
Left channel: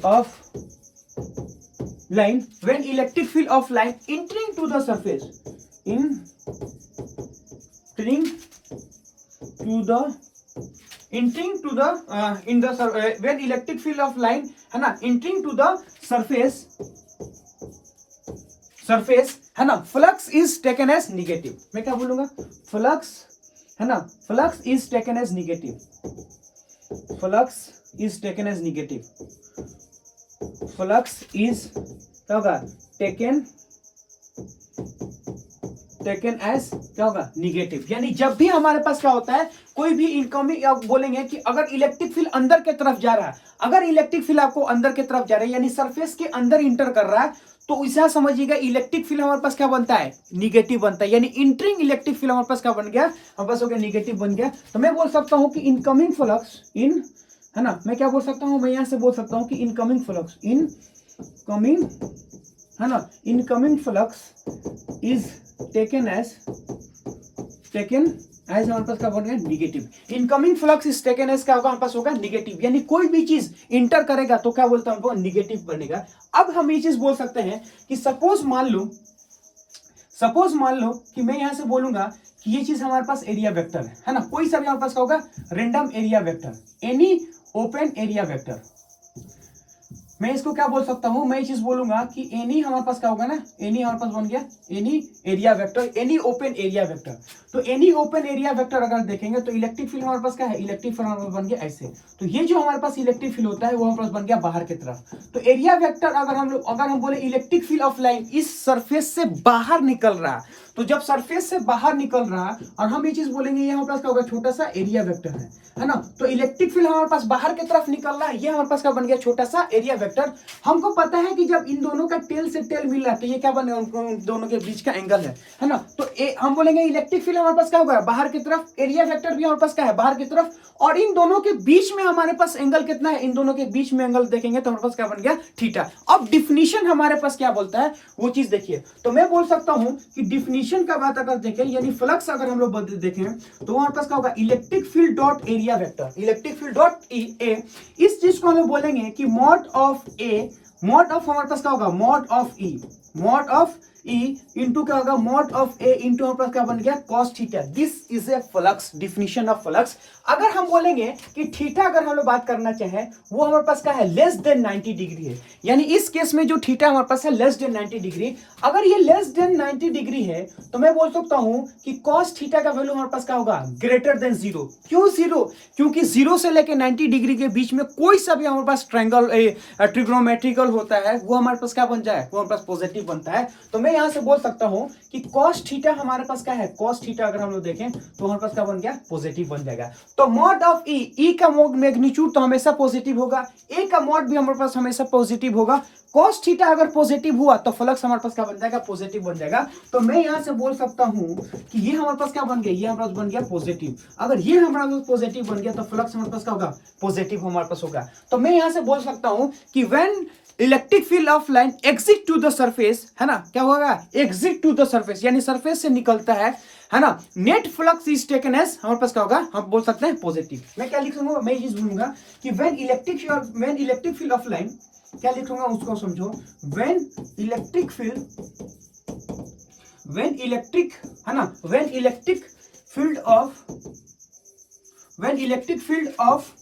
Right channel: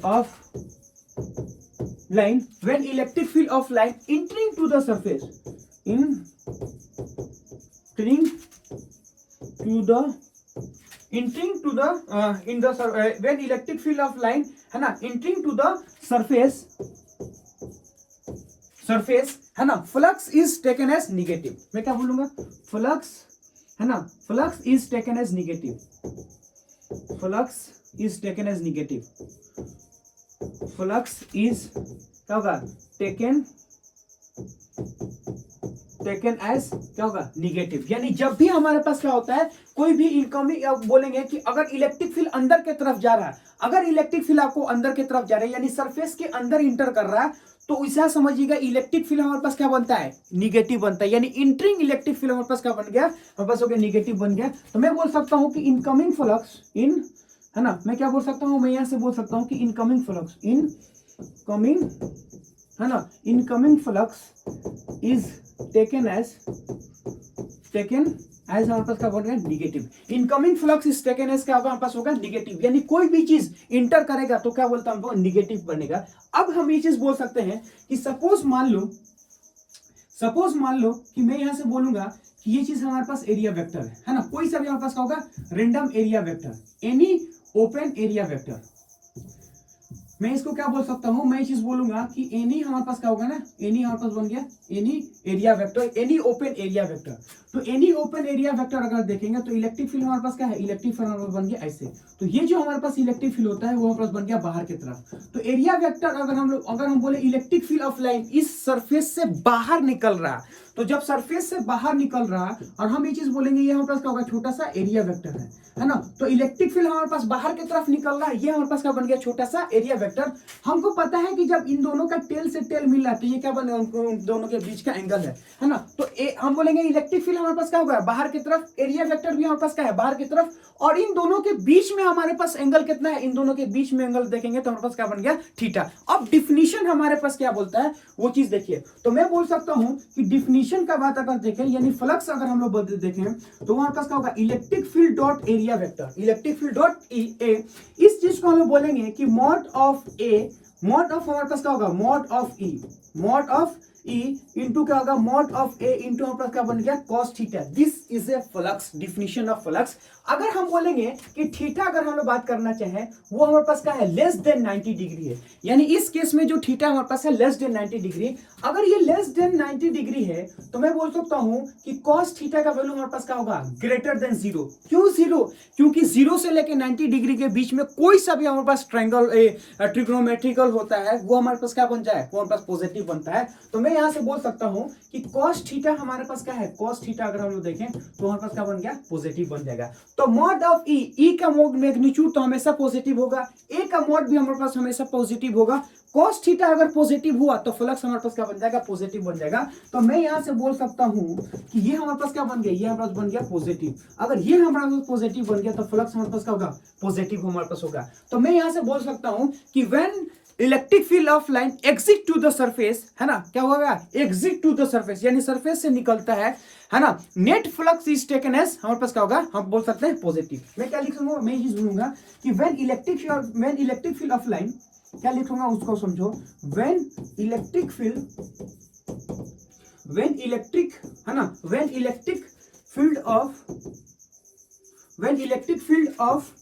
of line, when electric field of line entering to the surface, entering to the when electric field of line, है ना, entering to the surface, है ना, flux is taken as negative। मैं क्या बोलूंगा, flux, है ना, flux is taken as negative, flux is taken as negative, flux is क्या होगा, टेकन एज क्या होगा, निगेटिव। यानी जब भी हमारे पास क्या होता है, कोई भी इनकमिंग, बोलेंगे कि अगर इलेक्ट्रिक फील्ड अंदर की तरफ जा रहा है, अगर इलेक्ट्रिक फील्ड आपको अंदर की तरफ जा रहा है यानी सरफेस के अंदर इंटर कर रहा है, तो ऐसा समझिएगा इलेक्ट्रिक फील्ड हमारे पास क्या बनता है, निगेटिव बनता है। यानी इंटरिंग इलेक्ट्रिक फील्ड हमारे पास क्या बन गया, हमारे पास हो गया निगेटिव बन गया। तो मैं बोल सकता हूं कि इनकमिंग फ्लक्स है ना, मैं क्या बोल सकता हूं, मैं यहां से बोल सकता हूं कि इनकमिंग फ्लक्स, इनकमिंग, है ना, incoming flux is taken as हमारे पास क्या बन गया, negative. Incoming flux is taken as क्या होगा, हमारे पास होगा निगेटिव, यानी कोई भी चीज इंटर करेगा तो क्या बोलता हूं, वो निगेटिव बनेगा। अब हम ये चीज बोल सकते हैं कि सपोज मान लो कि मैं यहां से बोलूंगा कि ये चीज हमारे पास एरिया वेक्टर है ना, कोई सा भी हमारे पास क्या होगा, random area vector, any open area vector. मैं इसको क्या बोल सकता हूं, मैं ये चीज बोलूंगा कि एनी हमारे पास क्या होगा ना, एनी हमारे पास बन गया any area vector, any open area vector. तो एनी ओपन एरिया वेक्टर अगर देखेंगे तो इलेक्ट्रिक फील्ड हमारे पास क्या है, इलेक्ट्रिक फील्ड हमारे पास बन गया ऐसे। तो ये जो हमारे पास इलेक्ट्रिक फील्ड होता है वो हमारे पास बन गया बाहर की तरफ। तो एरिया वेक्टर अगर हम बोले इलेक्ट्रिक फील्ड ऑफ लाइन इस सरफेस से बाहर निकल रहा, तो जब सरफेस से बाहर निकल रहा और हम ये चीज बोलेंगे ये हमारे पास क्या होगा, छोटा सा एरिया वेक्टर है ना। तो इलेक्ट्रिक फील्ड हमारे पास बाहर की तरफ निकल रहा है, ये हमारे पास क्या बन गया, छोटा सा एरिया वेक्टर। हमको पता है कि जब इन दोनों का टेल से टेल मिल रहा है तो ये क्या बनेगा, उन दोनों के बीच का एंगल है ना। तो हम बोलेंगे इलेक्ट्रिक फील्ड हमारे पास क्या होगा, बाहर की तरफ, एरिया वेक्टर भी हमारे पास क्या है, बाहर की तरफ, और इन दोनों के बीच में हमारे पास एंगल कितना है, इन दोनों के बीच में एंगल देखेंगे तो हमारे पास क्या बन गया, थीटा। अब डिफिनीशन हमारे पास क्या बोलता है वो चीज देखिए। तो मैं बोल सकता हूं कि डिफिनीशन का बात अगर देखें, यानी फ्लक्स अगर हम लोग देखें तो हमारे पास क्या होगा, electric field dot area vector, electric field dot A. इस चीज को हम लोग बोलेंगे कि mod of A, mod of हमारे पास क्या होगा, mod of E, mod of E into क्या होगा, मॉड ऑफ ए इंटू हमारे पास क्या बन गया, cos theta. This is A flux, definition of flux. अगर हम बोलेंगे कि थीटा अगर हम लोग बात करना चाहें वो हमारे पास क्या है, लेस देन 90 डिग्री है, यानी इस केस में जो थीटा हमारे पास है लेस देन 90 डिग्री। अगर ये लेस देन 90 डिग्री है तो मैं बोल सकता हूं कि कॉस थीटा का वैल्यू हमारे पास क्या होगा, ग्रेटर देन जीरो। क्यों जीरो, क्योंकि जीरो से लेकर 90 डिग्री के बीच में कोई सा भी हमारे पास ट्रिग्नोमेट्रिकल होता है वो हमारे पास क्या बन जाए, वो हमारे पास पॉजिटिव बनता है। तो मैं यहां से बोल सकता हूं कि cos थीटा हमारे पास क्या है, cos थीटा अगर हम लोग देखें तो हमारे पास क्या बन गया, पॉजिटिव बन जाएगा। तो मॉड ऑफ ई का मैग्नीट्यूड तो हमेशा पॉजिटिव होगा, ए का मॉड भी हमारे पास हमेशा पॉजिटिव होगा। cos थीटा अगर पॉजिटिव हुआ तो फ्लक्स हमारे पास क्या बन जाएगा, पॉजिटिव बन जाएगा। तो मैं यहां से बोल सकता हूं कि ये हमारे पास क्या बन गया, ये हमारे पास बन गया पॉजिटिव। अगर ये हमारे पास पॉजिटिव बन गया तो फ्लक्स हमारे पास क्या होगा, पॉजिटिव हमारे पास होगा। तो मैं यहां से बोल सकता हूं कि when electric field of line exit to the surface, है ना, क्या होगा, एग्जिट टू द सरफेस, यानी सरफेस से निकलता है ना, net flux is taken as हमारे पास क्या होगा, हम बोल सकते हैं पॉजिटिव। मैं क्या लिख दूंगा, मैं ये बोलूंगा कि when electric field of line, क्या लिखूंगा उसको समझो, when electric field of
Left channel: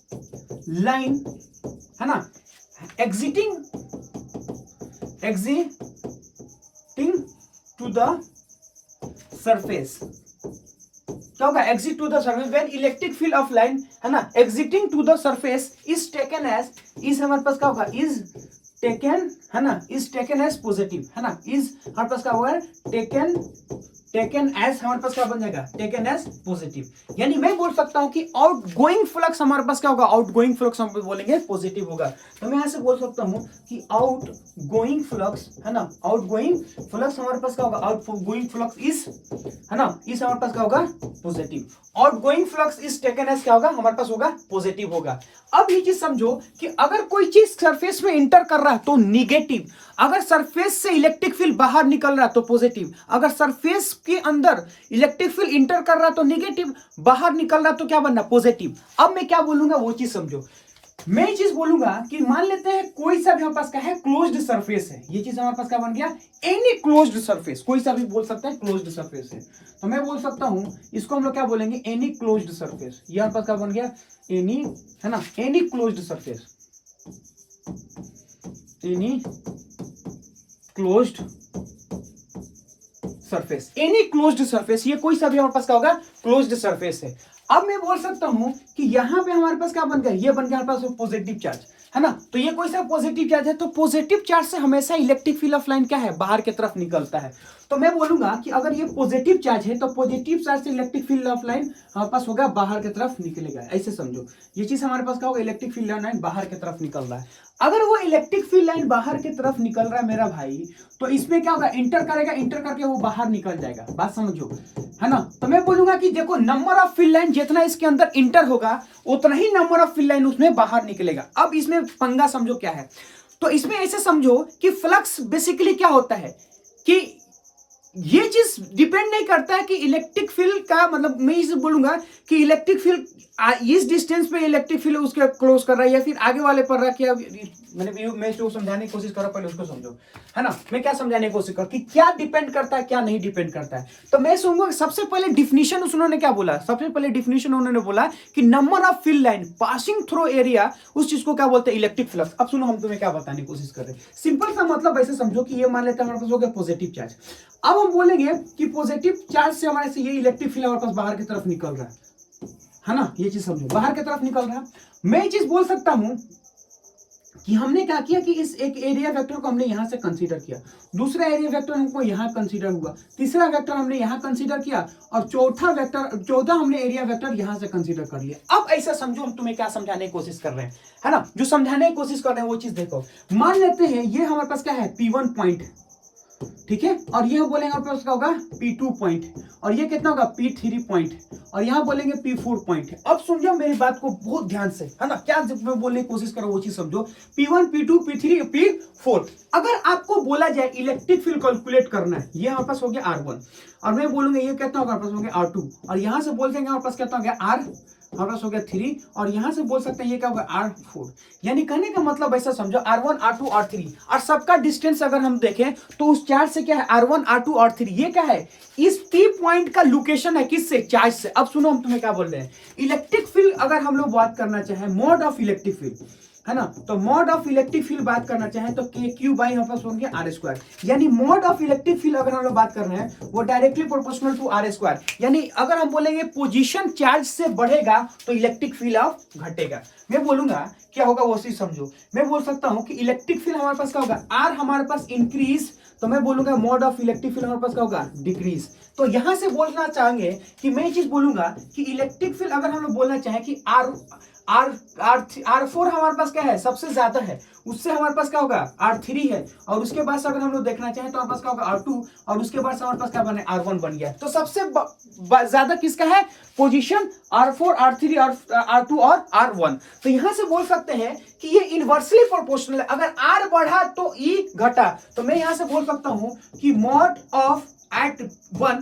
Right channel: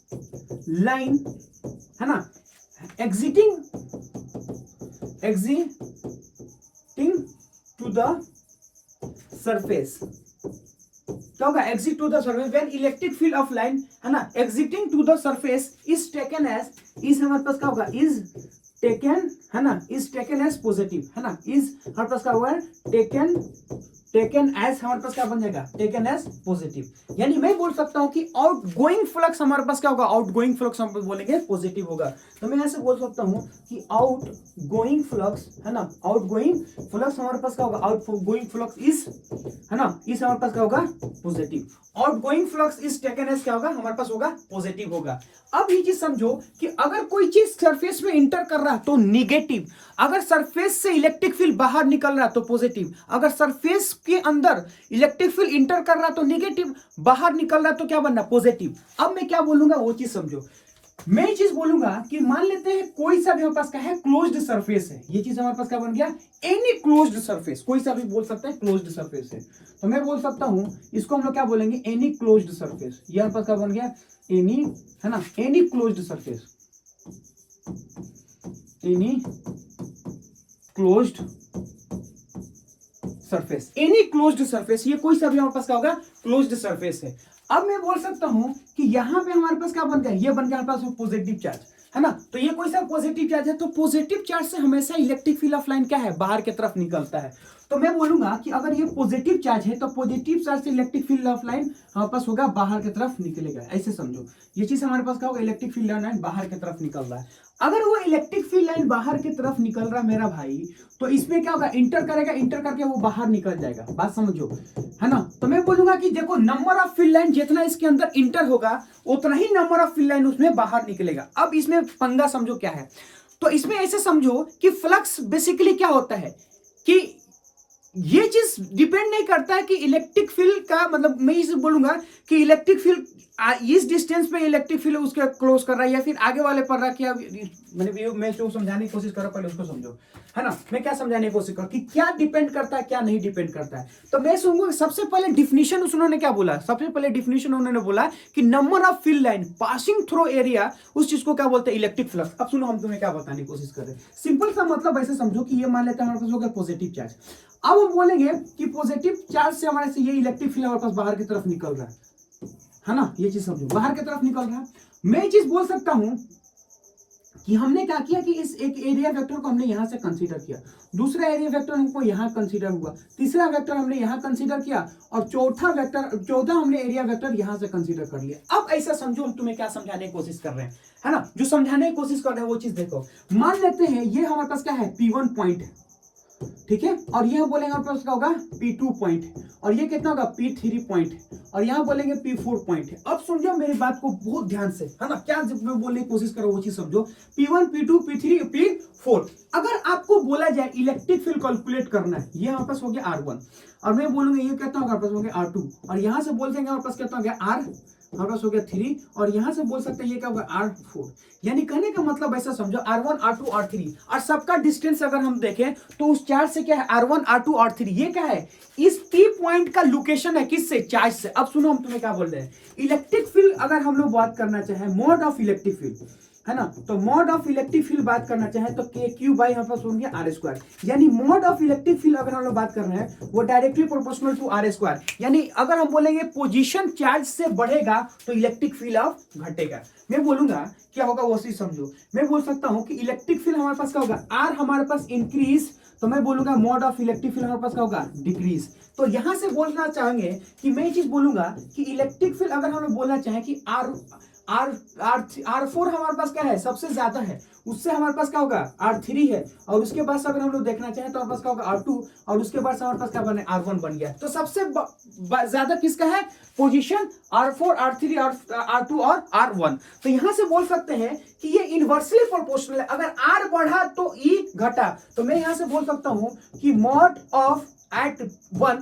line, है ना, exiting to the surface, क्या होगा, exit to the surface, when electric field of line, है ना, exiting to the surface is taken as, is हमारे पास क्या होगा, is taken, है ना, is taken as positive, है ना, is हमारे पास क्या होगा, टेकन एज हमारे पास क्या बन जाएगा, टेकन एज पॉजिटिव। यानी मैं बोल सकता हूं कि आउटगोइंग फ्लक्स हमारे पास क्या होगा, आउटगोइंग फ्लक्स हम बोलेंगे पॉजिटिव होगा। तो मैं यहां से बोल सकता हूं कि आउटगोइंग फ्लक्स, है ना, आउटगोइंग फ्लक्स हमारे पास क्या होगा, आउटगोइंग फ्लक्स इज, है ना, इस हमारे पास क्या होगा, positive. Outgoing flux is taken as क्या होगा, हमारे पास होगा पॉजिटिव होगा। अब ये चीज समझो कि अगर कोई चीज सरफेस में इंटर कर रहा है तो निगेटिव, अगर सरफेस से इलेक्ट्रिक फील्ड बाहर निकल रहा है तो पॉजिटिव, अगर सरफेस के अंदर इलेक्ट्रिक फील्ड इंटर कर रहा है तो निगेटिव, बाहर निकल रहा है तो क्या बनना, पॉजिटिव। अब मैं क्या बोलूंगा वो चीज समझो, मैं ये चीज बोलूंगा कि मान लेते हैं कोई सा भी हमारे पास क्या है, क्लोज्ड सरफेस है, ये चीज हमारे पास क्या बन गया, एनी क्लोज्ड सरफेस, कोई सा भी बोल सकता है क्लोज्ड सरफेस है। तो मैं बोल सकता हूं इसको हम लोग क्या बोलेंगे, एनी क्लोज्ड सरफेस, ये हमारे पास क्या बन गया, एनी, है ना, any closed surface, any closed surface, any closed surface, ये कोई सा भी हमारे पास क्या होगा, क्लोज्ड सरफेस है। अब मैं बोल सकता हूं कि यहां पे हमारे पास क्या बन गया, ये बन गया हमारे पास पॉजिटिव चार्ज, है ना। तो ये कोई सा पॉजिटिव चार्ज है, तो पॉजिटिव चार्ज से हमेशा इलेक्ट्रिक फील्ड ऑफ लाइन क्या है, बाहर की तरफ निकलता है। तो मैं बोलूंगा कि अगर ये पॉजिटिव चार्ज है तो पॉजिटिव चार्ज से इलेक्ट्रिक फील्ड ऑफ लाइन हमारे पास होगा, बाहर की तरफ निकलेगा। ऐसे समझो ये चीज हमारे पास क्या होगा, इलेक्ट्रिक फील्ड ऑफ लाइन बाहर की तरफ निकल रहा है। अगर वो इलेक्ट्रिक फील्ड लाइन बाहर की तरफ निकल रहा है मेरा भाई, तो इसमें क्या होगा, इंटर करेगा, इंटर करके वो बाहर निकल जाएगा, बात समझो, है ना। तो मैं बोलूंगा कि देखो नंबर ऑफ फील्ड लाइन जितना इसके अंदर इंटर होगा उतना ही नंबर ऑफ फील्ड लाइन उसमें बाहर निकलेगा। अब इसमें पंगा समझो क्या है, तो इसमें ऐसे समझो कि फ्लक्स बेसिकली क्या होता है कि ये चीज डिपेंड नहीं करता है कि इलेक्ट्रिक फील्ड का मतलब मैं इसे बोलूंगा कि इलेक्ट्रिक फील्ड इस डिस्टेंस पे इलेक्ट्रिक फील्ड उसके क्लोज कर रहा है या फिर आगे वाले पर रहा क्या मैं जो समझाने की कोशिश कर रहा हूं पहले उसको समझो, है ना। मैं क्या समझाने की कोशिश कर कि क्या डिपेंड करता है क्या नहीं डिपेंड करता है। तो मैं सुनूंगा सबसे पहले डिफिनीशन उन्होंने क्या बोला, सबसे पहले डिफिनीशन उन्होंने बोला कि number of field line passing through area, उस चीज को क्या बोलते हैं इलेक्ट्रिक फ्लक्स। अब सुनो हम तुम्हें क्या बताने की कोशिश कर रहे हैं, सिंपल सा मतलब ऐसे समझो कि ये मान लेते हैं हमारे पास हो गया पॉजिटिव चार्ज। अब हम बोलेंगे कि पॉजिटिव चार्ज से हमारे से ये इलेक्ट्रिक फील्ड हमारे पास बाहर की तरफ निकल रहा है ना, ये चीज समझो बाहर की तरफ निकल रहा है। मैं ये चीज बोल सकता हूं कि हमने क्या किया कि इस एक एरिया वेक्टर को हमने यहां से कंसीडर किया, दूसरा एरिया वेक्टर हमको यहां कंसीडर हुआ, तीसरा वेक्टर हमने यहां कंसीडर किया और चौथा हमने एरिया वेक्टर यहां से कंसीडर कर लिया। अब ऐसा समझो हम तुम्हें क्या समझाने की कोशिश कर रहे हैं, है ना, जो समझाने की कोशिश कर रहे हैं वो चीज देखो। मान लेते हैं ये हमारे पास क्या है P1 पॉइंट, ठीक है, और ये हम बोलेंगे हमारे पास क्या होगा P2 पॉइंट, और ये कितना होगा P3 पॉइंट, और यहां बोलेंगे P4 पॉइंट। अब समझो मेरी बात को बहुत ध्यान से, है ना, क्या जब मैं बोलने की कोशिश करो वो चीज समझो। P1 P2 P3 P4, अगर आपको बोला जाए इलेक्ट्रिक फील्ड कैलकुलेट करना है, ये हमारे पास हो गया R1 और मैं बोलूंगा ये कितना होगा हमारे पास हो गया R2 और यहां से बोल देंगे हमारे पास कितना हो गया R हमारे पास हो गया 3 और यहां से बोल सकते हैं ये क्या होगा R4। यानी कहने का मतलब ऐसा समझो R1 R2 R3 और सबका डिस्टेंस अगर हम देखें तो उस चार्ज से क्या है R1 R2 R3, ये क्या है इस P पॉइंट का लोकेशन है, किससे चार्ज से। अब सुनो हम तुम्हें क्या बोल रहे हैं, इलेक्ट्रिक फील्ड अगर हम लोग बात करना चाहें मोड ऑफ इलेक्ट्रिक फील्ड, है ना, तो मोड ऑफ इलेक्ट्रिक फील्ड बात करना चाहे तो के क्यू बाई हमारे पास होंगे आर स्क्वायर। यानी मोड ऑफ इलेक्ट्रिक फील्ड अगर हम लोग बात कर रहे हैं वो directly proportional to R square. यानी अगर हम बोलेंगे पोजीशन चार्ज से बढ़ेगा तो इलेक्ट्रिक फील्ड ऑफ घटेगा। मैं बोलूंगा क्या होगा वो चीज समझो। मैं बोल सकता हूं कि इलेक्ट्रिक फील्ड हमारे पास क्या होगा आर हमारे पास इंक्रीज, तो मैं बोलूंगा मोड ऑफ इलेक्ट्रिक फील्ड हमारे पास क्या होगा डिक्रीज। तो यहां से बोलना चाहेंगे कि मैं ये चीज बोलूंगा कि इलेक्ट्रिक फील्ड अगर हम लोग बोलना चाहें कि R4 हमारे पास क्या है सबसे ज्यादा है, उससे हमारे पास क्या होगा R3 है और उसके बाद से अगर हम लोग देखना चाहें तो हमारे पास क्या होगा R2 और उसके बाद से हमारे पास क्या बने R1 बन गया। तो सबसे ज्यादा किसका है पोजीशन R4 R3 R2 और R1। तो यहां से बोल सकते हैं कि ये इनवर्सली प्रोपोर्शनल है, अगर R बढ़ा तो E घटा। तो मैं यहां से बोल सकता हूं कि मॉड ऑफ एट 1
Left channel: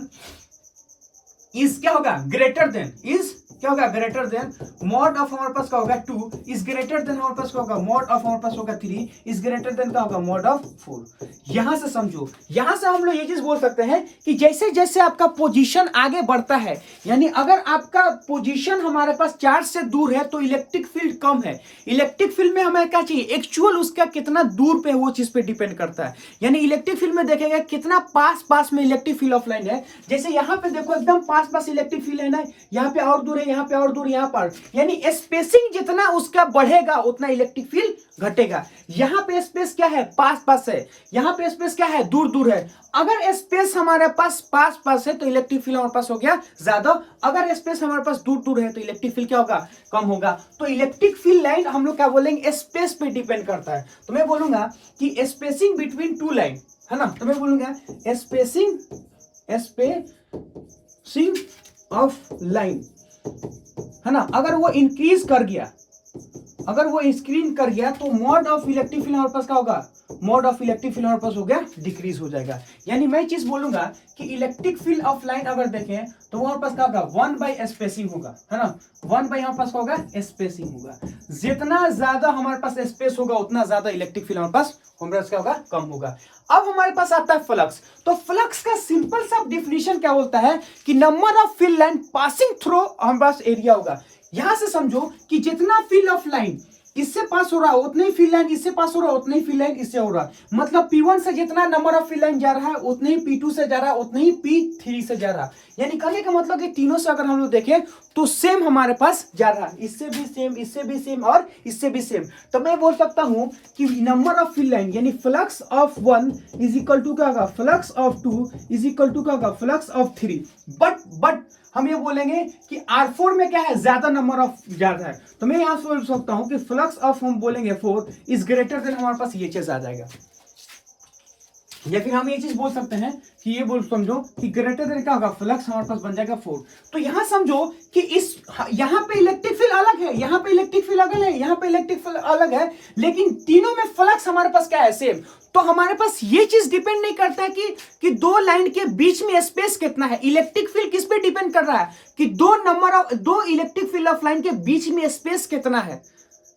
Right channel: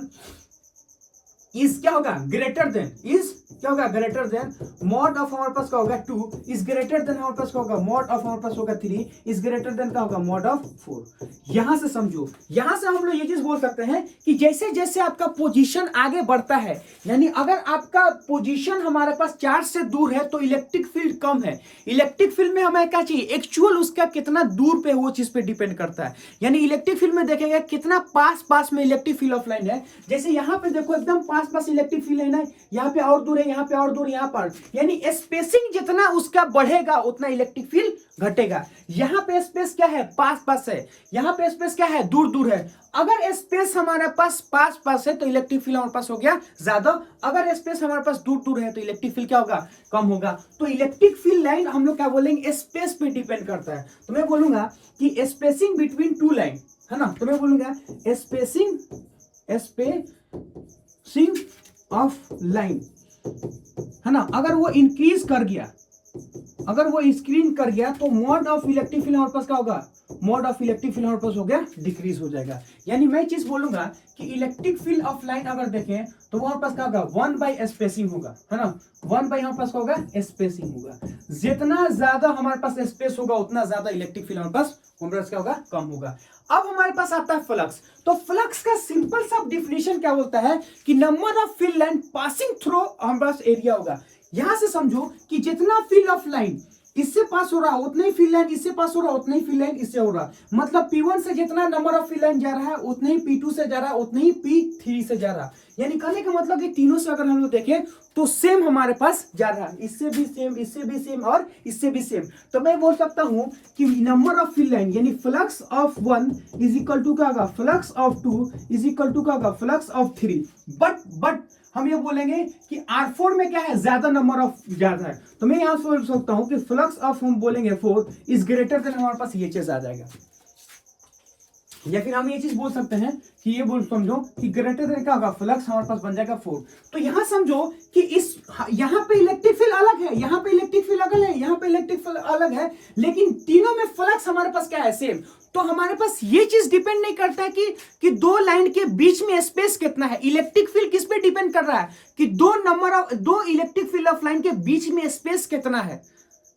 इज क्या होगा ग्रेटर देन, इज क्या होगा ग्रेटर देन मॉड ऑफ हमारे पास क्या होगा 2 इज ग्रेटर देन हमारे पास क्या होगा मॉड ऑफ हमारे पास होगा 3 इज ग्रेटर देन क्या होगा मॉड ऑफ 4। यहां से समझो, यहां से हम लोग ये चीज बोल सकते हैं कि जैसे जैसे आपका पोजीशन आगे बढ़ता है, यानी अगर आपका पोजीशन हमारे पास चार्ज से दूर है तो इलेक्ट्रिक फील्ड कम है। इलेक्ट्रिक फील्ड में हमें क्या चाहिए एक्चुअल उसका कितना दूर पे वो चीज पे डिपेंड करता है। यानी इलेक्ट्रिक फील्ड में देखेगा कितना पास पास में इलेक्ट्रिक फील्ड ऑफ लाइन है। जैसे यहां पे देखो एकदम पास पास इलेक्ट्रिक फील्ड है ना, यहाँ पे और दूर है, यहाँ पे और दूर, यहाँ पर, यानी स्पेसिंग जितना उसका बढ़ेगा उतना इलेक्ट्रिक फील्ड घटेगा। यहाँ पे स्पेस क्या है पास पास है, यहाँ पे स्पेस क्या है दूर दूर है। अगर स्पेस हमारे पास पास पास है तो इलेक्ट्रिक फील्ड हमारे पास हो गया ज्यादा, अगर स्पेस हमारे पास दूर दूर है तो इलेक्ट्रिक फील्ड क्या होगा कम होगा। तो इलेक्ट्रिक फील्ड लाइन हम लोग क्या बोलेंगे स्पेस पे डिपेंड करता है। तो मैं बोलूंगा कि स्पेसिंग बिटवीन टू लाइन, है ना, तो मैं बोलूंगा स्पेसिंग ऑफ लाइन, है ना, अगर वो इंक्रीज कर गया, अगर वो इंक्रीज कर गया तो मोड ऑफ इलेक्ट्रिक फील्ड हमारे पास क्या होगा मोड ऑफ इलेक्ट्रिक फील्ड हमारे पास हो गया डिक्रीज हो जाएगा। यानी मैं चीज बोलूंगा कि इलेक्ट्रिक फील्ड ऑफ लाइन अगर देखें तो हमारे पास क्या होगा 1 बाय स्पेसिंग होगा, है ना, 1 बाय हमारे पास क्या होगा स्पेसिंग होगा। जितना ज्यादा हमारे पास स्पेस होगा उतना ज्यादा इलेक्ट्रिक फील्ड हमारे पास क्या होगा कम होगा। अब हमारे पास आता है फ्लक्स। तो फ्लक्स का सिंपल सा डिफिनेशन क्या बोलता है कि number of field line passing through हमारे पास एरिया होगा। यहां से समझो कि जितना फील्ड ऑफ लाइन इससे पास हो रहा है उतने ही फील्ड लाइन इससे पास हो रहा है, उतने ही फील्ड लाइन इससे हो रहा है। मतलब P1 से जितना नंबर ऑफ फील्ड लाइन जा रहा है उतने ही P2 से जा रहा है, उतने ही P3 से जा रहा है। यानी कहने का मतलब कि तीनों से अगर हम लोग देखें तो सेम हमारे पास जा रहा है, इससे भी सेम, इससे भी सेम और इससे भी सेम। तो मैं बोल सकता हूं कि नंबर ऑफ फील्ड लाइन यानी flux of 1 is equal to क्या होगा flux of 2 is equal to क्या होगा फ्लक्स ऑफ 3। बट हम ये बोलेंगे कि R4 में क्या है ज्यादा नंबर ऑफ ज्यादा है। तो मैं यहां से बोल सकता हूं कि फ्लक्स ऑफ हम बोलेंगे 4 इज ग्रेटर देन हमारे पास ये चीज आ जाएगा। या फिर हम ये चीज बोल सकते हैं कि ये बोल समझो कि ग्रेटर देन क्या होगा, फ्लक्स हमारे पास बन जाएगा 4। तो यहां समझो कि इस यहां पे इलेक्ट्रिक फील्ड अलग है, यहां पे इलेक्ट्रिक फील्ड अलग है, यहां पे इलेक्ट्रिक फील्ड अलग है, लेकिन तीनों में फ्लक्स हमारे पास क्या है, सेम। तो हमारे पास ये चीज डिपेंड नहीं करता है कि दो लाइन के बीच में स्पेस कितना है। इलेक्ट्रिक फील्ड किस पे डिपेंड कर रहा है कि दो इलेक्ट्रिक फील्ड ऑफ लाइन के बीच में स्पेस कितना है,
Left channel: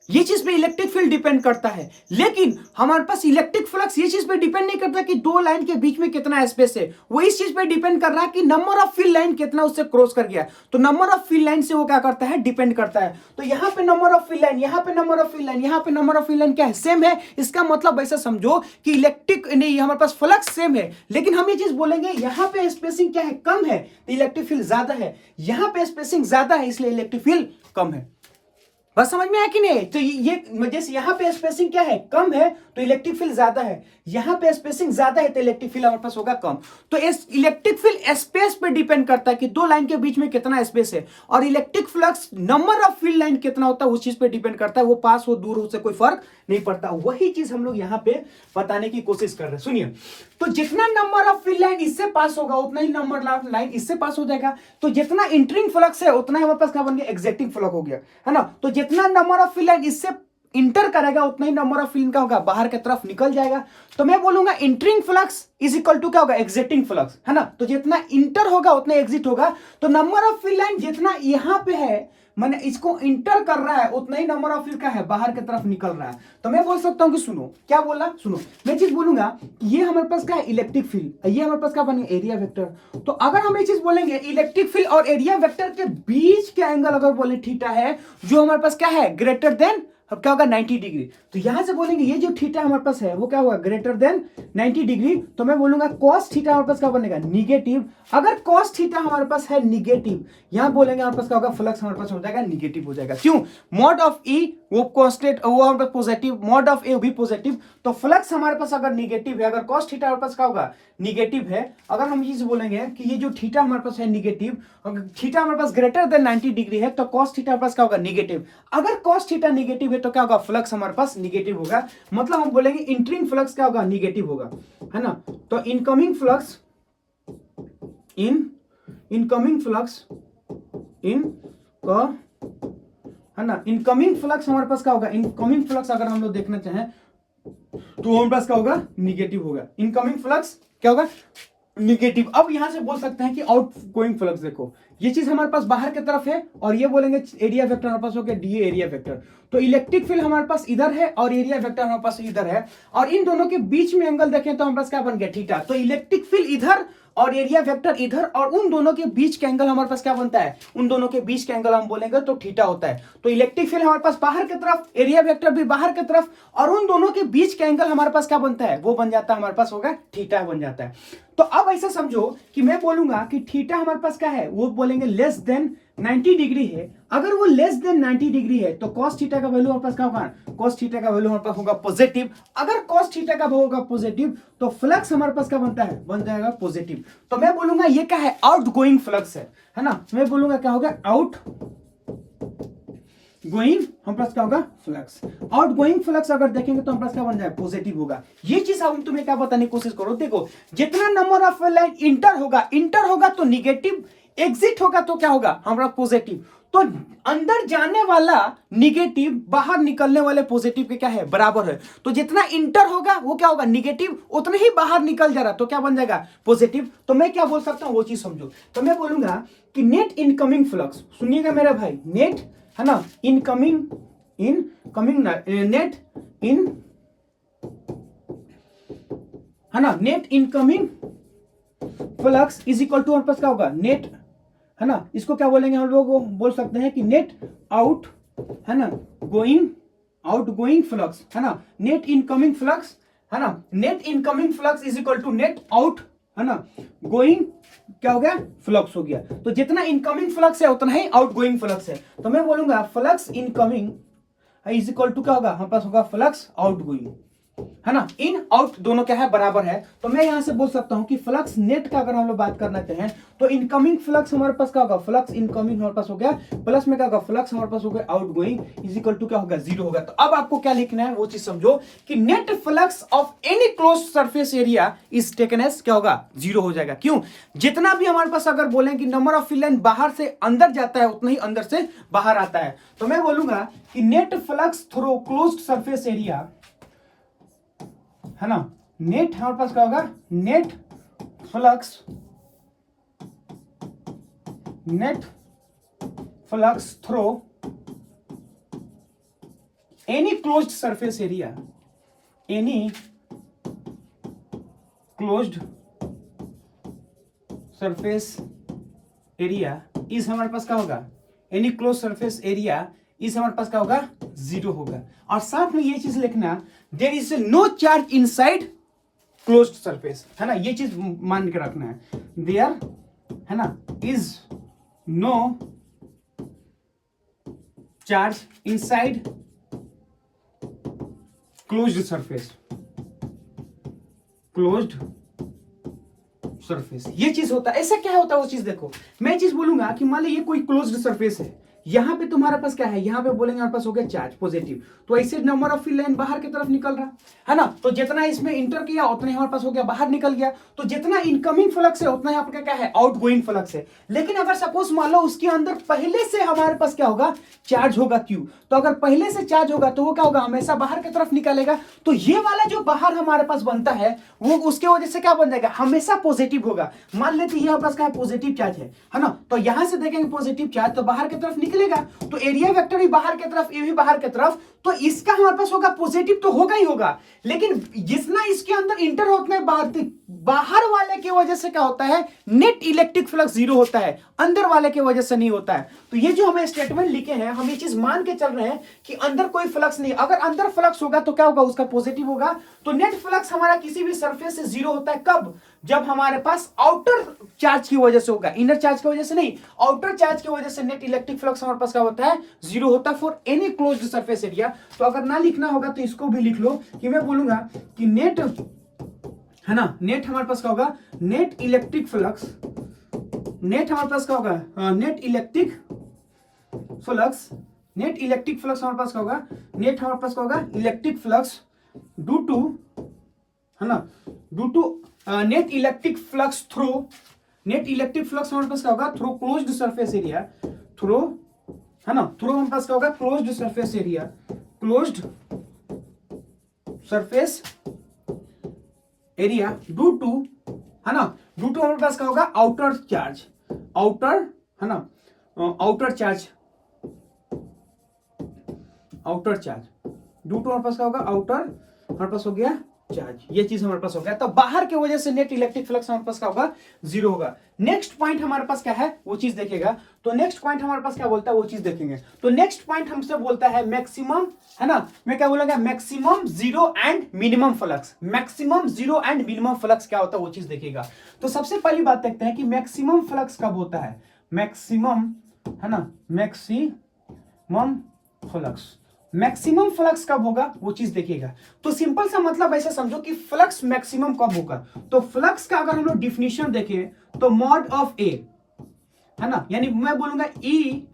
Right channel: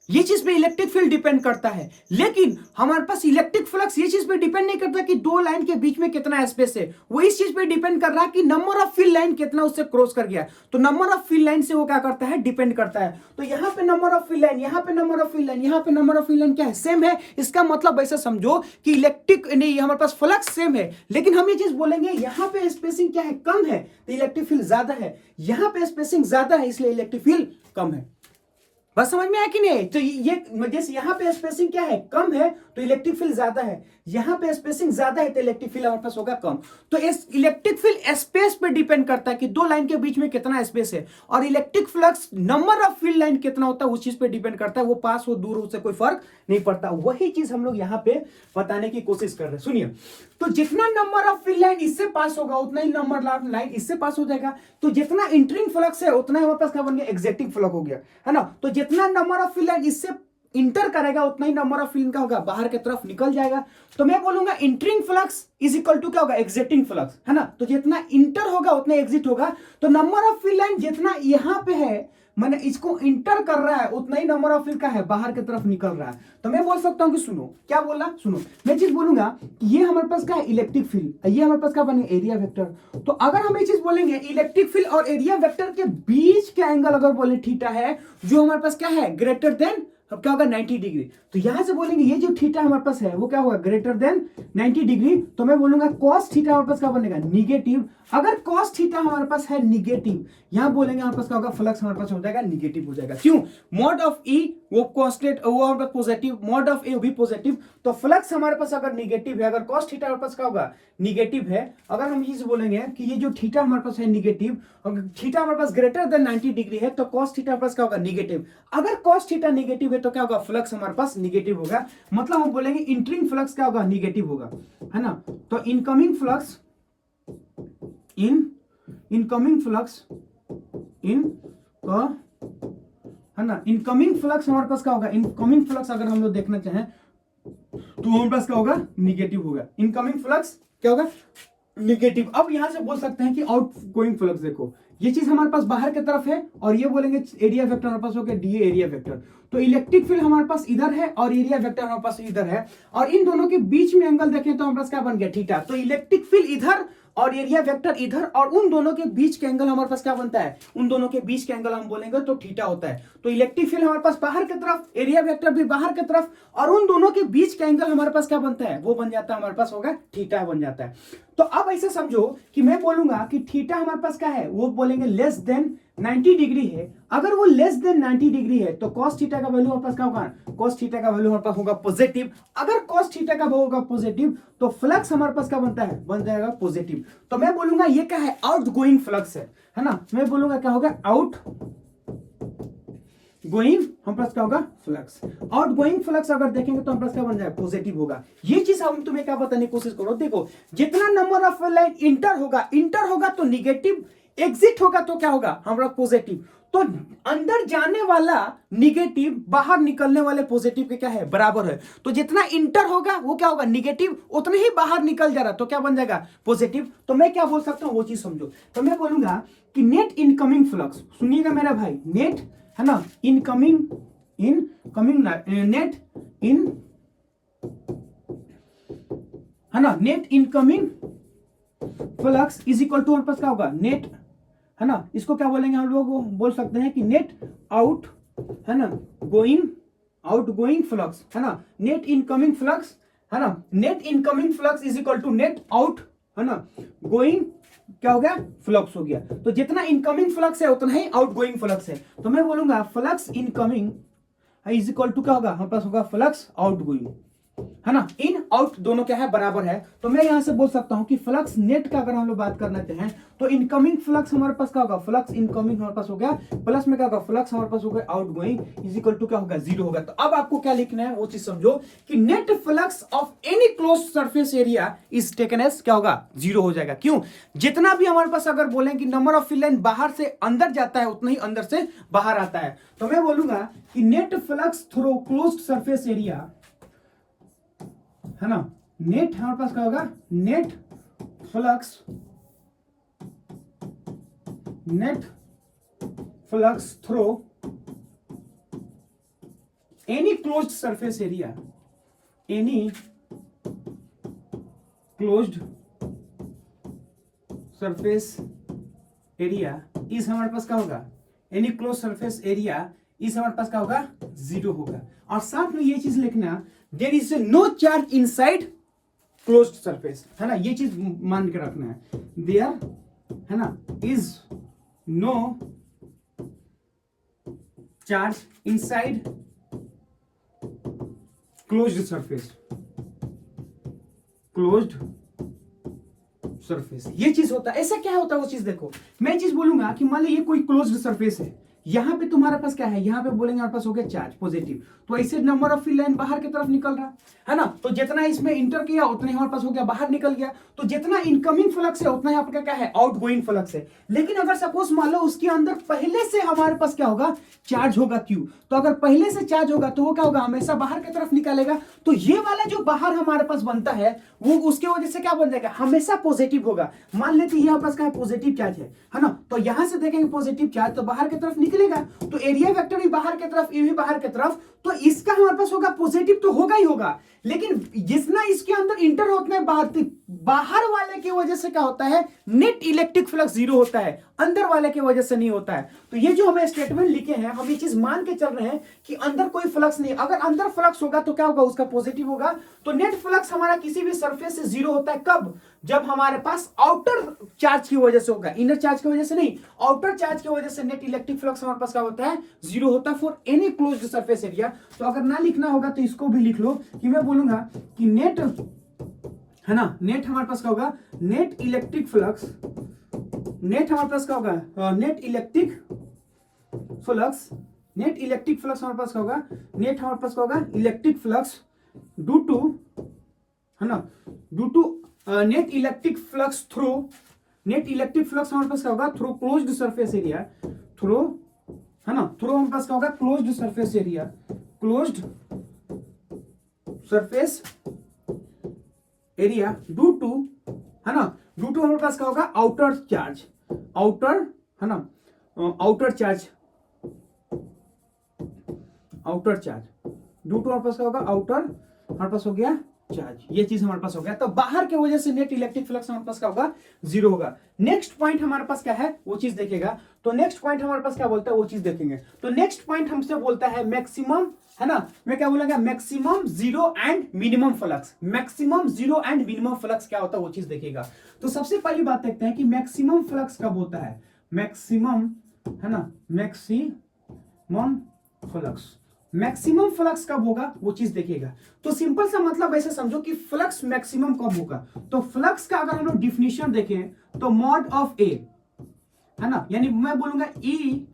ये चीज पे इलेक्ट्रिक फील्ड डिपेंड करता है। लेकिन हमारे पास इलेक्ट्रिक फ्लक्स ये चीज पे डिपेंड नहीं करता कि दो लाइन के बीच में कितना स्पेस है, वो इस चीज पे डिपेंड कर रहा है कि नंबर ऑफ फील्ड लाइन कितना उससे क्रॉस कर गया। तो नंबर ऑफ फील्ड लाइन से वो क्या करता है, डिपेंड करता है। तो यहां पे नंबर ऑफ फील्ड लाइन, यहां पे नंबर ऑफ फील्ड लाइन, यहां पे नंबर ऑफ फील्ड लाइन क्या है, सेम है। इसका मतलब ऐसा समझो कि इलेक्ट्रिक नहीं, हमारे पास फ्लक्स सेम है, लेकिन हम ये चीज बोलेंगे यहां पे स्पेसिंग क्या है, कम है, तो इलेक्ट्रिक फील्ड ज्यादा है। यहां पे स्पेसिंग ज्यादा है, इसलिए इलेक्ट्रिक फील्ड कम है। बस समझ में आया कि नहीं। तो ये जैसे यहाँ पे स्पेसिंग क्या है, कम है, तो इलेक्ट्रिक फील्ड ज्यादा है। यहाँ पे स्पेसिंग ज्यादा है तो इलेक्ट्रिक फील्ड हमारे पास होगा कम। तो इस इलेक्ट्रिक फील्ड स्पेस पे डिपेंड करता है कि दो लाइन के बीच में कितना स्पेस है, और electric flux number of field line कितना होता है उस चीज पे डिपेंड करता है। वो पास हो दूर हो उससे कोई फर्क नहीं पड़ता। वही चीज हम लोग यहाँ पे बताने की कोशिश कर रहे हैं। सुनिए, तो जितना नंबर ऑफ फील्ड लाइन इससे पास होगा उतना ही नंबर ऑफ लाइन इससे पास हो जाएगा। तो जितना इंटरिंग फ्लक्स है उतना ही हमारे पास क्या बन गया, एग्जिटिंग फ्लक्स हो गया, है ना। तो जितना नंबर ऑफ फील्ड लाइन इससे इंटर करेगा उतना ही नंबर ऑफ फील्ड का होगा बाहर की तरफ निकल जाएगा। तो मैं बोलूंगा entering flux is equal to क्या होगा, एग्जिटिंग फ्लक्स, है ना। तो जितना इंटर होगा उतना एग्जिट होगा। तो नंबर ऑफ फील्ड लाइन जितना यहां पे है, मैंने इसको इंटर कर रहा है, उतना ही नंबर ऑफ फील्ड का है बाहर की तरफ निकल रहा है। तो मैं बोल सकता हूं कि सुनो, क्या बोला, सुनो, मैं चीज बोलूंगा कि ये हमारे पास क्या है, इलेक्ट्रिक फील्ड, ये हमारे पास क्या बनेगा, एरिया वेक्टर। तो अगर हम ये चीज बोलेंगे इलेक्ट्रिक फील्ड और एरिया वेक्टर के बीच का एंगल अगर बोले थीटा है, जो हमारे पास क्या है, ग्रेटर देन अब क्या होगा 90 डिग्री। तो यहां से बोलेंगे ये जो थीटा हमारे पास है वो क्या होगा, ग्रेटर देन 90 डिग्री। तो मैं बोलूंगा cos थीटा हमारे पास क्या बनेगा, निगेटिव। अगर cos थीटा हमारे पास है निगेटिव, यहां बोलेंगे हमारे पास क्या होगा, फ्लक्स हमारे पास हो जाएगा निगेटिव हो जाएगा। क्यों, मॉड ऑफ ई वो कांस्टेंट, वो हमारे पास पॉजिटिव, मॉड ऑफ ए भी पॉजिटिव। तो फ्लक्स हमारे पास अगर निगेटिव है, अगर cos थीटा हमारे पास क्या होगा, निगेटिव है। अगर हम ये बोलेंगे कि ये जो थीटा हमारे पास है निगेटिव, अगर थीटा हमारे पास ग्रेटर देन 90 डिग्री है तो cos थीटा हमारे पास क्या होगा, निगेटिव। अगर cos थीटा निगेटिव है तो क्या होगा, फ्लक्स हमारे पास निगेटिव होगा। मतलब हम बोलेंगे इंटरिंग फ्लक्स क्या होगा, निगेटिव होगा, है ना। तो इनकमिंग फ्लक्स इनकमिंग फ्लक्स है ना, इनकमिंग फ्लक्स हमारे पास क्या होगा, इनकमिंग फ्लक्स अगर हम लोग देखना चाहें तो हमारे पास क्या होगा, निगेटिव होगा। इनकमिंग फ्लक्स क्या होगा, निगेटिव। अब यहां से बोल सकते हैं कि आउट गोइंग फ्लक्स, देखो ये चीज हमारे पास बाहर की तरफ है और ये बोलेंगे एरिया वेक्टर हमारे पास हो गया डी एरिया वेक्टर। तो इलेक्ट्रिक फील्ड हमारे पास इधर है और एरिया वेक्टर हमारे पास इधर है, और इन दोनों के बीच में एंगल देखें तो हमारे पास क्या बन गया, थीटा। तो इलेक्ट्रिक फील्ड इधर और एरिया वेक्टर इधर, और उन दोनों के बीच का एंगल हमारे पास क्या बनता है, उन दोनों के बीच का एंगल हम बोलेंगे तो थीटा होता है। तो इलेक्ट्रिक फील्ड हमारे पास बाहर की तरफ, एरिया वेक्टर भी बाहर की तरफ, और उन दोनों के बीच का एंगल हमारे पास क्या बनता है, वो बन जाता है, हमारे पास होगा थीटा बन जाता है। तो अब ऐसे समझो कि मैं बोलूंगा कि थीटा हमारे पास क्या है, वो बोलेंगे लेस देन 90 डिग्री है। अगर वो लेस देन 90 डिग्री है तो cos थीटा का वैल्यू हमारे पास क्या होगा, cos थीटा का वैल्यू हमारे पास होगा पॉजिटिव। अगर cos थीटा का वैल्यू होगा पॉजिटिव तो फ्लक्स हमारे पास क्या बनता है, बन जाएगा पॉजिटिव। तो मैं बोलूंगा ये क्या है, आउटगोइंग फ्लक्स है ना। मैं बोलूंगा क्या होगा, आउट गोइंग हम पास क्या होगा, फ्लक्स। आउट गोइंग फ्लक्स अगर देखेंगे तो हम पास क्या बन जाए, पॉजिटिव होगा। ये चीज हम तुम्हें क्या बताने की कोशिश करो, देखो जितना नंबर ऑफ लाइन इंटर होगा तो निगेटिव, एग्जिट होगा तो क्या होगा, हमारा पॉजिटिव। तो अंदर जाने वाला निगेटिव, बाहर निकलने वाले पॉजिटिव के क्या है, बराबर है। तो जितना इंटर होगा वो क्या होगा, निगेटिव, उतना ही बाहर निकल जा रहा तो क्या बन जाएगा, पॉजिटिव। तो मैं क्या बोल सकता हूं वो चीज समझो। तो मैं बोलूंगा कि नेट इनकमिंग फ्लक्स, सुनिएगा मेरा भाई, नेट है ना, इनकमिंग नेट इन है ना, net incoming flux is equal to हमारे पास क्या होगा, नेट है ना, इसको क्या बोलेंगे हम लोग, बोल सकते हैं कि नेट आउट है ना, गोइंग फ्लक्स है ना, नेट इनकमिंग फ्लक्स है ना, net incoming flux is equal to net out है ना, गोइंग क्या हो गया, फ्लक्स हो गया। तो जितना इनकमिंग फ्लक्स है उतना ही आउट गोइंग फ्लक्स है। तो मैं बोलूंगा flux incoming is equal to क्या होगा, हमारे पास होगा फ्लक्स आउट गोइंग। है ना, इन आउट दोनों क्या है, बराबर है। तो मैं यहां से बोल सकता हूं कि फ्लक्स नेट का अगर हम लोग बात करना चाहें तो इनकमिंग फ्लक्स हमारे पास क्या होगा, फ्लक्स इनकमिंग हमारे पास हो गया, प्लस में क्या होगा, फ्लक्स हमारे पास हो गया outgoing is equal to क्या होगा, 0 होगा। तो अब आपको क्या लिखना है वो चीज समझो कि net flux of any close surface area is taken as क्या होगा, 0 हो जाएगा। क्यों, जितना भी हमारे पास अगर बोलें कि नंबर ऑफ फिल लाइन बाहर से अंदर जाता है उतना ही अंदर से बाहर आता है। तो मैं बोलूंगा कि net flux through closed surface area, है ना, नेट हमारे पास क्या होगा, net flux through any closed surface area, any closed surface area इस हमारे पास क्या होगा, एनी क्लोज सरफेस एरिया इस हमारे पास क्या होगा, 0 होगा। और साथ में ये चीज लिखना, there is no charge inside closed surface, है ना, ये चीज मान के रखना है, देयर, है ना, is no charge inside closed surface, closed surface, ये चीज होता है। ऐसा क्या होता है वो चीज देखो, मैं चीज बोलूंगा कि मान लो ये कोई क्लोज्ड सरफेस है, यहां पे तुम्हारे पास क्या है, यहां पे बोलेंगे हमारे पास हो गया चार्ज पॉजिटिव, तो ऐसे नंबर ऑफ फिल लाइन बाहर की तरफ निकल रहा है ना, तो जितना इसमें इंटर किया उतना ही हमारे पास हो गया बाहर निकल गया, तो जितना इनकमिंग फ्लक्स है उतना ही आपका क्या है, आउटगोइंग फ्लक्स है। लेकिन अगर सपोज मान लो उसके अंदर पहले से हमारे पास क्या होगा, चार्ज होगा क्यू, तो अगर पहले से चार्ज होगा तो वो क्या होगा, हमेशा बाहर की तरफ निकलेगा, तो ये वाला जो बाहर हमारे पास बनता है वो उसके वजह से क्या बन जाएगा, हमेशा पॉजिटिव होगा। मान लेते हैं हमारे पास क्या है, पॉजिटिव चार्ज है ना, तो यहां से देखेंगे पॉजिटिव चार्ज तो बाहर की तरफ निकलेगा, तो एरिया वेक्टर भी बाहर की तरफ, ये भी बाहर की तरफ, तो इसका हमारे पास होगा पॉजिटिव तो होगा ही होगा। लेकिन जितना इसके अंदर इंटर होता है बाहर वाले की वजह से क्या होता है, नेट इलेक्ट्रिक फ्लक्स 0 होता है, अंदर वाले की वजह से नहीं होता है। तो ये जो हमें स्टेटमेंट लिखे हैं, हम ये चीज मान के चल रहे हैं कि अंदर कोई फ्लक्स नहीं, अगर अंदर फ्लक्स होगा तो क्या होगा, उसका पॉजिटिव होगा। तो नेट फ्लक्स हमारा किसी भी सरफेस से 0 होता है, कब, जब हमारे पास आउटर चार्ज की वजह से होगा, इनर चार्ज की वजह से नहीं, आउटर चार्ज की वजह से नेट इलेक्ट्रिक फ्लक्स हमारे पास क्या होता है, 0 होता है for any closed surface area. तो अगर ना लिखना होगा तो इसको भी लिख लो कि मैं बोलूंगा कि नेट, है ना, नेट हमारे पास क्या होगा, नेट इलेक्ट्रिक फ्लक्स, नेट हमारे पास क्या होगा, net electric flux, net electric flux हमारे पास क्या होगा, नेट हमारे पास क्या होगा, इलेक्ट्रिक फ्लक्स ड्यू टू, है ना, due to net electric flux through, net electric flux हमारे पास क्या होगा, through closed surface area, through, है ना, थ्रू हमारे पास क्या होगा, closed surface area, closed surface area due to, है ना, ड्यू टू हमारे पास क्या होगा, आउटर चार्ज, आउटर, है ना, outer charge, outer charge due to हमारे पास क्या होगा, आउटर हमारे पास हो गया चार्ज, ये चीज हमारे पास हो गया। तो बाहर की वजह से नेट इलेक्ट्रिक फ्लक्स हमारे पास क्या होगा, 0 होगा। नेक्स्ट पॉइंट हमारे पास क्या है वो चीज देखेगा, तो नेक्स्ट पॉइंट हमारे पास क्या बोलता है वो चीज देखेंगे। तो नेक्स्ट पॉइंट हमसे बोलता है मैक्सिमम, है ना, मैं क्या बोलूंगा, maximum 0 and minimum flux, maximum 0 and minimum flux क्या होता है वो चीज देखेगा। तो सबसे पहली बात देखते हैं कि मैक्सिमम फ्लक्स कब होता है, मैक्सिमम, है ना, मैक्सिमम फ्लक्स, मैक्सिमम फ्लक्स कब होगा वो चीज देखिएगा। तो सिंपल सा मतलब ऐसे समझो कि फ्लक्स मैक्सिमम कब होगा, तो फ्लक्स का अगर हम लोग डिफिनेशन देखें तो मॉड ऑफ ए, है ना, यानी मैं बोलूंगा ई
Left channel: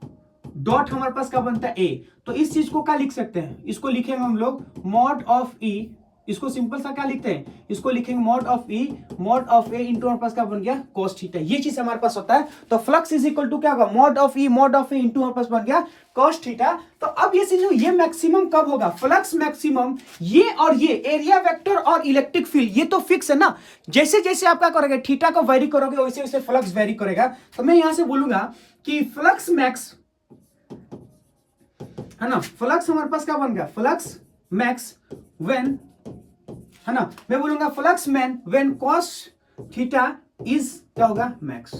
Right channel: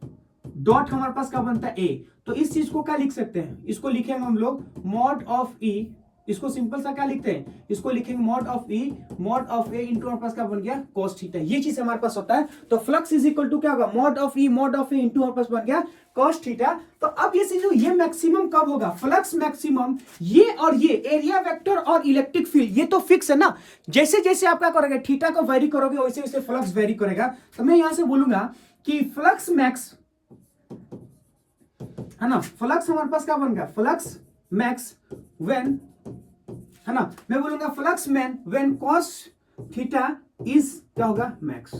डॉट हमारे पास क्या बनता है, ए, तो इस चीज को क्या लिख सकते हैं, इसको लिखेंगे हम लोग मॉड ऑफ ई, इसको सिंपल सा क्या लिखते हैं, इसको लिखेंगे mod of E, mod of A into हमारे पास क्या बन गया, cos थीटा, ये चीज हमारे पास होता है। तो फ्लक्स इज इक्वल टू क्या होगा, mod of E, mod of A into हमारे पास बन गया cos थीटा। तो अब ये समझो ये मैक्सिमम कब होगा, फ्लक्स मैक्सिमम, ये और ये एरिया वेक्टर और इलेक्ट्रिक फील्ड ये तो फिक्स है ना, जैसे जैसे आप क्या करोगे थीटा को वेरी करोगे वैसे वैसे फ्लक्स वेरी करेगा। तो मैं यहां से बोलूंगा कि फ्लक्स मैक्स, है ना, फ्लक्स हमारे पास क्या बन गया, फ्लक्स मैक्स व्हेन, है ना, मैं बोलूंगा flux man when cos theta is क्या होगा, मैक्स,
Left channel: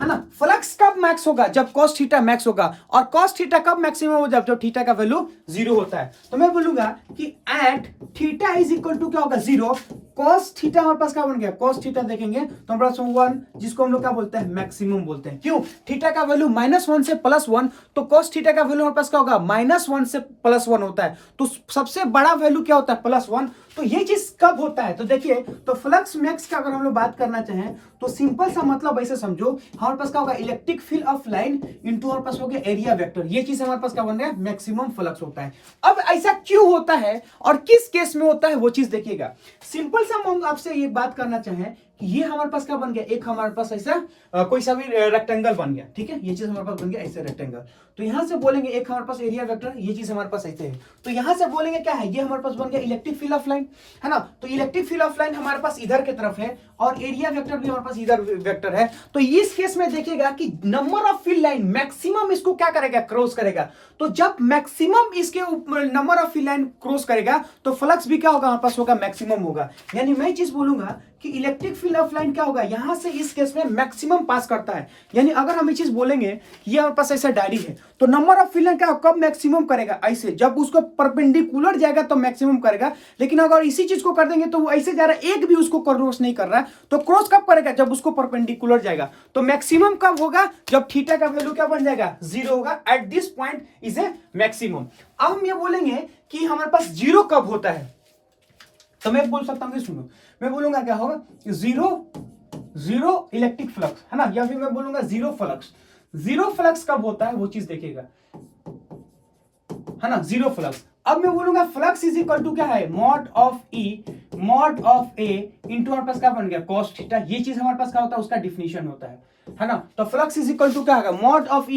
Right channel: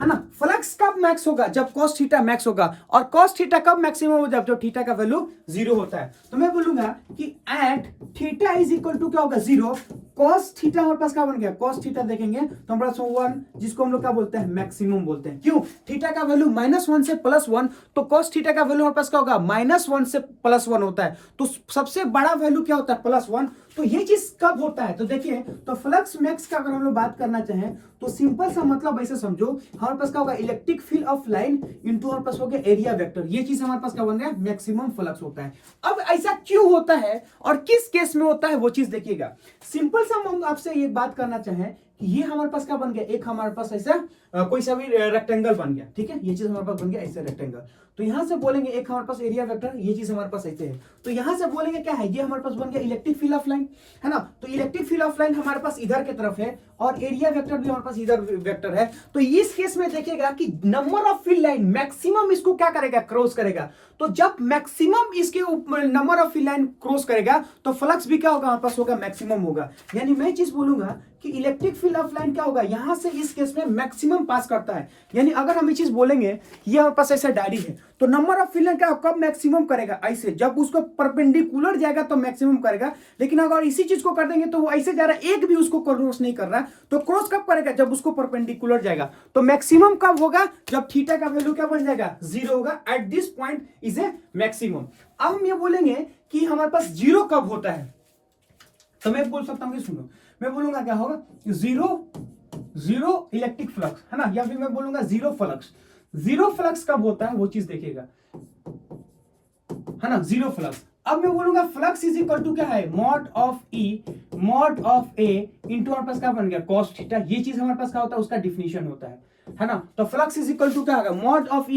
है ना। फ्लक्स कब मैक्स होगा, जब cos थीटा मैक्स होगा, और cos थीटा कब मैक्सिमम होगा, जब थीटा का वैल्यू 0 होता है। तो मैं बोलूंगा कि at theta is equal to क्या होगा, 0, cos थीटा हमारे पास क्या बन गया, cos थीटा देखेंगे तो हमारे पास 1, जिसको हम लोग क्या बोलते हैं, मैक्सिमम बोलते हैं। क्यों, थीटा का वैल्यू -1 से +1, तो cos थीटा का वैल्यू हमारे पास क्या होगा, -1 से +1 होता है। तो सबसे बड़ा वैल्यू क्या होता है, +1। तो ये चीज कब होता है, तो देखिए, तो फ्लक्स मैक्स की अगर हम लोग बात करना चाहें तो सिंपल सा मतलब ऐसे समझो, हमारे पास क्या होगा, electric field of line into हमारे पास हो गया एरिया वेक्टर, ये चीज हमारे पास क्या बन गया, मैक्सिमम फ्लक्स होता है। अब ऐसा क्यों होता है और किस केस में होता है, वो चीज देखिएगा। सिंपल सा हम आपसे ये बात करना चाहें कि ये हमारे पास क्या बन गया, एक हमारे पास ऐसा कोई सा भी रेक्टेंगल बन गया, ठीक है, ये चीज हमारे पास बन गया ऐसे रेक्टेंगल। तो यहां से बोलेंगे एक हमारे पास एरिया वेक्टर, ये चीज हमारे पास ऐसे है। तो यहां से बोलेंगे क्या है, ये हमारे पास बन गया इलेक्ट्रिक फील्ड ऑफ लाइन, है ना। तो इलेक्ट्रिक फील्ड ऑफ लाइन हमारे पास इधर की तरफ है और एरिया वेक्टर भी हमारे पास इधर वेक्टर है। तो इस केस में देखिएगा कि number of field line maximum इसको क्या करेगा, क्रॉस करेगा। तो जब मैक्सिमम इसके number of field line cross करेगा तो फ्लक्स भी क्या होगा, हमारे पास होगा, मैक्सिमम होगा। यानी मैं चीज बोलूंगा कि इलेक्ट्रिक फील्ड ऑफ लाइन क्या होगा, यहां से इस केस में मैक्सिमम पास करता है। यानी अगर हम ये चीज बोलेंगे, ये हमारे पास ऐसा डायरी है, तो नंबर ऑफ फील्ड लाइन क्या कब मैक्सिमम करेगा, ऐसे जब उसको परपेंडिकुलर जाएगा तो मैक्सिमम करेगा। लेकिन अगर इसी चीज को कर देंगे तो वो ऐसे जा रहा है, एक भी उसको क्रॉस नहीं कर रहा है, तो क्रॉस कब करेगा, जब उसको परपेंडिकुलर जाएगा। तो मैक्सिमम कब होगा, जब थीटा का वैल्यू क्या बन जाएगा, 0 होगा। At this point is a maximum. अब हम ये बोलेंगे कि हमारे पास 0 कब होता है, तो मैं बोल सकता हूँ, सुनो, मैं बोलूंगा क्या होगा, 0 इलेक्ट्रिक फ्लक्स, है ना, या फिर मैं बोलूंगा 0 फ्लक्स। 0 फ्लक्स कब होता है वो चीज देखिएगा, है ना, 0 फ्लक्स। अब मैं बोलूंगा फ्लक्स इज इक्वल टू क्या है, मॉड ऑफ ए इंटू हमारे पास क्या बन गया, cos थीटा। ये चीज हमारे पास क्या होता है, उसका डिफिनेशन होता है ना। तो फ्लक्स इज इक्वल टू क्या होगा, मॉड ऑफ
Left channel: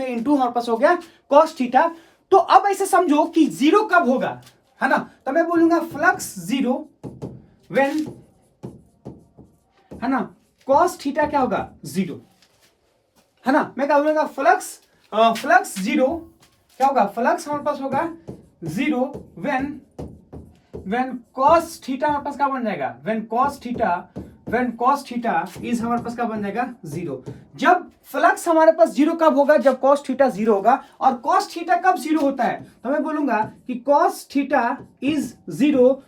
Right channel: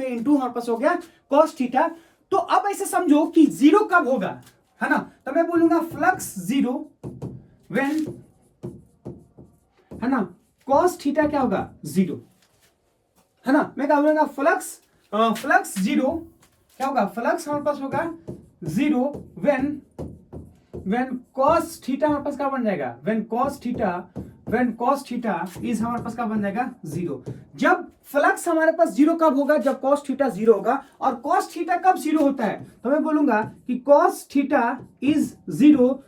ए इंटू हमारे पास हो गया cos थीटा। तो अब ऐसे समझो कि 0 कब होगा, है ना। तो मैं बोलूंगा फ्लक्स 0 व्हेन, है ना, cos थीटा क्या होगा, 0, है ना। मैं क्या बोलूंगा, फ्लक्स 0 क्या होगा, फ्लक्स हमारे पास होगा 0 व्हेन cos थीटा हमारे पास क्या बन जाएगा, व्हेन cos थीटा इज हमारे पास क्या बन जाएगा, 0। जब फ्लक्स हमारे पास 0 कब होगा, जब cos थीटा 0 होगा। और cos थीटा कब 0 होता है, तो मैं बोलूंगा कि cos theta is 0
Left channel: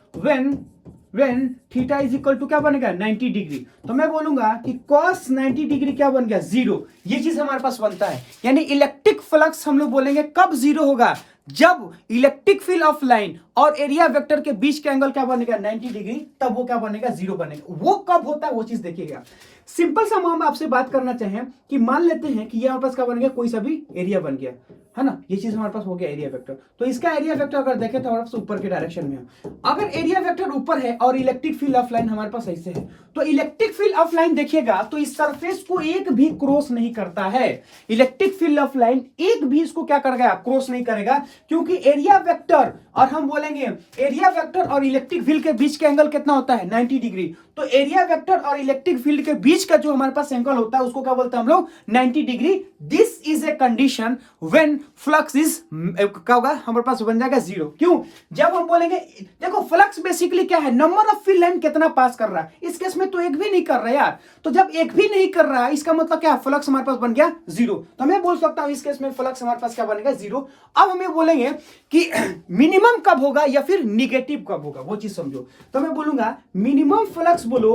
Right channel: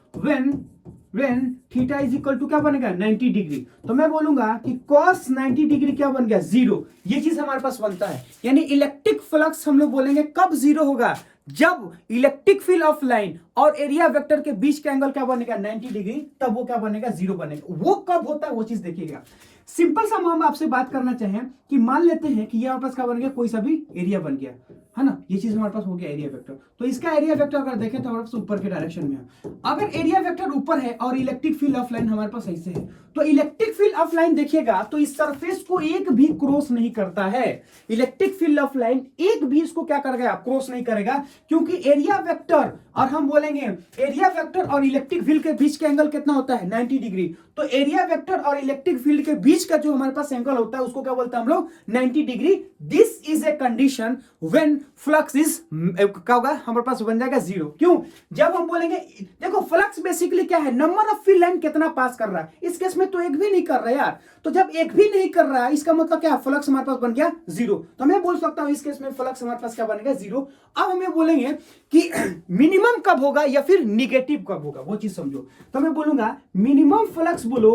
when theta is equal to क्या बनेगा, 90 डिग्री। तो मैं बोलूंगा कि cos 90 डिग्री क्या बन गया, 0। ये चीज हमारे पास बनता है। यानी इलेक्ट्रिक फ्लक्स हम लोग बोलेंगे कब 0 होगा, जब इलेक्ट्रिक फील्ड ऑफ लाइन और एरिया वेक्टर के बीच का एंगल क्या बनेगा, 90 डिग्री, तब वो क्या बनेगा, 0 बनेगा। वो कब होता है वो चीज देखिएगा। सिंपल सा हम आपसे बात करना चाहें कि मान लेते हैं कि ये हमारे पास क्या बन गया, कोई सा भी एरिया बन गया, है ना। ये चीज हमारे पास हो गया एरिया वेक्टर। तो इसका एरिया वेक्टर अगर देखें तो हमारे पास ऊपर के डायरेक्शन में है। अगर एरिया वेक्टर ऊपर है और इलेक्ट्रिक फील्ड ऑफ लाइन हमारे पास ऐसे है, तो इलेक्ट्रिक फील्ड ऑफ लाइन देखिएगा तो इस सरफेस को एक भी क्रॉस नहीं करता है। इलेक्ट्रिक फील्ड ऑफ लाइन एक भी इसको क्या करेगा, क्रॉस नहीं करेगा, क्योंकि एरिया वेक्टर और हम बोलेंगे एरिया वेक्टर और इलेक्ट्रिक फील्ड के बीच का एंगल कितना होता है, 90 डिग्री। तो एरिया वेक्टर और इलेक्ट्रिक फील्ड के बीच का जो हमारे पास एंगल होता है उसको क्या बोलते हैं हम लोग, 90 degree. This is a condition when flux is क्या होगा, हमारे पास बन जाएगा 0। क्यों, जब हम बोलेंगे, देखो फ्लक्स बेसिकली क्या है, नंबर ऑफ फील्ड लाइन कितना पास कर रहा है। इस केस में तो एक भी नहीं कर रहा है यार। तो जब एक भी नहीं कर रहा है इसका मतलब क्या, फ्लक्स हमारे पास बन गया 0। तो मैं बोल सकता हूं इस केस में फ्लक्स हमारे पास क्या बनेगा, 0। अब हमें बोलेंगे कि मिनिमम कब होगा या फिर निगेटिव कब होगा, वो चीज समझो। तो मैं बोलूंगा मिनिमम फ्लक्स बोलो,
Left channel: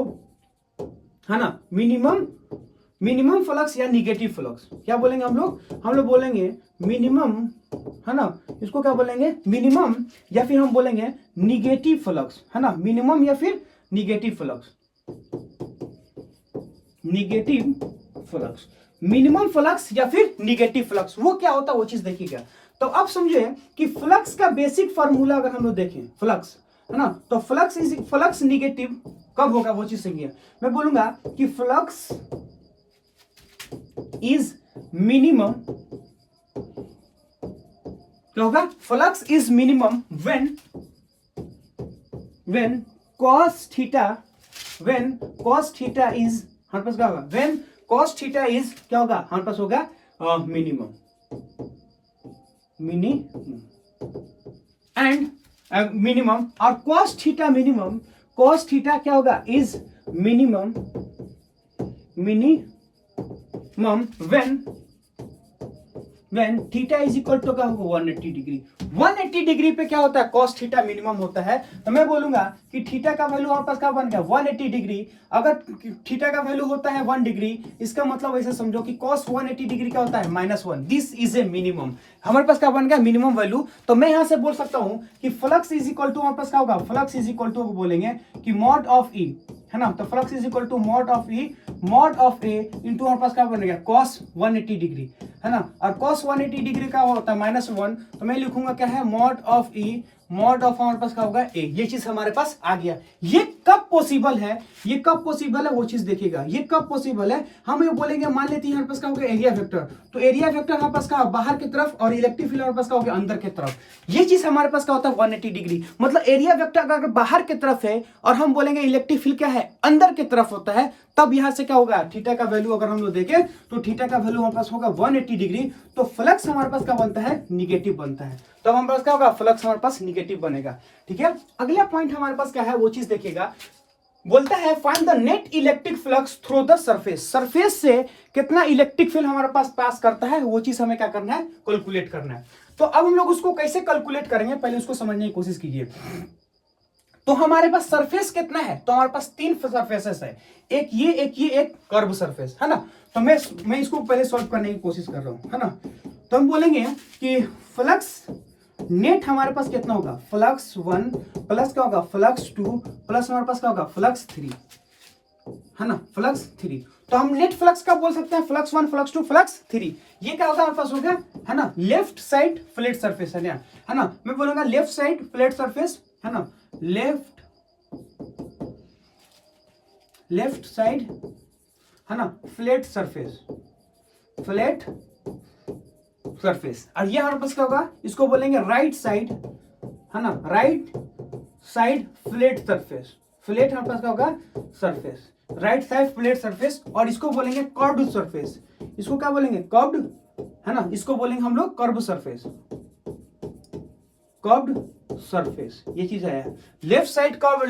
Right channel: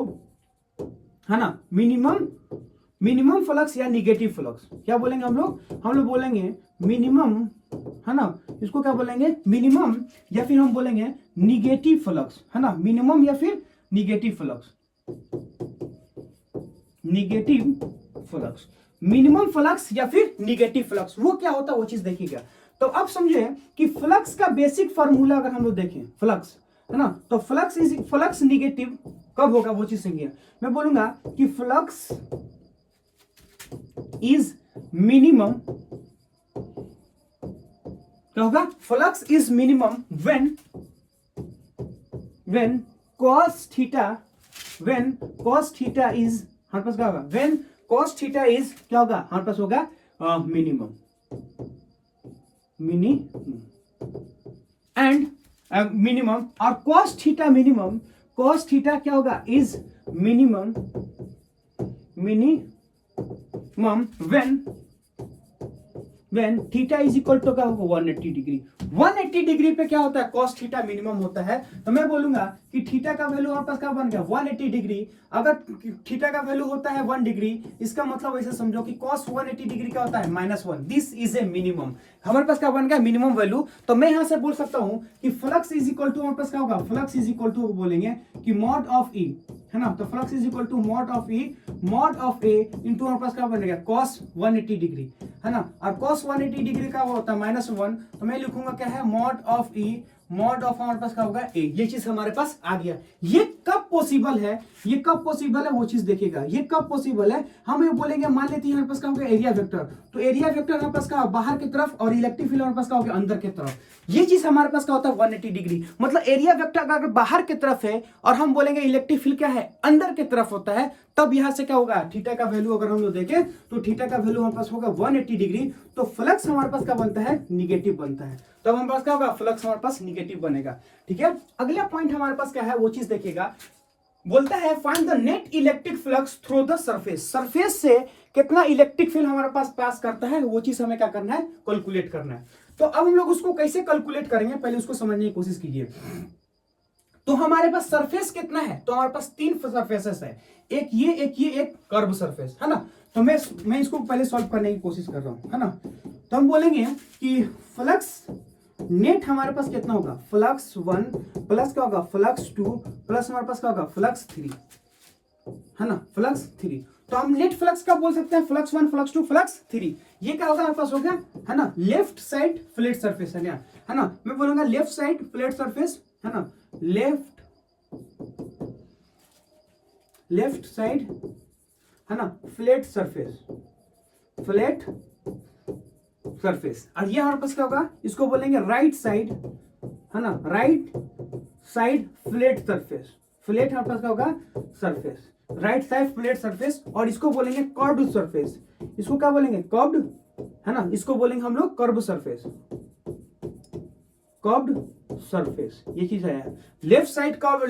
है ना, मिनिमम फ्लक्स या निगेटिव फ्लक्स, क्या बोलेंगे हम लोग बोलेंगे मिनिमम, है ना, इसको क्या बोलेंगे, मिनिमम या फिर हम बोलेंगे निगेटिव फ्लक्स, है ना, मिनिमम या फिर निगेटिव फ्लक्स, मिनिमम फ्लक्स या फिर निगेटिव फ्लक्स, वो क्या होता है वो चीज देखिएगा। तो अब समझे कि फ्लक्स का बेसिक फार्मूला अगर हम लोग देखें, फ्लक्स, है ना, तो फ्लक्स निगेटिव कब होगा वो चीज समझिए। मैं बोलूंगा कि फ्लक्स इज मिनिमम, क्या होगा, flux is minimum when cos theta is हमारे पास क्या होगा, व्हेन cos थीटा इज क्या होगा, हमारे पास होगा मिनिमम एंड मिनिमम। और cos थीटा क्या होगा, is minimum minimum when theta is equal to क्या होगा 180 डिग्री। 180 डिग्री पे क्या होता है, कॉस थीटा मिनिमम होता है। तो मैं बोलूंगा कि थीटा का वैल्यू हमारे पास क्या बन गया 180 डिग्री। अगर थीटा का वैल्यू होता है 1 डिग्री, इसका मतलब ऐसा समझो कि कॉस 180 डिग्री का होता है -1। This is A minimum. हमारे पास क्या बन गया मिनिमम वैल्यू। तो मैं यहां से बोल सकता हूं कि फ्लक्स इज इक्वल टू हमारे पास क्या होगा, फ्लक्स इज इक्वल टू बोलेंगे कि मॉड ऑफ ई, है ना। तो flux is equal to mod of E, mod of A into हमारे पास क्या बनेगा कॉस 180 डिग्री, है ना। और कॉस 180 डिग्री का होता है -1, तो मैं लिखूंगा क्या है mod of E, mod of हमारे पास क्या होगा ए। ये चीज हमारे पास आ गया। ये कब पॉसिबल है, ये कब पॉसिबल है वो चीज देखिएगा। ये कब पॉसिबल है, हम ये बोलेंगे मान लेते हैं हमारे पास क्या होगा एरिया वेक्टर। तो एरिया वेक्टर हमारे पास क्या बाहर की तरफ और इलेक्ट्रिक फील्ड हमारे पास क्या होगा अंदर की तरफ। ये चीज हमारे पास क्या होता है 180 डिग्री। मतलब एरिया वेक्टर अगर बाहर की तरफ है और हम बोलेंगे इलेक्ट्रिक फील्ड क्या है अंदर की तरफ होता है, तब यहां से क्या होगा थीटा का वैल्यू अगर हम लोग देखें तो थीटा का वैल्यू हमारे पास होगा 180 डिग्री। तो फ्लक्स हमारे पास क्या बनता है निगेटिव बनता है। तो हमारे पास क्या होगा फ्लक्स हमारे पास निगेटिव बनेगा। ठीक है, अगला पॉइंट हमारे पास क्या है वो चीज देखिएगा। बोलता है find the net electric flux through the surface. Surface से कितना इलेक्ट्रिक फील्ड हमारे पास पास करता है वो चीज हमें क्या करना है कैलकुलेट करना है। तो अब हम लोग उसको कैसे कैलकुलेट करेंगे पहले उसको समझने की कोशिश कीजिए। तो हमारे पास सरफेस कितना है, तो हमारे पास 3 सरफेसेस है, एक ये एक कर्व सरफेस, है ना। तो मैं इसको पहले सॉल्व करने की कोशिश कर रहा हूं, है ना। तो हम बोलेंगे कि फ्लक्स नेट हमारे पास कितना होगा फ्लक्स 1 प्लस क्या होगा फ्लक्स 2 प्लस हमारे पास क्या होगा फ्लक्स 3, है ना, फ्लक्स 3। तो हम नेट फ्लक्स का बोल सकते हैं फ्लक्स 1 फ्लक्स 2 फ्लक्स 3। ये क्या होगा हमारे पास हो गया, है ना, लेफ्ट साइड फ्लैट सरफेस, है ना। मैं बोलूंगा लेफ्ट साइड फ्लैट सरफेस, है ना, लेफ्ट साइड, है ना, फ्लैट सरफेस, फ्लैट सरफेस। और ये हमारे पास क्या होगा इसको बोलेंगे राइट साइड, है ना, right side flat surface. Flat हमारे पास क्या होगा surface, right side flat surface. और इसको बोलेंगे कर्व्ड सरफेस। इसको क्या बोलेंगे कर्व्ड, है ना, इसको बोलेंगे हम लोग कर्व सरफेस, कर्व्ड सरफेस। ये चीज है left side curve,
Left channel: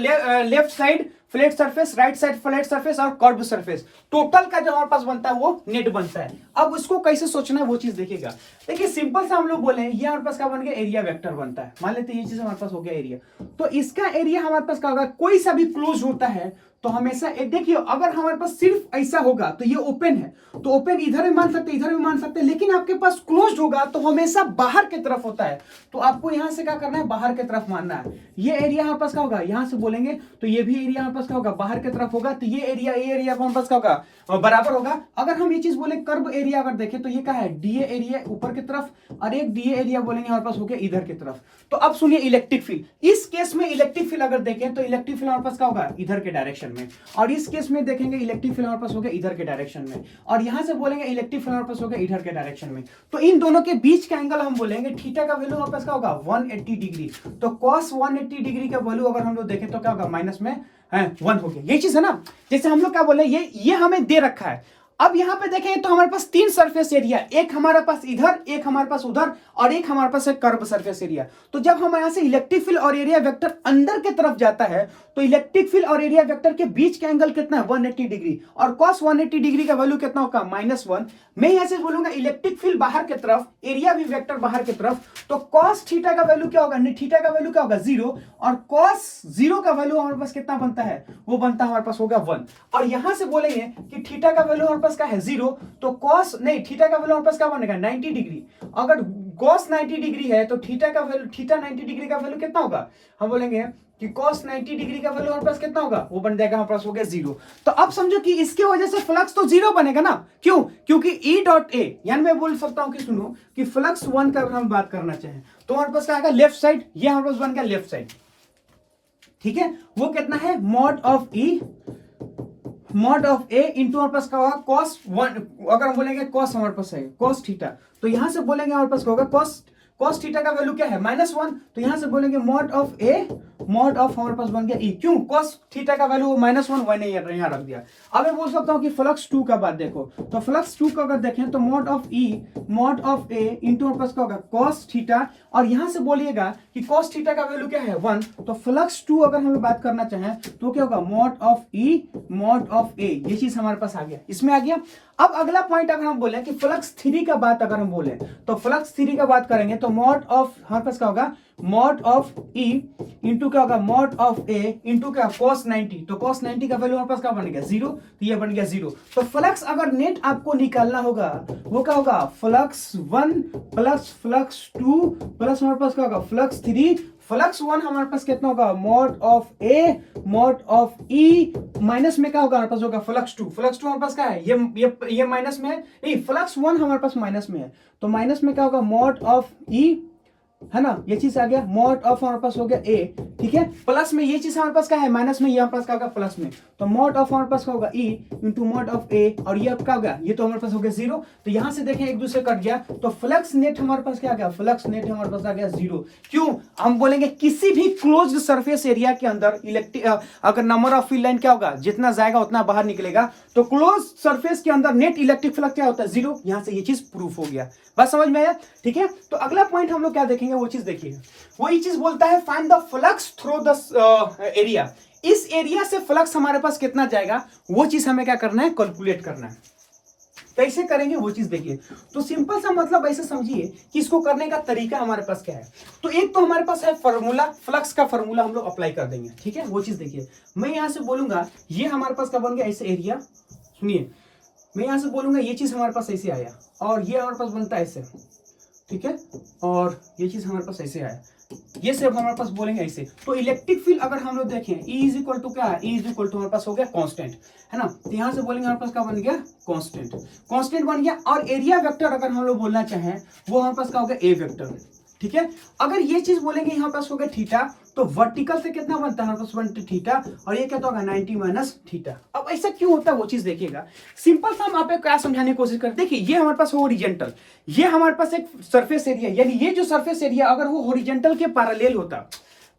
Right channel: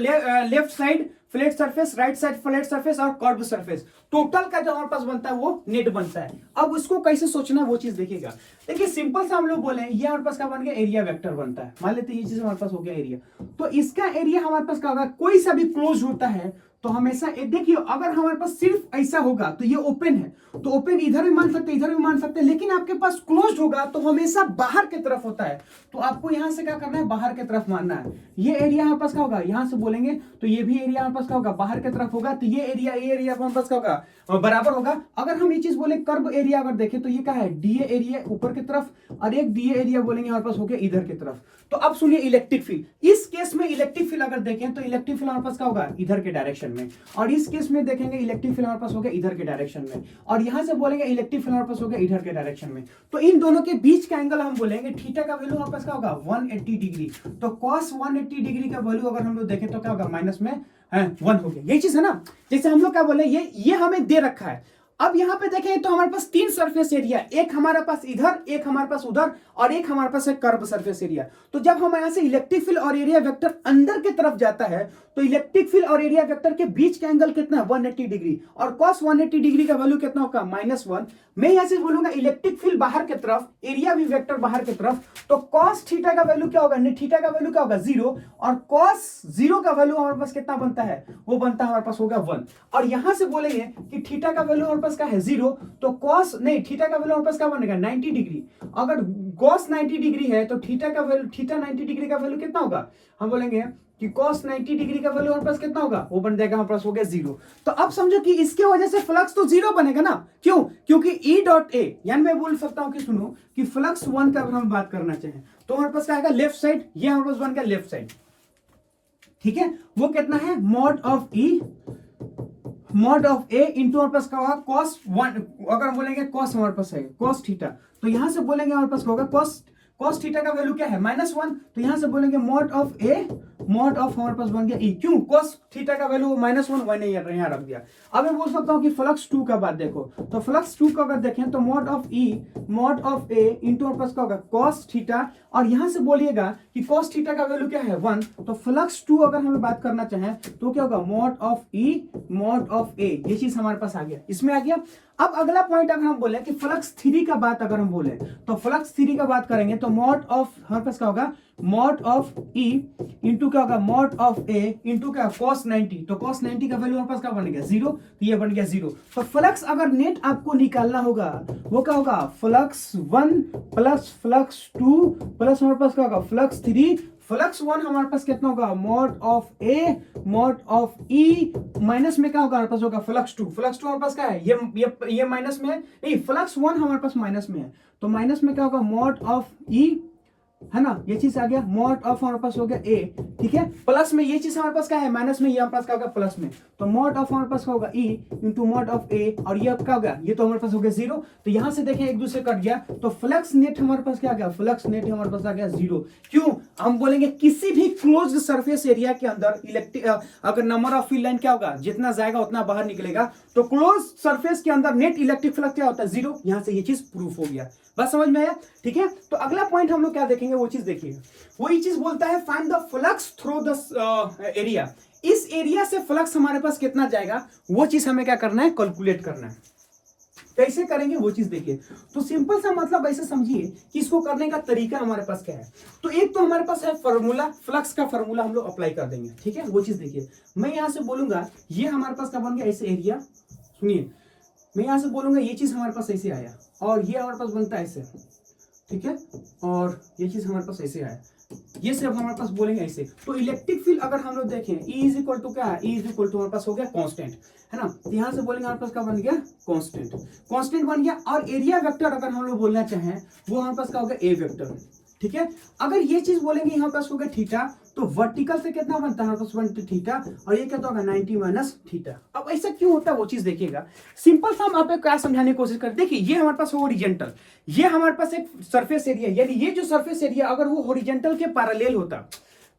left side flat surface, right side flat surface और कर्व सरफेस। टोटल का जो हमारे पास बनता है वो नेट बनता है। अब इसको कैसे सोचना है वो चीज देखिएगा। देखिए सिंपल सा हम लोग बोले ये हमारे पास क्या बन गया एरिया वेक्टर बनता है। मान लेते हैं ये चीज हमारे पास हो गया एरिया। तो इसका एरिया हमारे पास क्या होगा, कोई सा भी क्लोज होता है तो हमेशा देखिए अगर हमारे पास सिर्फ ऐसा होगा तो ये ओपन है, तो ओपन इधर भी मान सकते इधर भी मान सकते, लेकिन आपके पास क्लोज होगा तो हमेशा बाहर की तरफ होता है। तो आपको यहां से क्या करना है बाहर की तरफ मानना है। ये एरिया हमारे पास क्या होगा यहां से बोलेंगे तो ये भी एरिया हमारे पास क्या होगा बाहर की तरफ होगा। तो ये एरिया हमारे पास क्या होगा बराबर होगा। अगर हम ये चीज बोले कर्व एरिया अगर देखें तो ये क्या है डीए एरिया ऊपर की तरफ और एक डीए एरिया बोलेंगे हमारे पास हो गया इधर की तरफ। तो अब सुनिए इलेक्ट्रिक फील्ड, इस केस में इलेक्ट्रिक फील्ड अगर देखें तो इलेक्ट्रिक फील्ड हमारे पास क्या होगा इधर के डायरेक्शन में, और इस केस में देखेंगे इलेक्ट्रिक फील्ड हमारे पास हो गया इधर के डायरेक्शन में, और यहां से बोलेंगे इलेक्ट्रिक फील्ड हमारे पास हो गया इधर के डायरेक्शन में। तो इन दोनों के बीच का एंगल हम बोलेंगे थीटा का वैल्यू हमारे पास क्या होगा 180 डिग्री। तो cos 180 डिग्री का वैल्यू अगर हम लोग देखें तो क्या होगा माइनस में 1 हो गया। यही चीज है ना, जैसे हम लोग क्या बोले ये हमें दे रखा है। अब यहां पे देखें तो हमारे पास 3 सरफेस एरिया, एक हमारे पास इधर, एक हमारे पास उधर और एक हमारे पास है कर्व सरफेस एरिया। तो जब हम यहां से इलेक्ट्रिक फील्ड और एरिया वेक्टर अंदर की तरफ जाता है तो इलेक्ट्रिक फील्ड और एरिया वेक्टर के बीच का एंगल कितना है 180 डिग्री, और cos 180 डिग्री का वैल्यू कितना होगा -1। मैं यहां से बोलूंगा इलेक्ट्रिक फील्ड बाहर की तरफ, एरिया भी वेक्टर बाहर की तरफ, तो cos थीटा का वैल्यू क्या होगा, थीटा का वैल्यू क्या होगा 0, और cos 0 का वैल्यू हमारे पास कितना बनता है वो बनता है हमारे पास होगा 1। और यहां से बोलेंगे कि थीटा का वैल्यू हमारे पास क्या है 0, तो cos नहीं थीटा का वैल्यू हमारे पास क्या बनेगा 90 डिग्री। अगर cos 90 डिग्री है तो थीटा का वैल्यू, थीटा 90 डिग्री का वैल्यू कितना होगा, हम बोलेंगे कि cos 90 डिग्री का वैल्यू हमारे पास कितना होगा वो बन जाएगा हमारे पास हो गया 0। तो अब समझो कि इसके वजह से फ्लक्स तो 0 बनेगा ना, क्यों, क्योंकि E डॉट ए, यानी मैं बोल सकता हूं कि सुनो कि फ्लक्स 1 का हम बात करना चाहें तो हमारे पास क्या आएगा लेफ्ट साइड, ये हमारे पास बन गया लेफ्ट साइड, ठीक है। वो कितना है mod of E, mod of A into हमारे पास क्या होगा cos 1, अगर हम बोलेंगे cos हमारे पास है cos थीटा, तो यहां से बोलेंगे हमारे पास क्या होगा cos कॉस थीटा का वैल्यू क्या है -1, तो यहां से बोलेंगे mod of A, mod of हमारे पास बन गया ई। क्यों? कॉस थीटा का वैल्यू -1 मैंने यहां रख दिया। अब मैं बोल सकता हूं कि फ्लक्स 2 का बात देखो, तो फ्लक्स 2 का अगर देखें तो mod of E, mod of A into हमारे पास क्या होगा कॉस थीटा, और यहां से बोलिएगा कि कॉस थीटा का वैल्यू क्या है 1, तो फ्लक्स 2 अगर हम लोग बात करना चाहें तो क्या होगा mod of E, mod of A, ये चीज हमारे पास आ गया, इसमें आ गया। अब अगला पॉइंट अगर हम बोले कि फ्लक्स 3 का बात अगर हम बोले तो फ्लक्स 3 का बात करेंगे तो मॉड ऑफ हमारे पास क्या होगा मॉड ऑफ ई इंटू क्या होगा मॉड ऑफ ए इंटू क्या cos 90, तो cos 90 का वैल्यू हमारे पास क्या बन गया 0, तो ये बन गया 0। तो फ्लक्स अगर नेट आपको निकालना होगा वो क्या होगा फ्लक्स 1 प्लस फ्लक्स 2 प्लस हमारे पास क्या होगा फ्लक्स 3, फ्लक्स 1 हमारे पास कितना होगा mod of A, mod of E, minus में क्या होगा हमारे पास होगा फ्लक्स 2, फ्लक्स 2 हमारे पास क्या है ये माइनस में है, नहीं फ्लक्स 1 हमारे पास माइनस में है, तो माइनस में क्या होगा मॉड ऑफ ई, है ना, ये चीज आ गया, मॉड ऑफ हमारे पास हो गया ए, ठीक है, प्लस में ये चीज हमारे पास क्या है माइनस में, ये हमारे पास क्या होगा प्लस में, तो मॉड ऑफ हमारे पास क्या होगा ई इंटू मॉड ऑफ ए, और ये क्या होगा ये तो हमारे पास हो गया 0, तो यहां से देखें एक दूसरे कट गया, तो फ्लक्स नेट हमारे पास क्या आ गया फ्लक्स नेट हमारे पास आ गया 0। क्यों? हम बोलेंगे किसी भी क्लोज्ड सरफेस एरिया के अंदर इलेक्ट्रिक अगर नंबर ऑफ फील्ड लाइन क्या होगा जितना जाएगा उतना बाहर निकलेगा, तो क्लोज सरफेस के अंदर नेट इलेक्ट्रिक फ्लक्स क्या होता है 0, यहां से ये चीज प्रूफ हो गया। बस समझ में आया? ठीक है, तो अगला पॉइंट हम लोग क्या देखेंगे वो चीज देखिए, वही चीज बोलता है find the flux through the area, इस एरिया से फ्लक्स हमारे पास कितना जाएगा वो चीज हमें क्या करना है कैलकुलेट करना है। कैसे करेंगे वो चीज देखिए, तो सिंपल सा मतलब ऐसे समझिए कि इसको करने का तरीका हमारे पास क्या है। तो एक तो हमारे पास है फॉर्मूला, फ्लक्स का फॉर्मूला हम लोग अप्लाई कर देंगे, ठीक है, वो चीज देखिए। मैं यहां से बोलूंगा ये हमारे पास क्या बन गया ऐसे एरिया, सुनिए मैं यहां से बोलूंगा ये चीज हमारे पाज ऐसे आया और ये हमारे पास बनता है ऐसे, ठीक है, और ये चीज हमारे पास ऐसे आया, ये सब हमारे पास बोलेंगे ऐसे। तो इलेक्ट्रिक फील्ड अगर हम लोग देखें E इज इक्वल टू क्या है, E इज इक्वल टू हमारे पास हो गया कांस्टेंट, है ना, तो यहां से बोलेंगे हमारे पास क्या बन गया कांस्टेंट, कांस्टेंट बन गया। और एरिया वेक्टर अगर हम लोग बोलना चाहें वो हमारे पास क्या होगा ए वेक्टर, ठीक है। अगर ये चीज बोलेंगे यहाँ पास हो गया थीटा, तो वर्टिकल से कितना बनता है हमारे पास 1 थीटा, और ये क्या होगा 90 माइनस थीटा। अब ऐसा क्यों होता है वो चीज देखिएगा, सिंपल सा हम आपको क्या समझाने की कोशिश करते हैं। देखिए ये हमारे पास होरिजेंटल, ये हमारे पास एक सरफेस एरिया, यानी ये जो सरफेस एरिया अगर वो होरिजेंटल के पैरेलल होता,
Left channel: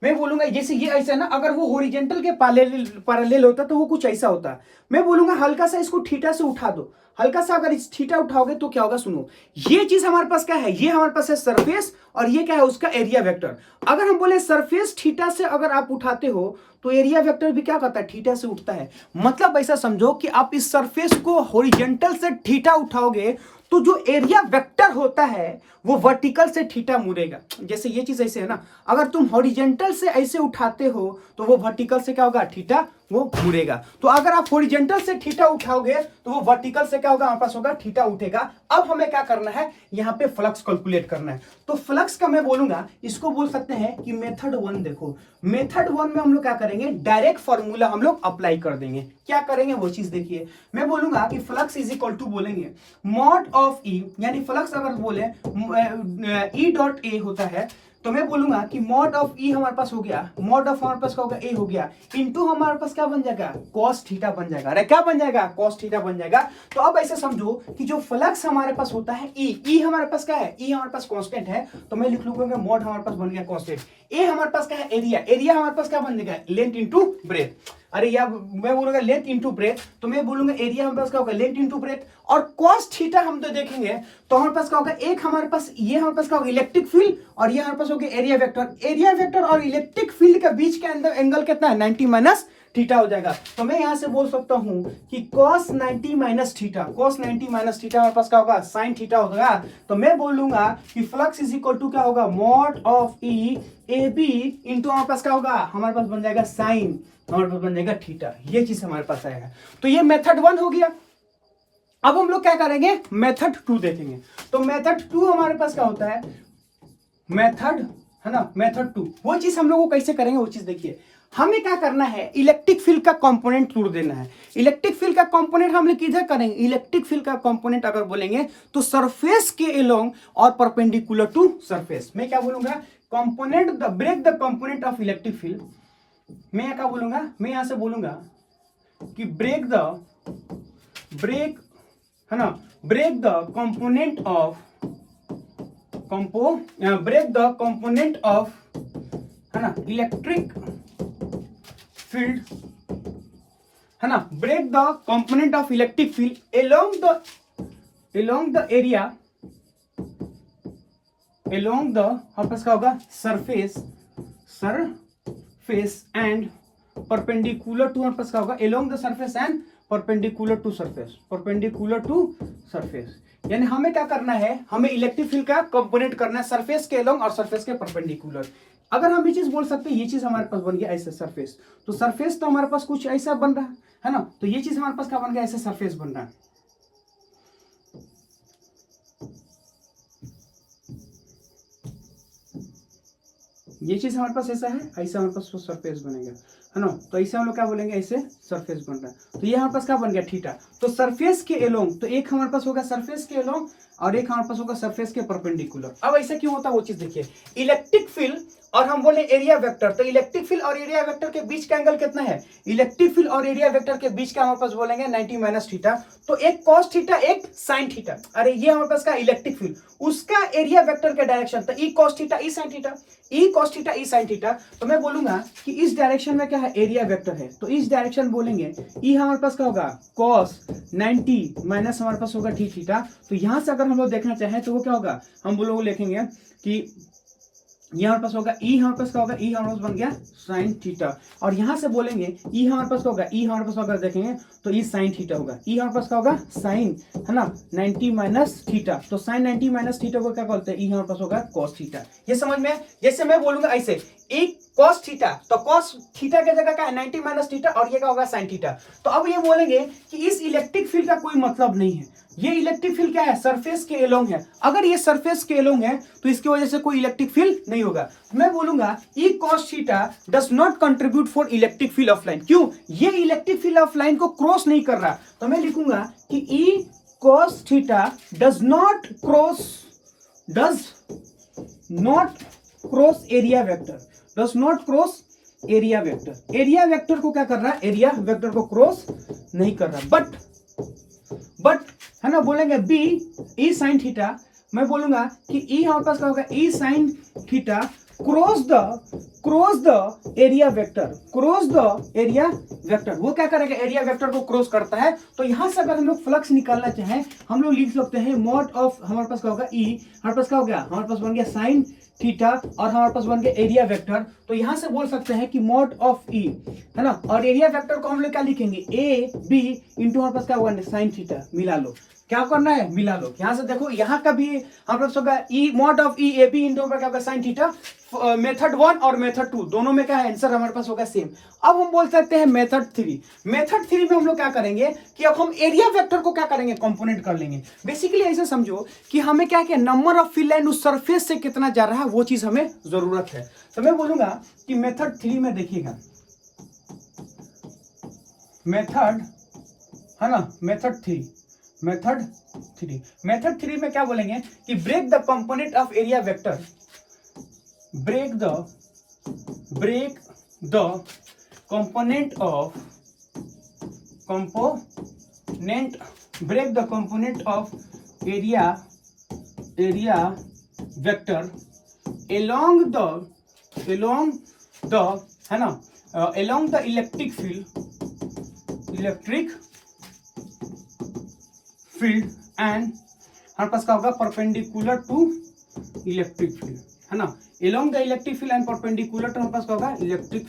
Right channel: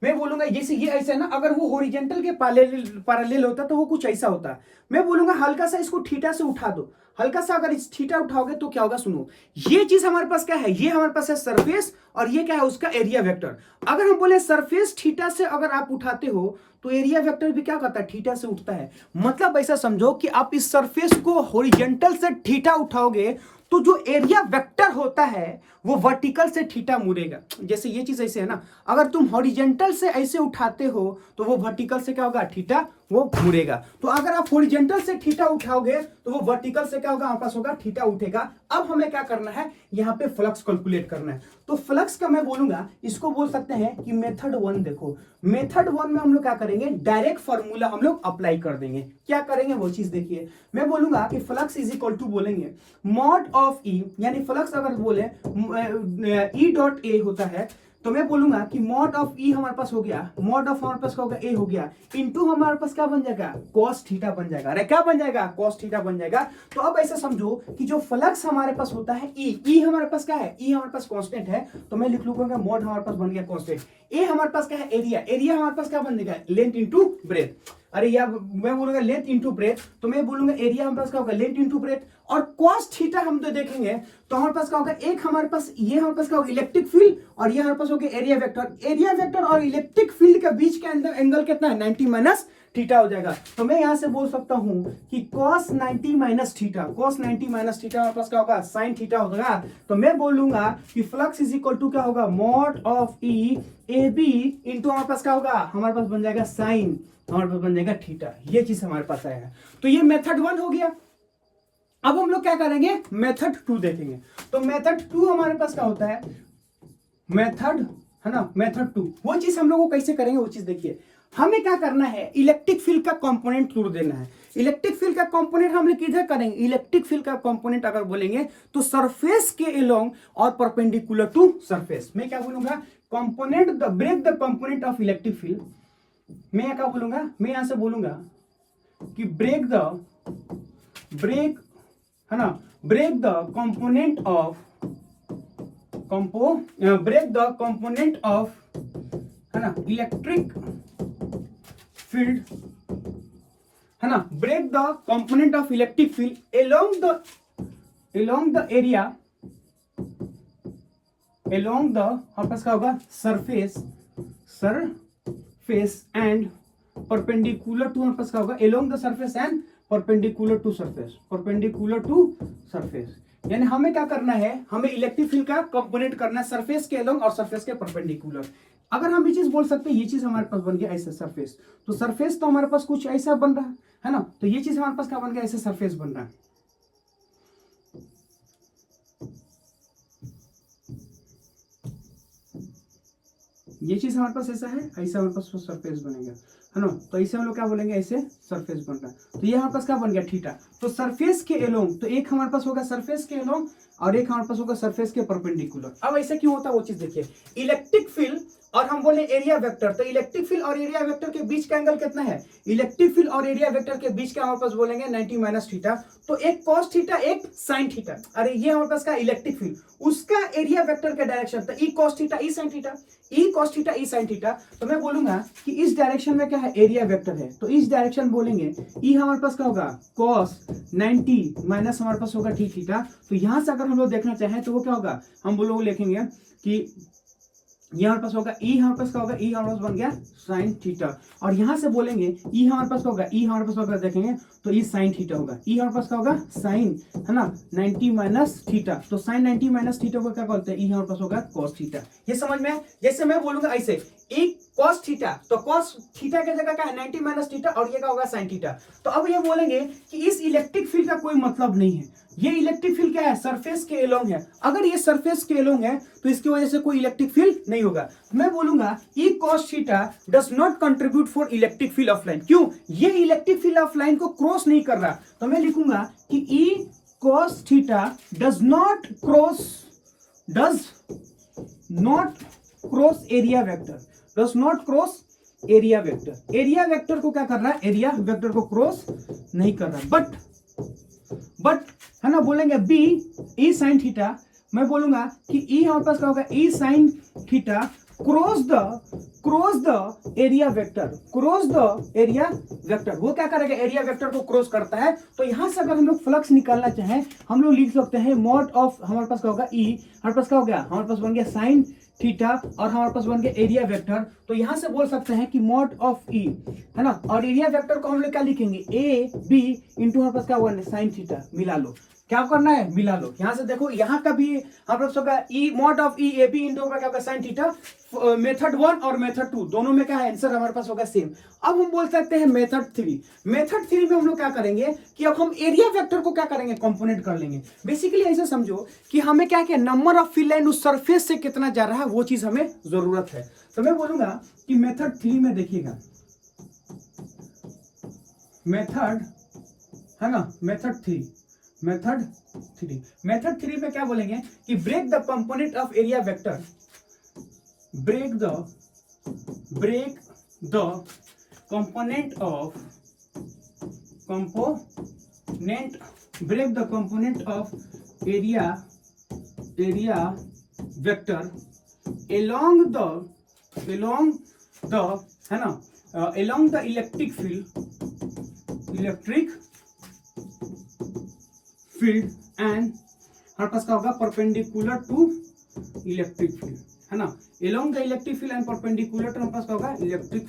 मैं बोलूंगा जैसे ये ऐसा है ना, अगर वो होरिजेंटल के पैरेलल होता तो वो कुछ ऐसा होता। मैं बोलूंगा हल्का सा इसको थीटा से उठा दो, हल्का सा अगर इस थीटा उठाओगे तो क्या होगा सुनो, ये चीज हमारे पास क्या है, ये हमारे पास है सरफेस और ये क्या है उसका एरिया वेक्टर। अगर हम बोले सरफेस थीटा से अगर आप उठाते हो तो एरिया वेक्टर भी क्या करता है थीटा से उठता है। मतलब ऐसा समझो कि आप इस सरफेस को हॉरिजॉन्टल से थीटा उठाओगे तो जो एरिया वेक्टर होता है वो वर्टिकल से थीटा मुड़ेगा। जैसे ये चीज ऐसे है ना, अगर तुम हॉरिजॉन्टल से ऐसे उठाते हो तो वो वर्टिकल से क्या होगा थीटा वो मुड़ेगा। तो अगर आप हॉरिजॉन्टल से थीटा उठाओगे तो वो वर्टिकल से क्या होगा हमारे पास होगा थीटा उठेगा। अब हमें क्या करना है, यहाँ पे फ्लक्स कैलकुलेट करना है। तो फ्लक्स का मैं बोलूंगा इसको बोल सकते हैं कि मेथड 1। देखो मेथड 1 में हम लोग क्या करेंगे, डायरेक्ट फॉर्मूला हम लोग अप्लाई कर देंगे। क्या करेंगे वो चीज देखिए, मैं बोलूंगा कि फ्लक्स इज इक्वल टू बोलेंगे मॉड ऑफ ई, यानी फ्लक्स अगर बोले ई डॉट ए होता है तो मैं बोलूंगा कि मॉड ऑफ ई हमारे पास हो गया, मॉड ऑफ हमारे पास क्या होगा ए हो गया, इनटू हमारे पास क्या बन जाएगा cos थीटा बन जाएगा। अरे क्या बन जाएगा cos थीटा बन जाएगा। तो अब ऐसे समझो कि जो फ्लक्स हमारे पास होता है ई हमारे पास क्या है, ई हमारे पास कांस्टेंट है, तो मैं लिख लूंगा मॉड हमारे पास बन गया कांस्टेंट। ए हमारे पास क्या है एरिया हमारे पास क्या बन जाएगा लेंथ इंटू ब्रेथ। अरे यार मैं बोलूंगा लेंथ इंटू ब्रेथ, तो मैं बोलूंगा एरिया हमारे पास क्या होगा लेंथ इंटू ब्रेथ। और cos थीटा हम तो देखेंगे तो हमारे पास क्या होगा, एक हमारे पास ये हमारे पास क्या होगा इलेक्ट्रिक फील्ड और ये हमारे पास होगा एरिया वेक्टर। एरिया वेक्टर और इलेक्ट्रिक फील्ड के बीच के अंदर एंगल कितना है 90 माइनस थीटा हो जाएगा। तो मैं यहां से बोल सकता हूं कि cos 90 minus theta, cos 90 minus theta हमारे पास क्या होगा sin थीटा होगा। तो मैं बोलूंगा कि फ्लक्स इज इक्वल टू क्या होगा mod of E A B into हमारे पास क्या होगा, हमारे पास बन जाएगा साइन, हमारे पास बन जाएगा थीटा। ये चीज हमारे पास आएगा। तो ये मेथड 1 हो गया। अब हम लोग क्या करेंगे मेथड 2 देखेंगे। तो मेथड 2 हमारे पास क्या होता है, मेथड है ना, मेथड 2 वो चीज हम लोग को कैसे करेंगे वो चीज देखिए। हमें क्या करना है, इलेक्ट्रिक फील्ड का कंपोनेंट तोड़ देना है। इलेक्ट्रिक फील्ड का कंपोनेंट हम लोग किधर करेंगे, इलेक्ट्रिक फील्ड का कंपोनेंट अगर बोलेंगे तो सरफेस के अलोंग और परपेंडिकुलर टू सरफेस। मैं क्या बोलूंगा component the break the component of electric field. मैं क्या बोलूंगा, मैं यहां से बोलूंगा कि ब्रेक है ना, break the component of break the component of, है ना, इलेक्ट्रिक फील्ड, है ना, break the component of electric field along the area, along the आपस का होगा surface and perpendicular to, आपस का होगा along the surface and perpendicular to surface, यानी हमें क्या करना है, हमें इलेक्ट्रिक फील्ड का कंपोनेंट करना है सरफेस के along और सरफेस के परपेंडिकुलर। अगर हम ये चीज बोल सकते हैं, ये चीज हमारे पास बन गया ऐसे सरफेस, तो सरफेस तो हमारे पास कुछ ऐसा बन रहा है ना, तो ये चीज हमारे पास क्या बन गया, ऐसे सरफेस बन रहा है। ये चीज हमारे पास ऐसा है, ऐसा हमारे पास सरफेस बनेगा, है ना, तो ऐसे हम लोग क्या बोलेंगे, ऐसे सरफेस बन रहा है। तो ये हमारे पास क्या बन गया, थीटा। तो सरफेस के एलोंग, तो एक हमारे पास होगा सरफेस के एलोंग और एक हमारे पास होगा सरफेस के परपेंडिकुलर। अब ऐसा क्यों होता है वो चीज देखिए, इलेक्ट्रिक फील्ड और हम बोले एरिया वेक्टर, तो इलेक्ट्रिक फील्ड और एरिया वेक्टर के बीच का एंगल कितना है, इलेक्ट्रिक फील्ड और एरिया वेक्टर के बीच का हमारे पास बोलेंगे 90 माइनस थीटा। तो एक कॉस थीटा एक साइन थीटा, अरे ये हमारे पास का इलेक्ट्रिक फील्ड, उसका एरिया वेक्टर का डायरेक्शन, तो E cos theta E sine theta, E cos theta E sine theta. तो मैं बोलूंगा कि इस डायरेक्शन में क्या है, एरिया वेक्टर है, तो इस डायरेक्शन बोलेंगे ई हमारे पास क्या होगा, कॉस 90 माइनस हमारे पास होगा टी थीटा। तो यहां से अगर हम लोग देखना चाहें तो वो क्या होगा, हम लोग लिखेंगे कि ये हमारे पास होगा ई, हमारे पास क्या होगा, ई हमारे पास बन गया साइन थीटा, और यहां से बोलेंगे ई हमारे पास क्या होगा, ई हमारे पास अगर देखेंगे तो ई साइन थीटा होगा, ई हमारे पास क्या होगा साइन, है ना, 90 माइनस थीटा, तो साइन 90 माइनस थीटा को क्या बोलते हैं, ई हमारे पास होगा कॉस थीटा। ये समझ में, जैसे मैं बोलूंगा ऐसे एक कॉस थीटा, तो कॉस थीटा की जगह क्या है 90 माइनस थीटा, और ये क्या होगा साइन थीटा। तो अब ये बोलेंगे कि इस इलेक्ट्रिक फील्ड का कोई मतलब नहीं है, ये इलेक्ट्रिक फील्ड क्या है, सरफेस के एलोंग है। अगर ये सरफेस के एलोंग है तो इसकी वजह से कोई इलेक्ट्रिक फील्ड नहीं होगा। मैं बोलूंगा ई cos theta does not contribute for electric field of line. क्यों, ये इलेक्ट्रिक फील्ड ऑफ लाइन को क्रॉस नहीं कर रहा, तो मैं लिखूंगा कि ई cos theta does not cross area vector, does not cross area vector. Area vector को क्या कर रहा है, एरिया वेक्टर को क्रॉस नहीं कर रहा। बट है ना, बोलेंगे बी ई साइन थीटा, मैं बोलूंगा कि ई हमारे पास क्या होगा, E sine theta cross the area vector, वो क्या करेगा, एरिया वेक्टर को क्रॉस करता है। तो यहां से अगर हम लोग फ्लक्स निकालना चाहें, हम लोग लिख सकते हैं मॉड ऑफ, हमारे पास क्या होगा ई, हमारे पास क्या हो गया, हमारे पास बन गया साइन थीटा और हमारे पास बन गया एरिया वेक्टर। तो यहां से बोल सकते हैं कि मॉड ऑफ ई, है ना, और एरिया वेक्टर को हम लोग क्या लिखेंगे, ए बी इंटू हमारे पास क्या हुआ साइन थीटा, मिला लो, क्या करना है, मिला लो। यहां से देखो, यहाँ का भी हमारे पास होगा E mod of E A B into क्या होगा साइन थीटा। मेथड 1 और मेथड 2 दोनों में क्या है, आंसर हमारे पास होगा सेम। अब हम बोल सकते हैं मेथड 3 में हम लोग क्या करेंगे कि अब हम एरिया वेक्टर को क्या करेंगे, कंपोनेंट कर लेंगे। बेसिकली ऐसे समझो कि हमें क्या क्या नंबर ऑफ फील्ड लाइन उस सरफेस से कितना जा रहा है, वो चीज हमें जरूरत है। तो मैं बोलूंगा कि मेथड 3 में देखिएगा, मेथड, है ना, मेथड 3 में क्या बोलेंगे कि break the component of area vector, break the component of area vector along the है ना, along the electric field and हमारे पास क्या होगा, परपेंडिकुलर टू इलेक्ट्रिक फील्ड, है ना, along the electric field and perpendicular to हमारे पास क्या होगा, इलेक्ट्रिक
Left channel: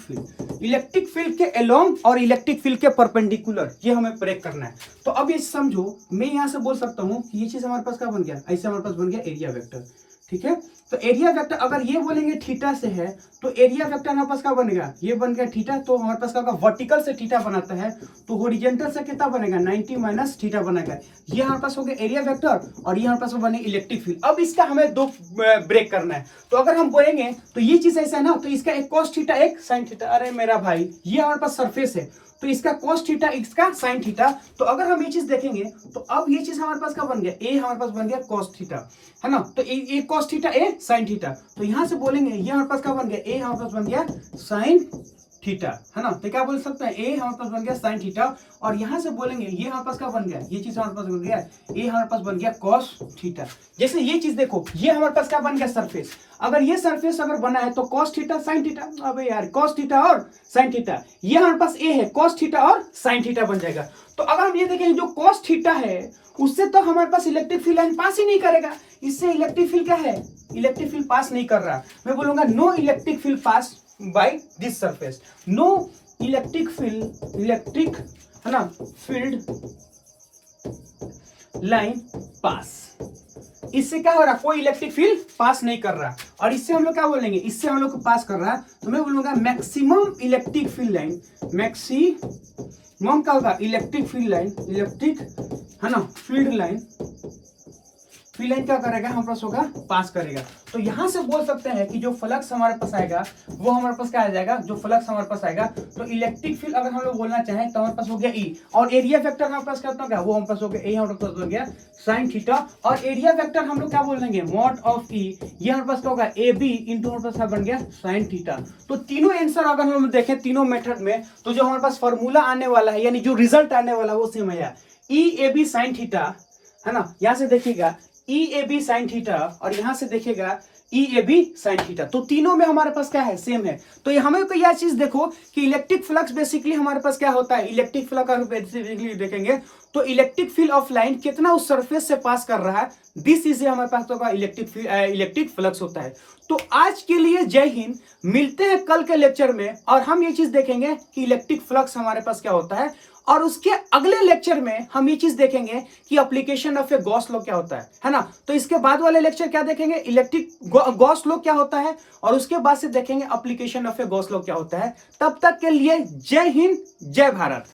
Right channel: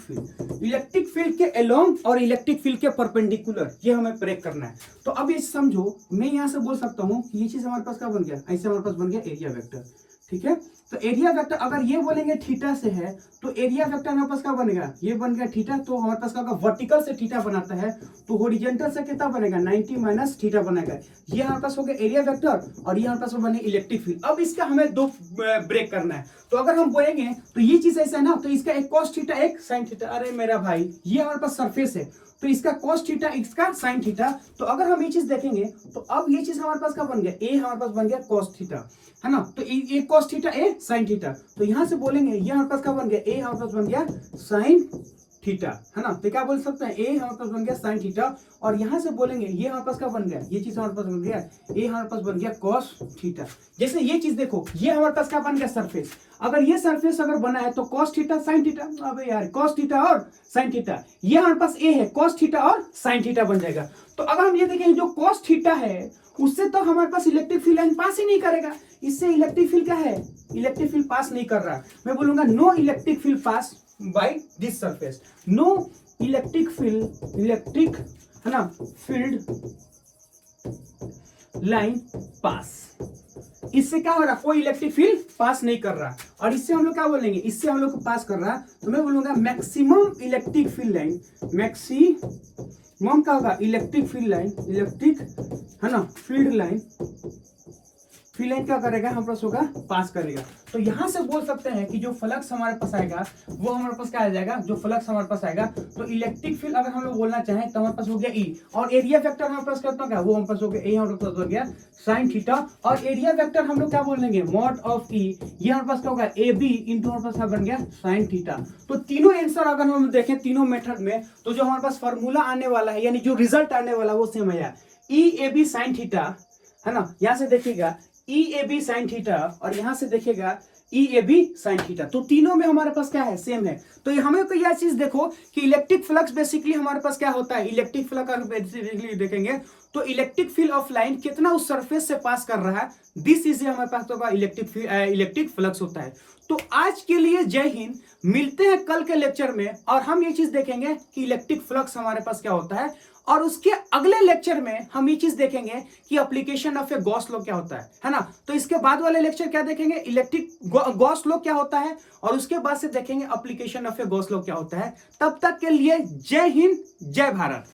फील्ड के along और इलेक्ट्रिक फील्ड के परपेंडिकुलर, ये हमें ब्रेक करना है। तो अब ये समझो, मैं यहां से बोल सकता हूं कि ये चीज हमारे पास क्या बन गया, ऐसे हमारे पास बन गया एरिया वेक्टर, ठीक है। तो एरिया वेक्टर अगर ये बोलेंगे थीटा से है, तो एरिया वेक्टर हमारे पास क्या बनेगा, ये बन गया थीटा, तो हमारे पास क्या होगा, वर्टिकल से थीटा बनाता है, तो हॉरिजॉन्टल से कितना बनेगा, 90 माइनस थीटा बनेगा। ये हमारे पास हो गया एरिया वेक्टर और ये हमारे पास बने इलेक्ट्रिक फील्ड। अब इसका हमें दो ब्रेक करना है, तो अगर हम बोलेंगे तो ये चीज ऐसा है ना, तो इसका एक कॉस थीटा एक साइन थीटा, अरे मेरा भाई ये हमारे पास सरफेस है, तो इसका cos थीटा इसका sin थीटा। तो अगर हम ये चीज देखेंगे तो अब ये चीज हमारे पास क्या बन गया, a हमारे पास बन गया cos थीटा, है ना, तो ये cos theta a sin theta. तो यहां से बोलेंगे ये हमारे पास क्या बन गया, a हमारे पास बन गया sin थीटा, है ना। तो क्या बोल सकते हैं, ए हमारे पास बन गया साइन थीटा, और यहां से बोलेंगे ये हमारे पास क्या बन गया, ये चीज हमारे पास बन गया, ए हमारे पास बन गया कॉस थीटा। जैसे ये चीज देखो, ये हमारे पास क्या बन गया, सरफेस। अगर ये सरफेस अगर बना है तो कॉस थीटा साइन थीटा, अबे यार कॉस थीटा और साइन थीटा, ये हमारे पास ए है, कॉस थीटा और साइन थीटा बन जाएगा। तो अगर हम ये देखें, जो कॉस थीटा है उससे तो हमारे पास इलेक्ट्रिक फील्ड लाइन पास ही नहीं करेगा, इससे इलेक्ट्रिक फील्ड क्या है, इलेक्ट्रिक फील्ड पास नहीं कर रहा। मैं बोलूंगा no electric field pass by this surface, no electric field, electric है ना फील्ड लाइन पास। इससे क्या हो रहा, कोई इलेक्ट्रिक फील्ड पास नहीं कर रहा, और इससे हम लोग क्या बोलेंगे, इससे हम लोग को पास कर रहा है, तो मैं बोलूंगा maximum electric field line, maximum क्या होगा, इलेक्ट्रिक फील्ड लाइन, इलेक्ट्रिक है ना फील्ड लाइन, फील्ड लाइन क्या करेगा, हमारे पास होगा पास करेगा। तो यहां से बोल सकते हैं कि जो फ्लक्स हमारे पास आएगा वो हमारे पास क्या आ जाएगा, जो फ्लक्स हमारे पास आएगा, तो इलेक्ट्रिक फील्ड अगर हम लोग बोलना चाहें तो हमारे पास हो गया ई, और एरिया वेक्टर हमारे पास कितना क्या, वो हमारे पास हो गया ए, हमारे पास हो गया साइन थीटा, और एरिया वेक्टर हम लोग क्या बोल देंगे, मॉड ऑफ ई, ये हमारे पास क्या होगा ए बी इंटू हमारे पास क्या बन गया साइन थीटा। तो तीनों आंसर अगर हम देखें तीनों मेथड में, तो जो हमारे पास फॉर्मूला आने वाला है, यानी जो रिजल्ट आने वाला है वो सेम है, ई ए बी साइन थीटा, है ना। यहां से देखिएगा ई ए बी साइन थीटा, और यहां से देखिएगा ई ए बी साइन थीटा, तो तीनों में हमारे पास क्या है, सेम है। तो ये हमें को यह चीज देखो कि इलेक्ट्रिक फ्लक्स बेसिकली हमारे पास क्या होता है, इलेक्ट्रिक फ्लक्स अगर बेसिकली देखेंगे तो इलेक्ट्रिक फील्ड ऑफ लाइन कितना उस सरफेस से पास कर रहा है, दिस इज हमारे पास तो इलेक्ट्रिक फ्लक्स होता है। तो आज के लिए जय हिंद, मिलते हैं कल के लेक्चर में, और हम ये चीज देखेंगे कि इलेक्ट्रिक फ्लक्स हमारे पास क्या होता है, और उसके अगले लेक्चर में हम ये चीज देखेंगे कि application of A Gauss law क्या होता है ना। तो इसके बाद वाले लेक्चर क्या देखेंगे, इलेक्ट्रिक गॉस लॉ क्या होता है, और उसके बाद से देखेंगे application of A Gauss law क्या होता है। तब तक के लिए जय हिंद, जय भारत।